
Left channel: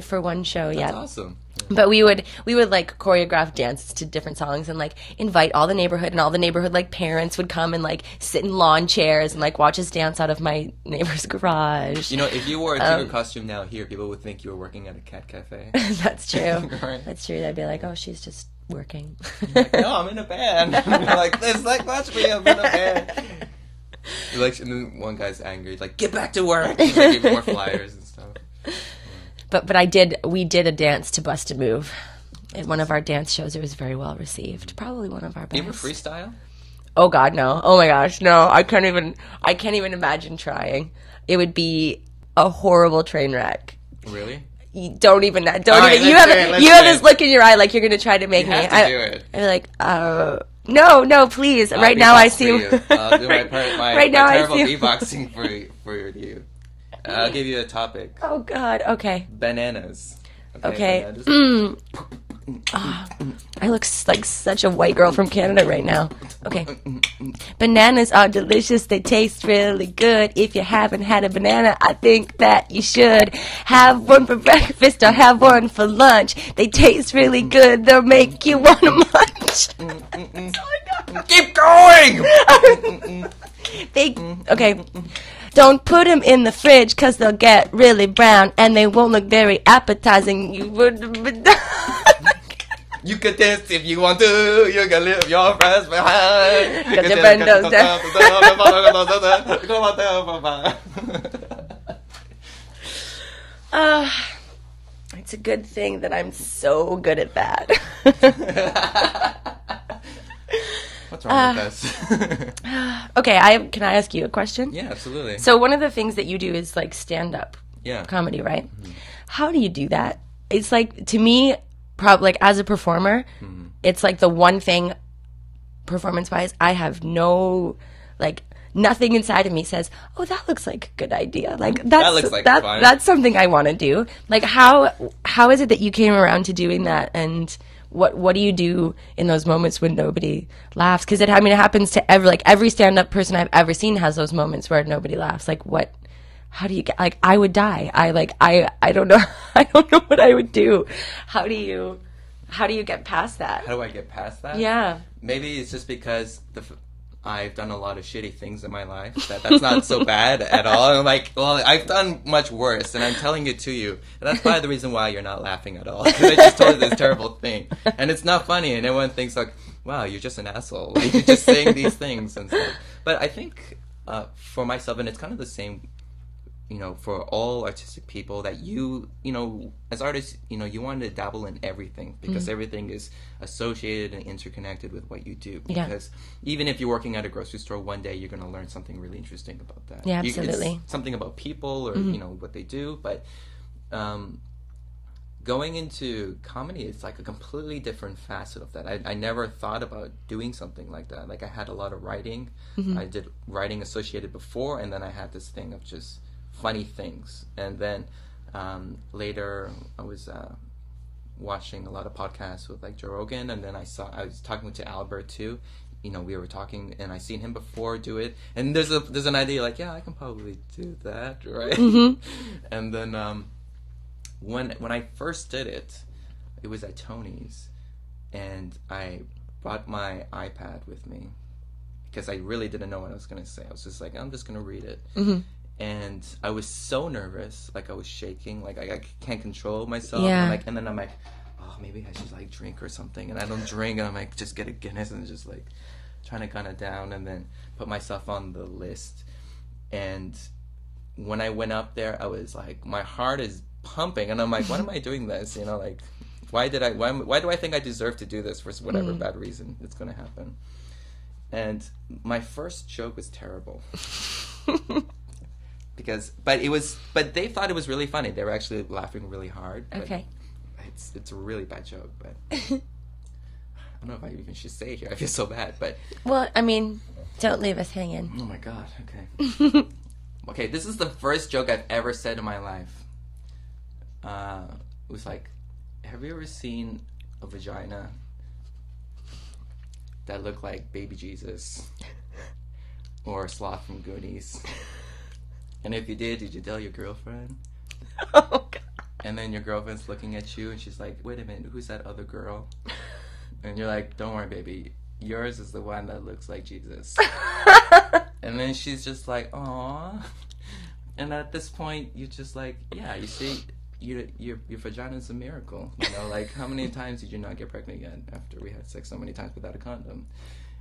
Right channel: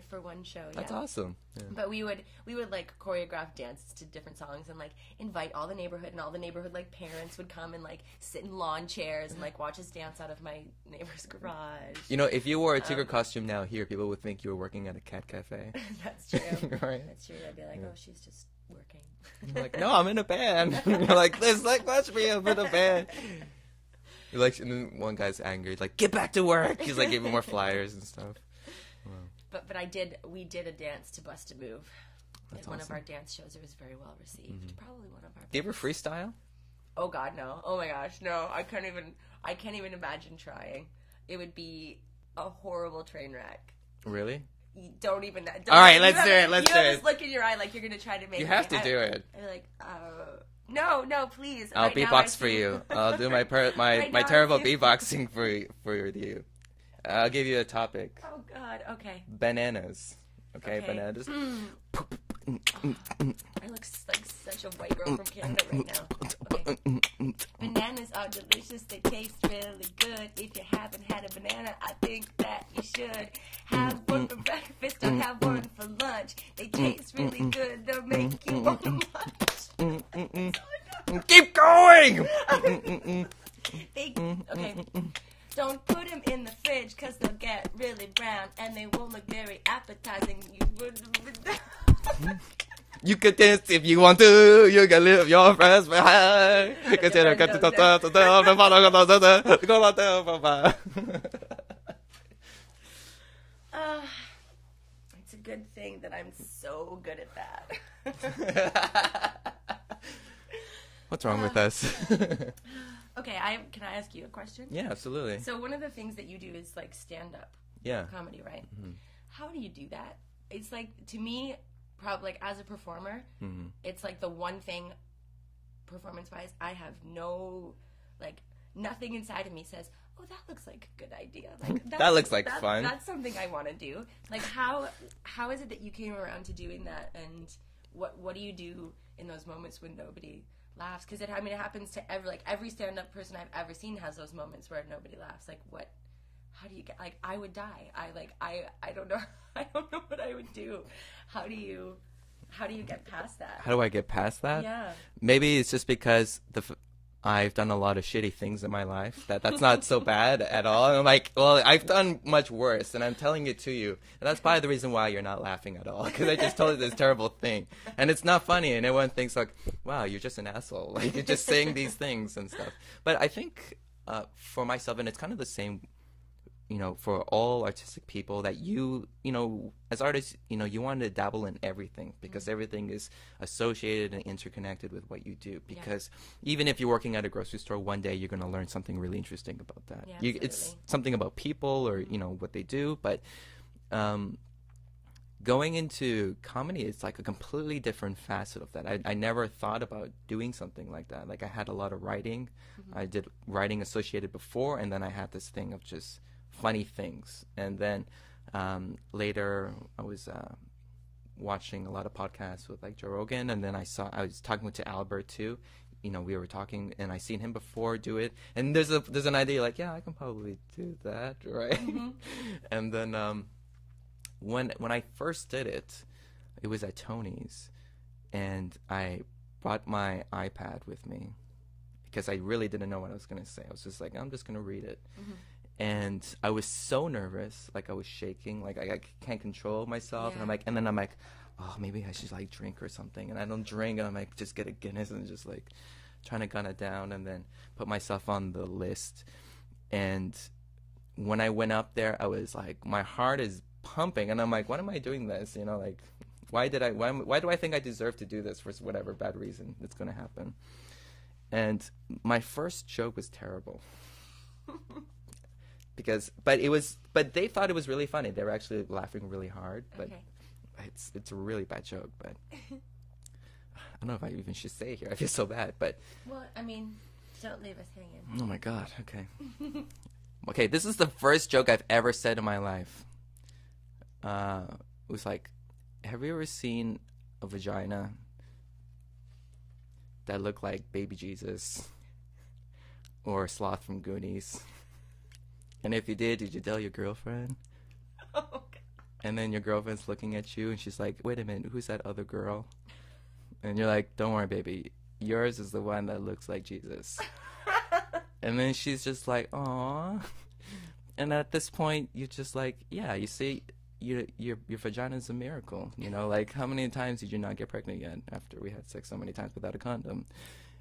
For one show, That's awesome. Yeah. But we would like choreograph dances to different songs and like invite all the neighborhood, and all the neighborhood like parents would come and like sit in lawn chairs and like watch us dance out of my neighbor's garage. You know, if you wore a tutor costume now here, people would think you were working at a cat cafe. That's true. Right? That's true. They'd be like, "Oh, she's just working." Like, no, I'm in a band. You're like, this, like, watch me, I'm in a band. You're like, and then one guy's angry. He's like, get back to work. He's like, giving more flyers and stuff. But we did a dance to Bust a Move at one of our dance shows. It was very well received. Probably one of our best. Do you ever freestyle? Oh God, no. Oh my gosh, no. I can't even imagine trying. It would be a horrible train wreck. Really? You don't even. You have this look in your eye like you're gonna try to make you me. Have to do it. I'd be like, no, please. Right now I see. I'll do my terrible beatboxing for you. I'll give you a topic. Oh God. Okay. Bananas. Okay. Bananas. I look like such a white girl from Canada right now. Okay. Bananas are delicious. They taste really good. If you haven't had a banana, I think that you should. Have one for breakfast or have one for lunch. They taste really good. They'll make you want to munch. Keep going! Okay. Don't put them in the fridge because they'll get really brown and they won't look very appetizing. You would. You can dance if you want to. You can leave your friends behind. Get your windows down. It's a good thing that I'm so good at that. What's wrong with us? Okay, can I ask you a question? Yeah, absolutely. So one of the things that you do is like stand-up comedy, right? Mm-hmm. How do you do that? It's like, to me, probably like as a performer, it's like the one thing, performance-wise, I have nothing inside of me says, "Oh, that looks like a good idea." Like that looks like fun. That's something I want to do. Like how is it that you came around to doing that, and what do you do in those moments when nobody laughs? Because it happens to every stand-up person I've ever seen has those moments where nobody laughs. Like what? How do you get? Like I would die. I don't know. I don't know what I would do. How do you get past that? How do I get past that? Yeah. Maybe it's just because I've done a lot of shitty things in my life. That's not so bad at all. And I'm like, well, I've done much worse, and I'm telling it to you. And that's probably the reason why you're not laughing at all. Because I just told you this terrible thing. And it's not funny, and everyone thinks like, wow, you're just an asshole. Like, you're just saying these things and stuff. But I think for myself, and it's kind of the same, for all artistic people, that you as artists, you want to dabble in everything, because everything is associated and interconnected with what you do. Because even if you're working at a grocery store, one day you're going to learn something really interesting about that. Yeah, absolutely. It's something about people or, what they do. But going into comedy, it's like a completely different facet of that. I never thought about doing something like that. Like I had a lot of writing. I did writing associated before, and then I had this thing of just funny things. And then later I was watching a lot of podcasts with like Joe Rogan, and then I was talking to Albert too. We were talking, and I seen him before do it, and there's an idea like, yeah, I can probably do that, right? And then when I first did it, it was at Tony's, and I brought my iPad with me because I really didn't know what I was going to say. I was just like, I'm just going to read it. And I was so nervous, like I was shaking, like I can't control myself. Yeah. And then I'm like, oh, maybe I should like drink or something. And I don't drink, and I'm like, just get a Guinness, and just like trying to gun it down, and then put myself on the list. And when I went up there, I was like, my heart is pumping, and I'm like, why am I doing this? Like, why do I think I deserve to do this for whatever bad reason it's going to happen? And my first joke was terrible. But they thought it was really funny. They were actually laughing really hard. Okay. It's a really bad joke, but I don't know if I even should say it here. I feel so bad, but... Well, don't leave us hanging. Oh my God, okay. Okay, this is the first joke I've ever said in my life. It was like, have you ever seen a vagina that looked like baby Jesus? Or a sloth from Goonies? And if you did you tell your girlfriend? Oh, God. and then your girlfriend's looking at you, and she's like, "Wait a minute, who's that other girl?" And you're like, "Don't worry, baby. Yours is the one that looks like Jesus." And then she's just like, "Aw." And at this point, you're just like, "Yeah, you see, your vagina is a miracle. You know, like, how many times did you not get pregnant yet after we had sex so many times without a condom?"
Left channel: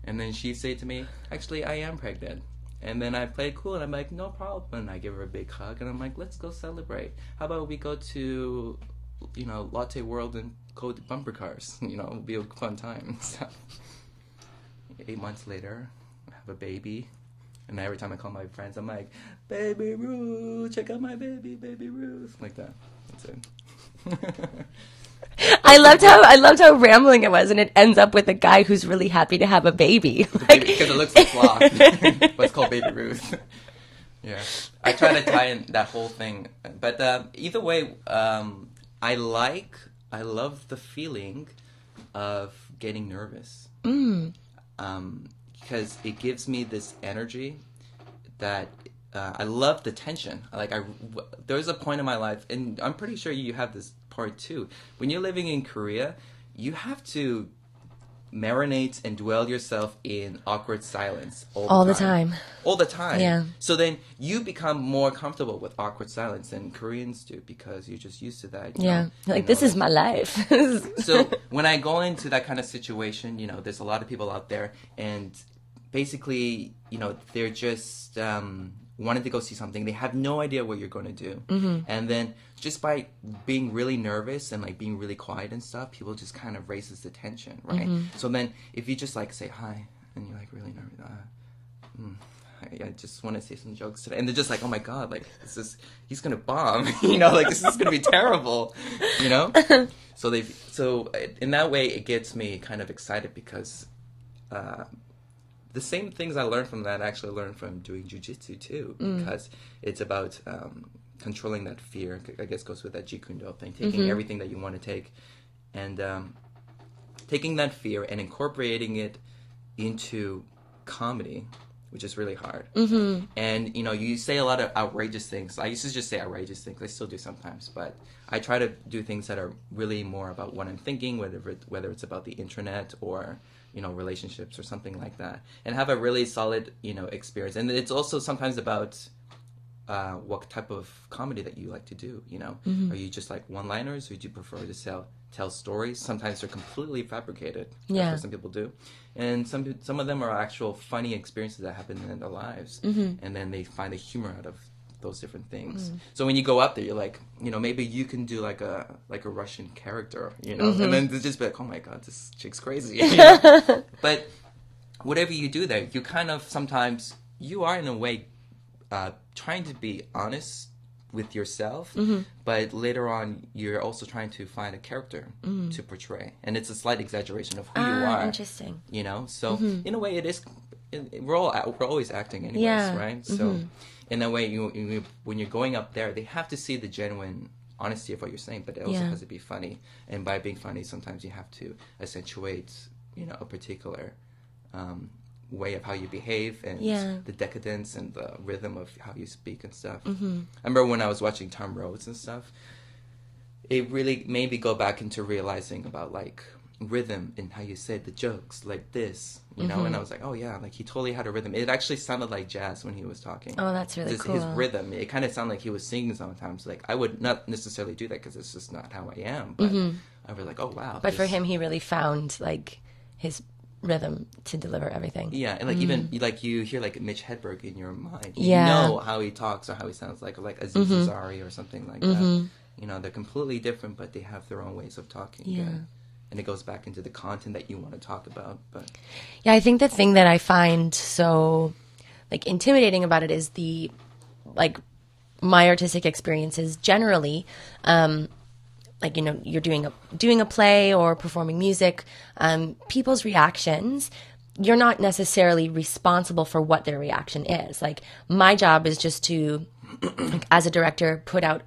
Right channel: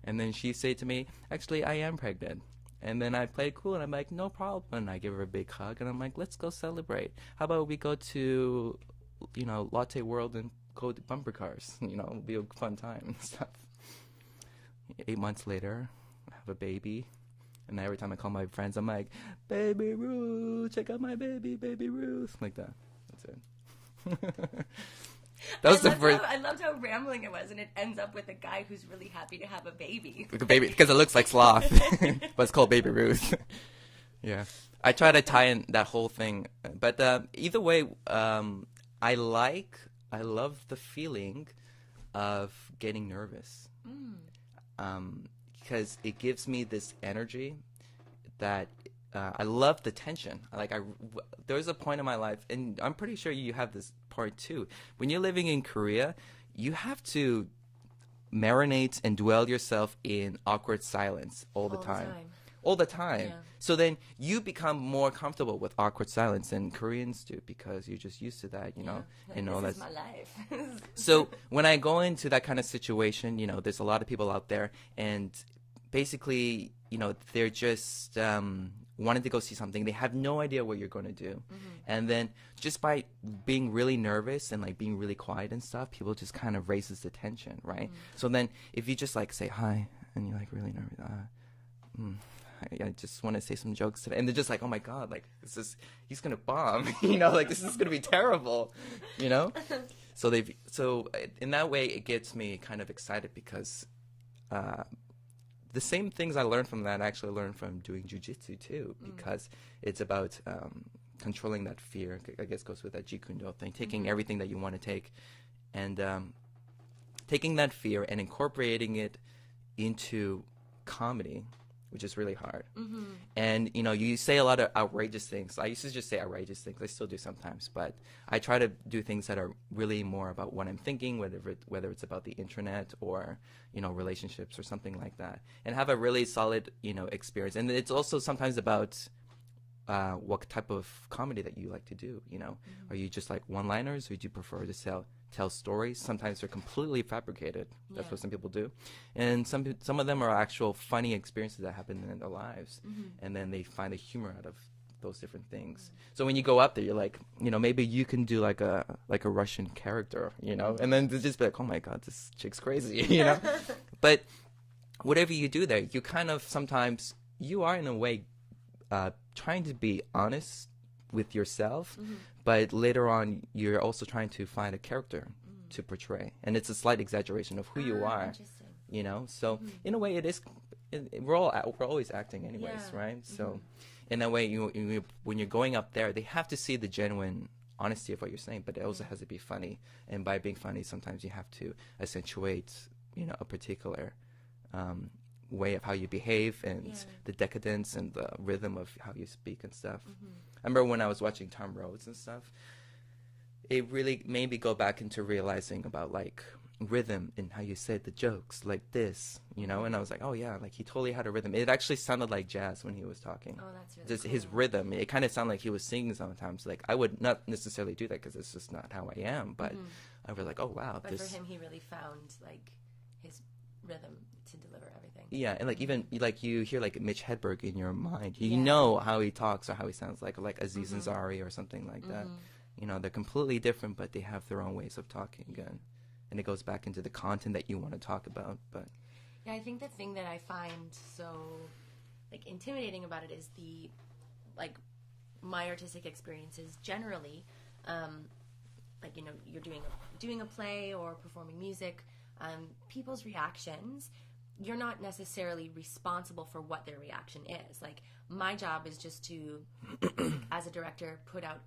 And then she said to me, "Actually, I am pregnant." And then I played cool, and I'm like, "No problem." And I give her a big hug, and I'm like, "Let's go celebrate. How about we go to, you know, Latte World and code bumper cars? You know, it'll be a fun time." So, 8 months later, I have a baby. And every time I call my friends, I'm like, "Baby Ruth, check out my baby, baby Ruth." Like that. That's it. I loved how rambling it was, and it ends up with a guy who's really happy to have a baby. Because it looks like sloth. But it's called Baby Ruth. Yeah. I try to tie in that whole thing. But either way, I love the feeling of getting nervous. Because it gives me this energy that I love the tension. There's a point in my life, and I'm pretty sure you have this part too. When you're living in Korea, you have to marinate and dwell yourself in awkward silence all the time. All the time. Yeah. So then you become more comfortable with awkward silence than Koreans do because you're just used to that. This is my life. So when I go into that kind of situation, you know, there's a lot of people out there, and basically, you know, they're just wanting to go see something. They have no idea what you're going to do. And then just by being really nervous and like being really quiet and stuff, people just kind of raises the tension, right? So then if you just like say hi and you're like really nervous, I just want to say some jokes today, and they're just like, "Oh my god, like he's gonna bomb," you know, like this is gonna be terrible, you know. So in that way it gets me kind of excited because the same things I learned from that I actually learned from doing jiu-jitsu too, because it's about controlling that fear. I guess goes with that Jeet Kune Do thing, taking everything that you want to take and taking that fear and incorporating it into comedy, which is really hard. And, you know, you say a lot of outrageous things. I used to just say outrageous things. I still do sometimes, but I try to do things that are really more about what I'm thinking, whether it's about the internet or, you know, relationships or something like that, and have a really solid, you know, experience. And it's also sometimes about what type of comedy that you like to do, you know. Are you just like one-liners, or do you prefer to tell stories? Sometimes they're completely fabricated. That's what some people do. And some of them are actual funny experiences that happen in their lives. And then they find the humor out of those different things. So when you go up there, you're like, you know, maybe you can do like a Russian character, you know, and then just be like, "Oh my god, this chick's crazy." You know? But whatever you do there, you kind of sometimes you are in a way trying to be honest with yourself, but later on you're also trying to find a character to portray, and it's a slight exaggeration of who you are. Interesting. You know, so in a way it is. We're always acting anyways, right? So in a way, you when you're going up there, they have to see the genuine honesty of what you're saying, but it also has to be funny. And by being funny, sometimes you have to accentuate, you know, a particular way of how you behave and the decadence and the rhythm of how you speak and stuff. I remember when I was watching Tom Rhodes and stuff, it really made me go back into realizing about like rhythm and how you said the jokes like this, you know. And I was like, oh yeah, like he totally had a rhythm. It actually sounded like jazz when he was talking. Oh, that's really cool. His rhythm, it kind of sounded like he was singing sometimes. Like I would not necessarily do that because it's just not how I am, but I was like, oh wow. But for him, he really found like his rhythm to deliver everything. Yeah, and like even like you hear like Mitch Hedberg in your mind, you know how he talks or how he sounds like Aziz Ansari or something like that. You know, they're completely different, but they have their own ways of talking. And it goes back into the content that you want to talk about. But yeah, I think the thing that I find so like intimidating about it is the like my artistic experiences generally. Like, you know, you're doing a play or performing music, people's reactions, you're not necessarily responsible for what their reaction is. Like my job is just to, like, as a director, put out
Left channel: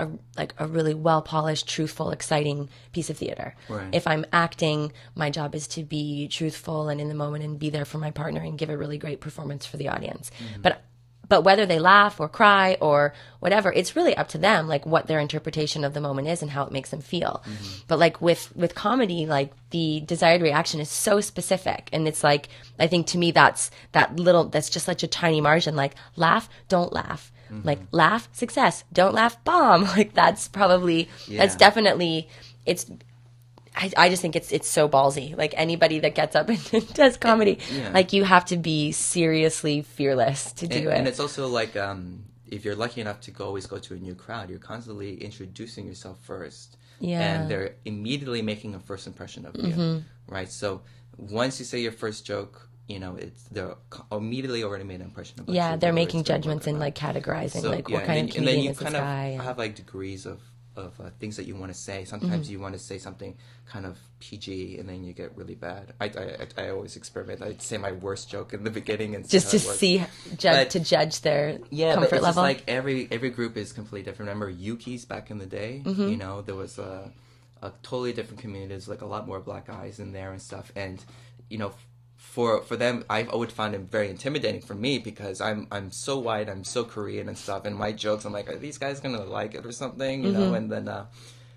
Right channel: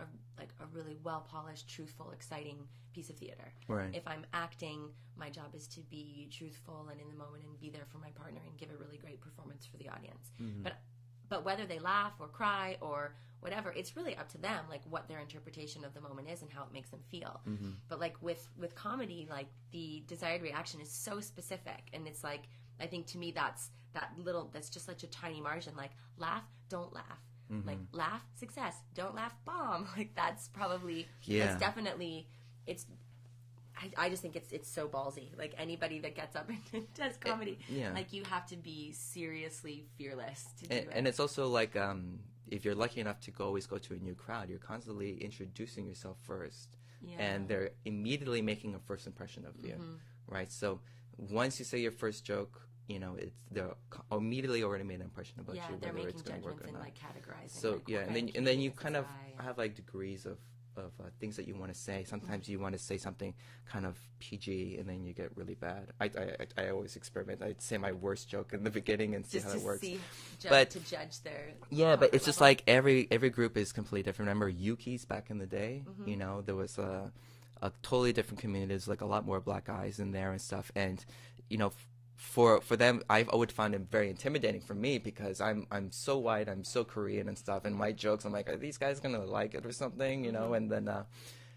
a really well polished, truthful, exciting piece of theater. Right. If I'm acting, my job is to be truthful and in the moment and be there for my partner and give a really great performance for the audience. But whether they laugh or cry or whatever, it's really up to them, like what their interpretation of the moment is and how it makes them feel. But like with comedy, like the desired reaction is so specific. And it's like, I think to me, that's just such a tiny margin. Like laugh, don't laugh. Like laugh, success. Don't laugh, bomb. Like that's definitely, I just think it's so ballsy. Like anybody that gets up and does comedy, like you have to be seriously fearless to do it. And it's also like if you're lucky enough to always go to a new crowd, you're constantly introducing yourself first. Yeah. And they're immediately making a first impression of you, right? So once you say your first joke, you know, they're immediately already made an impression about you. Yeah, they're making judgments and like categorizing, so, like what kind of comedian is this guy. And then you kind of have like degrees of things that you want to say. Sometimes you want to say something kind of PG, and then you get really bad. I always experiment. I'd say my worst joke in the beginning and just to see to judge their comfort but it's level. Just like every group is completely different. Remember Yuki's back in the day? You know, there was a totally different community. There's like a lot more black guys in there and stuff. And you know, for them, I would find it very intimidating for me because I'm so white, I'm so Korean and stuff, and my jokes, I'm like, are these guys gonna like it or something, you know? And then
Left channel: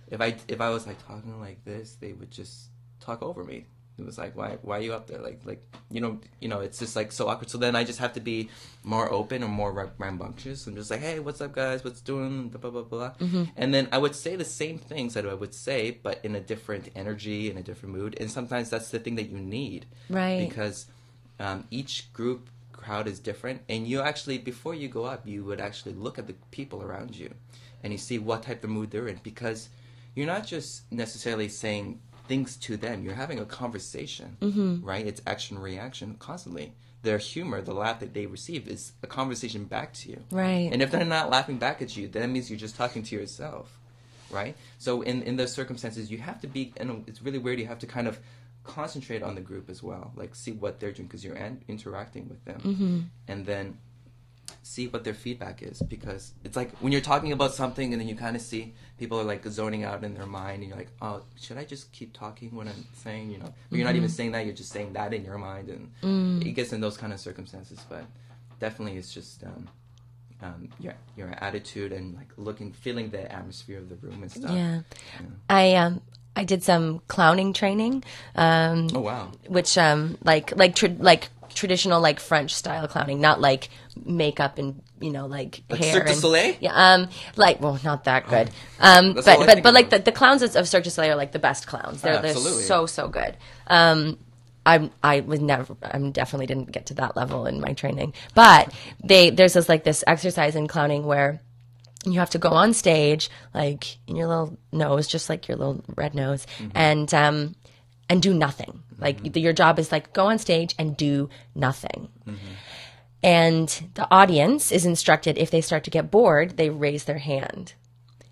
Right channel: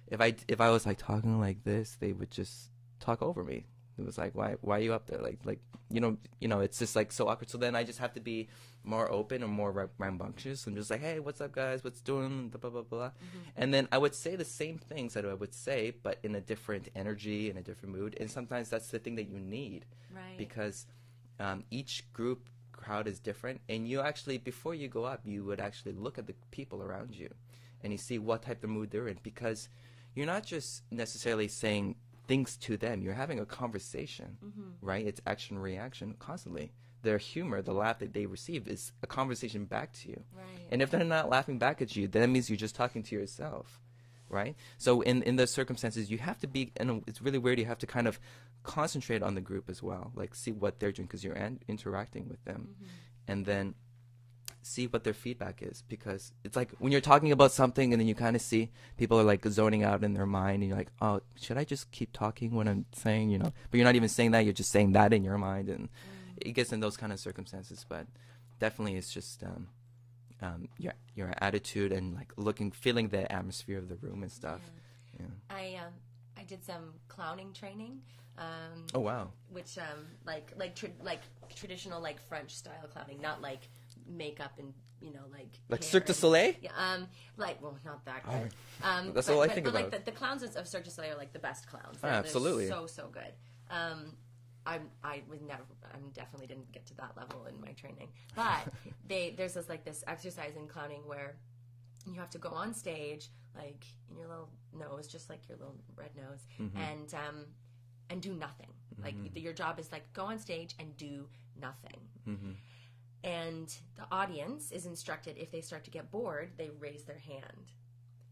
if I was like talking like this, they would just talk over me. It was like, why are you up there? Like you know, it's just like so awkward. So then I just have to be more open or more rambunctious and just like, hey, what's up, guys? What's doing? Blah blah blah blah. And then I would say the same things that I would say, but in a different energy, in a different mood. And sometimes that's the thing that you need, right? Because each crowd is different, and you actually, before you go up, you would actually look at the people around you, and you see what type of mood they're in, because you're not just necessarily saying things to them, you're having a conversation, right? It's action reaction constantly. Their humor, the laugh that they receive, is a conversation back to you, right? And if they're not laughing back at you, then that means you're just talking to yourself, right? So in those circumstances, you have to be, and it's really weird, you have to kind of concentrate on the group as well, like see what they're doing, because you're interacting with them, and then see what their feedback is, because it's like when you're talking about something and then you kind of see people are like zoning out in their mind, and you're like, oh, should I just keep talking what I'm saying, you know? But you're not even saying that, you're just saying that in your mind, and it gets in those kind of circumstances. But definitely it's just your attitude and like feeling the atmosphere of the room and stuff. I did some clowning training. Oh wow! Which traditional like French style clowning, not like makeup and like hair. Cirque du Soleil? Yeah, not that good. But like the clowns of Cirque du Soleil are like the best clowns. They're so good. I definitely didn't get to that level in my training, but there's this exercise in clowning where you have to go on stage, like in your little nose, just like your little red nose, and do nothing. Like your job is like go on stage and do nothing. And the audience is instructed, if they start to get bored, they raise their hand.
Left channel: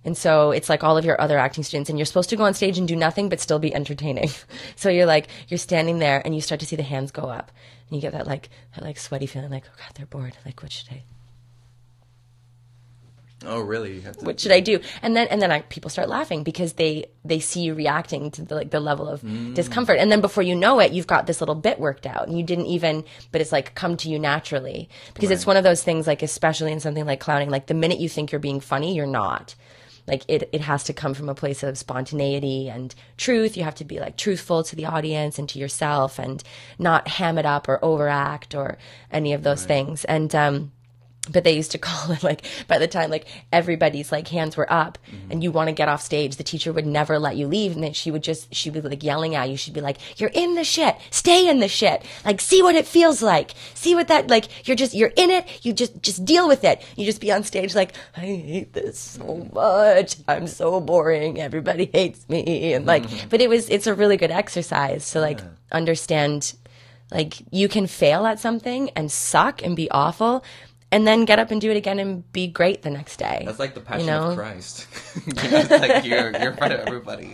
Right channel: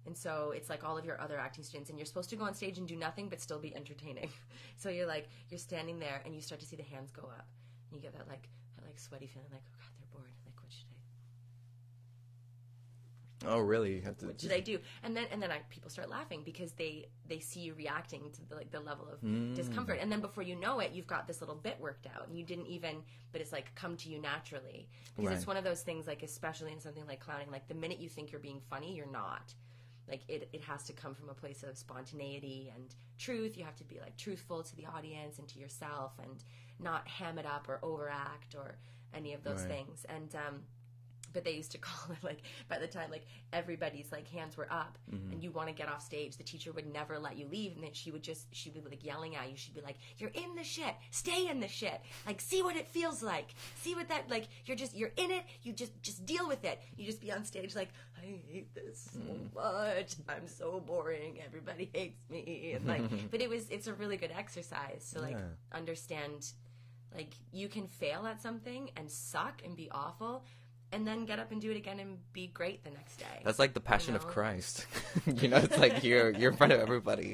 And so it's like all of your other acting students, and you're supposed to go on stage and do nothing but still be entertaining. So you're standing there and you start to see the hands go up, and you get that sweaty feeling, like, oh God, they're bored. Like, what should I? Oh, really? What should I do? And then people start laughing because they see you reacting to the level of discomfort. And then before you know it, you've got this little bit worked out, and you didn't even, but it's like come to you naturally, because it's one of those things, like especially in something like clowning, like the minute you think you're being funny, you're not. Like it has to come from a place of spontaneity and truth. You have to be like truthful to the audience and to yourself, and not ham it up or overact or any of those things. And but they used to call it, like, by the time like everybody's like hands were up and you want to get off stage, the teacher would never let you leave, and then she would be like yelling at you. She'd be like, you're in the shit, stay in the shit, like see what it feels like, see what that, like you're in it, you just deal with it. You just be on stage like, I hate this so much, I'm so boring, everybody hates me, and like but it's a really good exercise to like understand, like you can fail at something and suck and be awful, and then get up and do it again and be great the next day. That's like the Passion of Christ. It's like you're in front of everybody.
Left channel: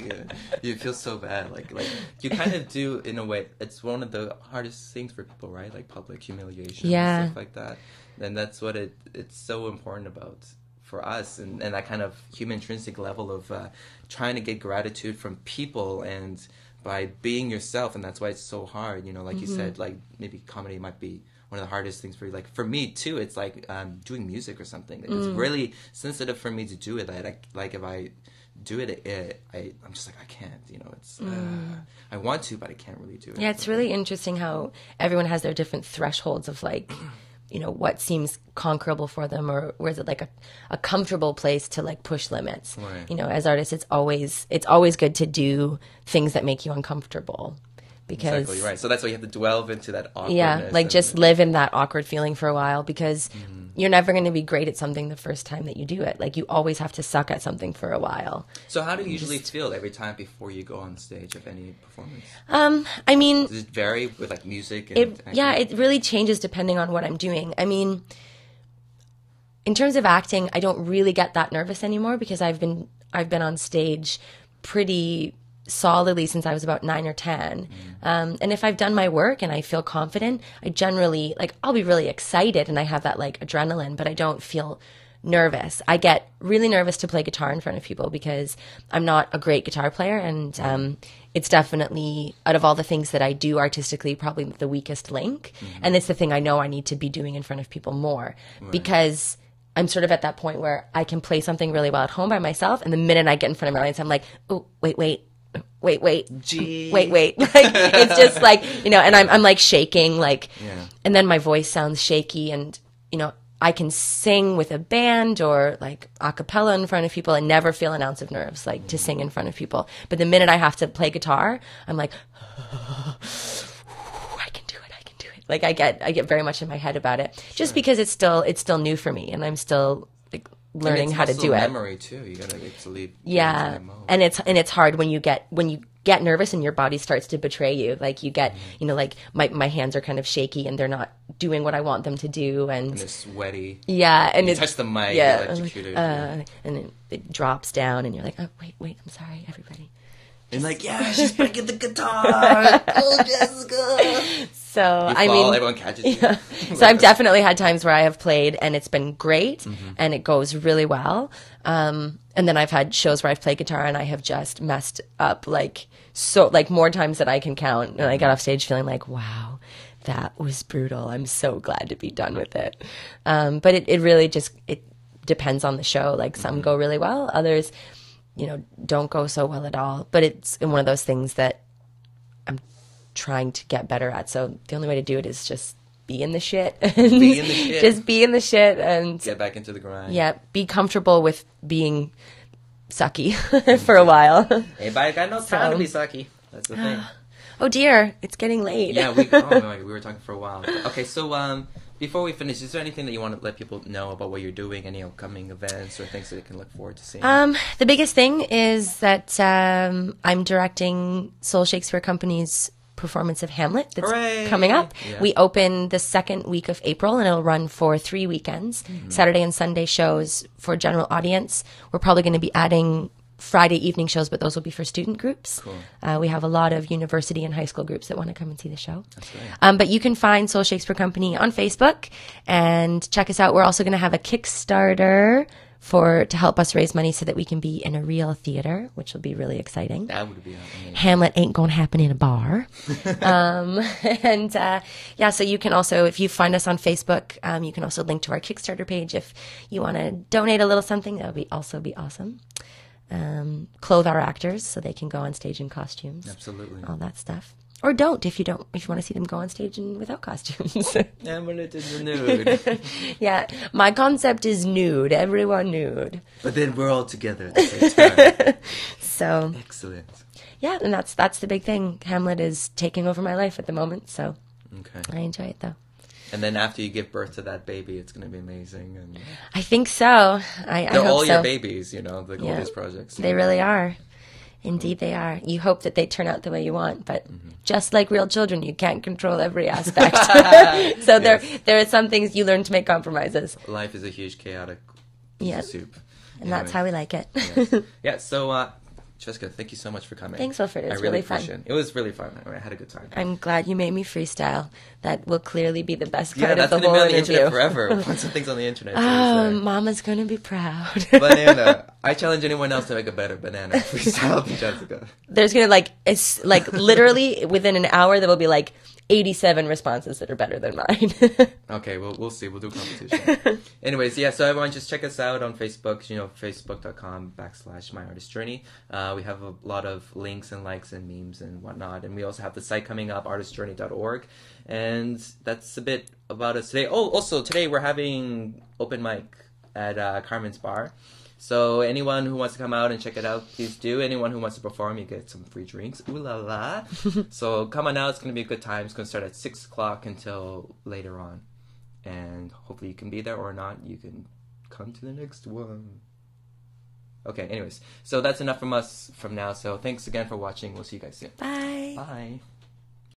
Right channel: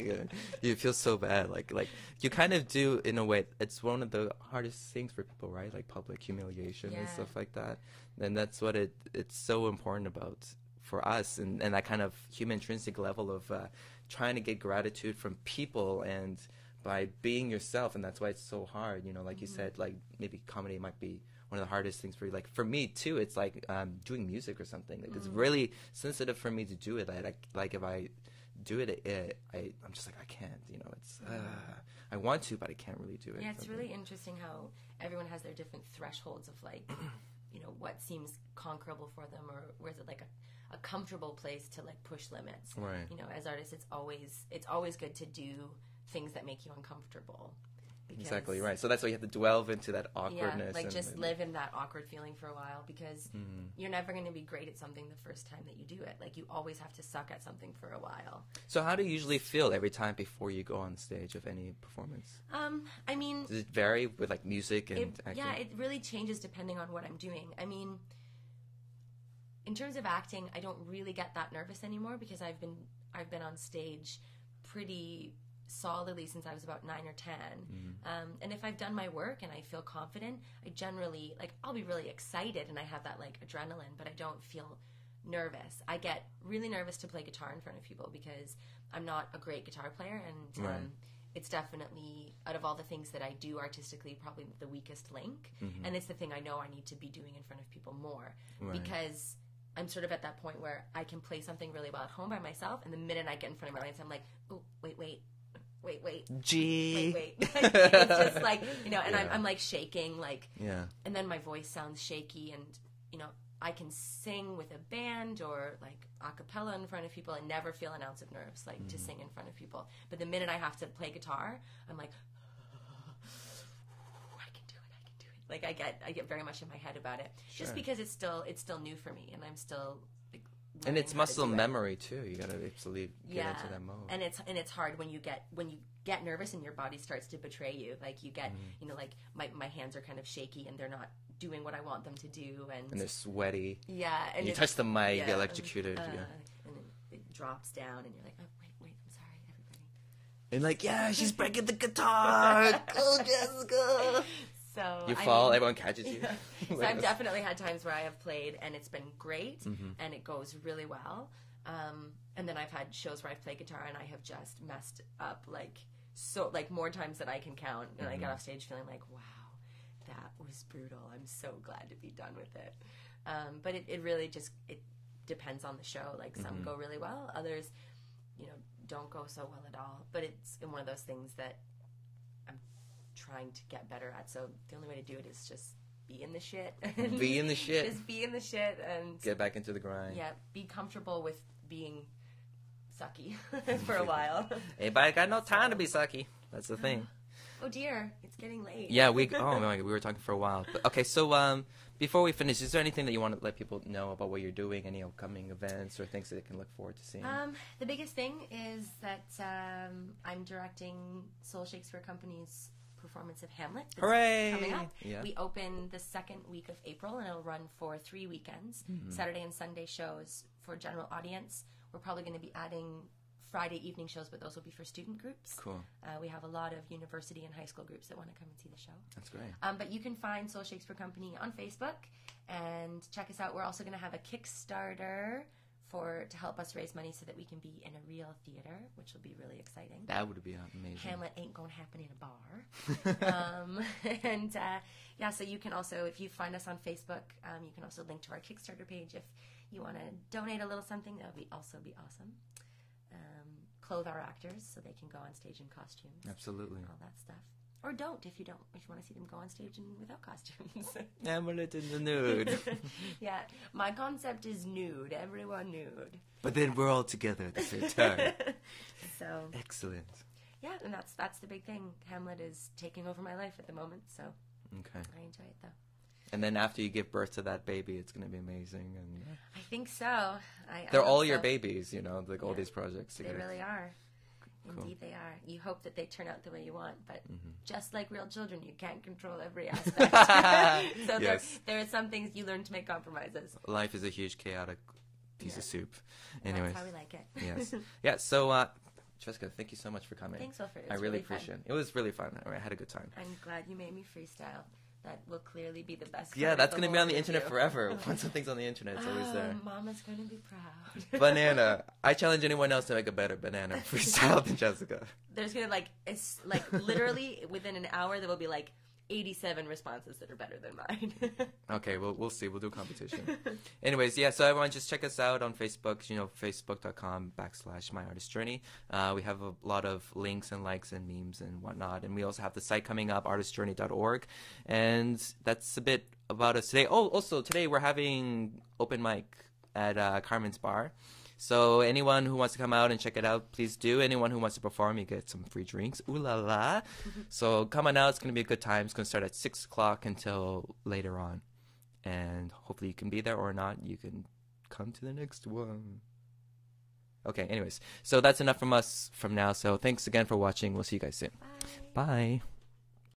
You feel so bad. Like you kind of do, in a way. It's one of the hardest things for people, right? Like public humiliation and stuff like that. And that's what it's so important about for us, and that kind of human intrinsic level of trying to get gratitude from people, and by being yourself. And that's why it's so hard. Like you said, like maybe comedy might be one of the hardest things for you? Like for me too, it's like doing music or something. It's really sensitive for me to do it. Like if I do it, I'm just like I can't. You know, it's I want to, but I can't really do it. Yeah, it's really interesting how everyone has their different thresholds of like, you know, what seems conquerable for them, or is it like a comfortable place to like push limits. Right. You know, as artists, it's always good to do things that make you uncomfortable. Because exactly right. So that's why you have to delve into that awkwardness. Yeah, like just live in that awkward feeling for a while, because you're never going to be great at something the first time that you do it. Like you always have to suck at something for a while. So how do you usually feel every time before you go on stage of any performance? I mean, does it vary with like music and it really changes depending on what I'm doing. I mean, in terms of acting, I don't really get that nervous anymore because I've been on stage pretty solidly since I was about 9 or 10. And if I've done my work and I feel confident, I generally, like, I'll be really excited and I have that, like, adrenaline, but I don't feel nervous. I get really nervous to play guitar in front of people because I'm not a great guitar player, and it's definitely, out of all the things that I do artistically, probably the weakest link. And it's the thing I know I need to be doing in front of people more because I'm sort of at that point where I can play something really well at home by myself, and the minute I get in front of my audience, I'm like, oh, wait. Gee. Wait. Like, it's just like, you know, and I'm like shaking, like, and then my voice sounds shaky, and, you know, I can sing with a band or like a cappella in front of people and never feel an ounce of nerves, like to sing in front of people. But the minute I have to play guitar, I'm like, I can do it. Like I get very much in my head about it, just because it's still new for me, and I'm still like learning how to do it. Memory too. You gotta get to leave. Yeah, and it's hard when you get nervous and your body starts to betray you. Like you get, you know, like my hands are kind of shaky and they're not doing what I want them to do, and they're sweaty. Yeah, and you touch the mic, yeah, electrocuted, and it drops down, and you're like, oh wait, I'm sorry, everybody. And like, yeah, she's breaking the guitar. Go, Jessica. So you fall, everyone catches you. Yeah. So I've definitely had times where I have played and it's been great and it goes really well. And then I've had shows where I've played guitar and I have just messed up like more times than I can count. And I got off stage feeling like, wow, that was brutal. I'm so glad to be done with it. But it really just, it depends on the show. Like some go really well, others, you know, don't go so well at all. But it's one of those things that I'm trying to get better at. So the only way to do it is just be in the shit. Be in the shit. Just be in the shit and get back into the grind. Yeah, be comfortable with being sucky for a while. Hey, but I got no time to be sucky. That's the thing. Oh dear, it's getting late. Yeah, we were talking for a while. But, okay, so before we finish, is there anything that you want to let people know about what you're doing? Any upcoming events or things that they can look forward to seeing? The biggest thing is that I'm directing Soul Shakespeare Company's performance of Hamlet that's coming up. Yeah. We open the second week of April, and it'll run for 3 weekends, Saturday and Sunday shows for general audience. We're probably going to be adding Friday evening shows, but those will be for student groups. Cool. We have a lot of university and high school groups that want to come and see the show. That's right. But you can find Soul Shakespeare Company on Facebook and check us out. We're also going to have a Kickstarter to help us raise money so that we can be in a real theater, which will be really exciting. That would be amazing. Hamlet ain't gonna happen in a bar. So you can also, if you find us on Facebook, you can also link to our Kickstarter page if you want to donate a little something. That would also be awesome. Clothe our actors so they can go on stage in costumes. Absolutely. All that stuff. Or don't if you want to see them go on stage without costumes. Hamlet is nude. Yeah, my concept is nude. Everyone nude. But then we're all together at the same time. So excellent. Yeah, and that's the big thing. Hamlet is taking over my life at the moment, so I enjoy it though. And then after you give birth to that baby, it's going to be amazing. And I think so. I hope all so. Your babies, you know, like all these projects. They really are. Indeed, they are. You hope that they turn out the way you want, but just like real children, you can't control every aspect. So there are some things you learn to make compromises. Life is a huge chaotic piece of soup. And that's how we like it. Yes. Yeah, so Jessica, thank you so much for coming. Thanks, Wilfred. It was I really fun. appreciate it. It was really fun. I had a good time. I'm glad you made me freestyle. That will clearly be the best part Yeah, of that's the going to whole be on the interview. internet forever. Once something's on the internet, it's Oh, always there. Mama's going to be proud. Banana. I challenge anyone else to make a better banana freestyle than Jessica. There's going to, it's literally within an hour, there will be, 87 responses that are better than mine. Okay, we'll see. We'll do competition. Anyways, yeah, so everyone just check us out on Facebook, facebook.com/myartistjourney. We have a lot of links and likes and memes and whatnot. And we also have the site coming up, artistjourney.org. And that's a bit about us today. Oh, also, today we're having open mic at Carmen's Bar. So anyone who wants to come out and check it out, please do. Anyone who wants to perform, you get some free drinks. Ooh la la. So come on out. It's going to be a good time. It's going to start at 6 o'clock until later on. And hopefully you can be there, or not. You can come to the next one. Okay, anyways. So that's enough from us from now. So thanks again for watching. We'll see you guys soon. Bye. Bye.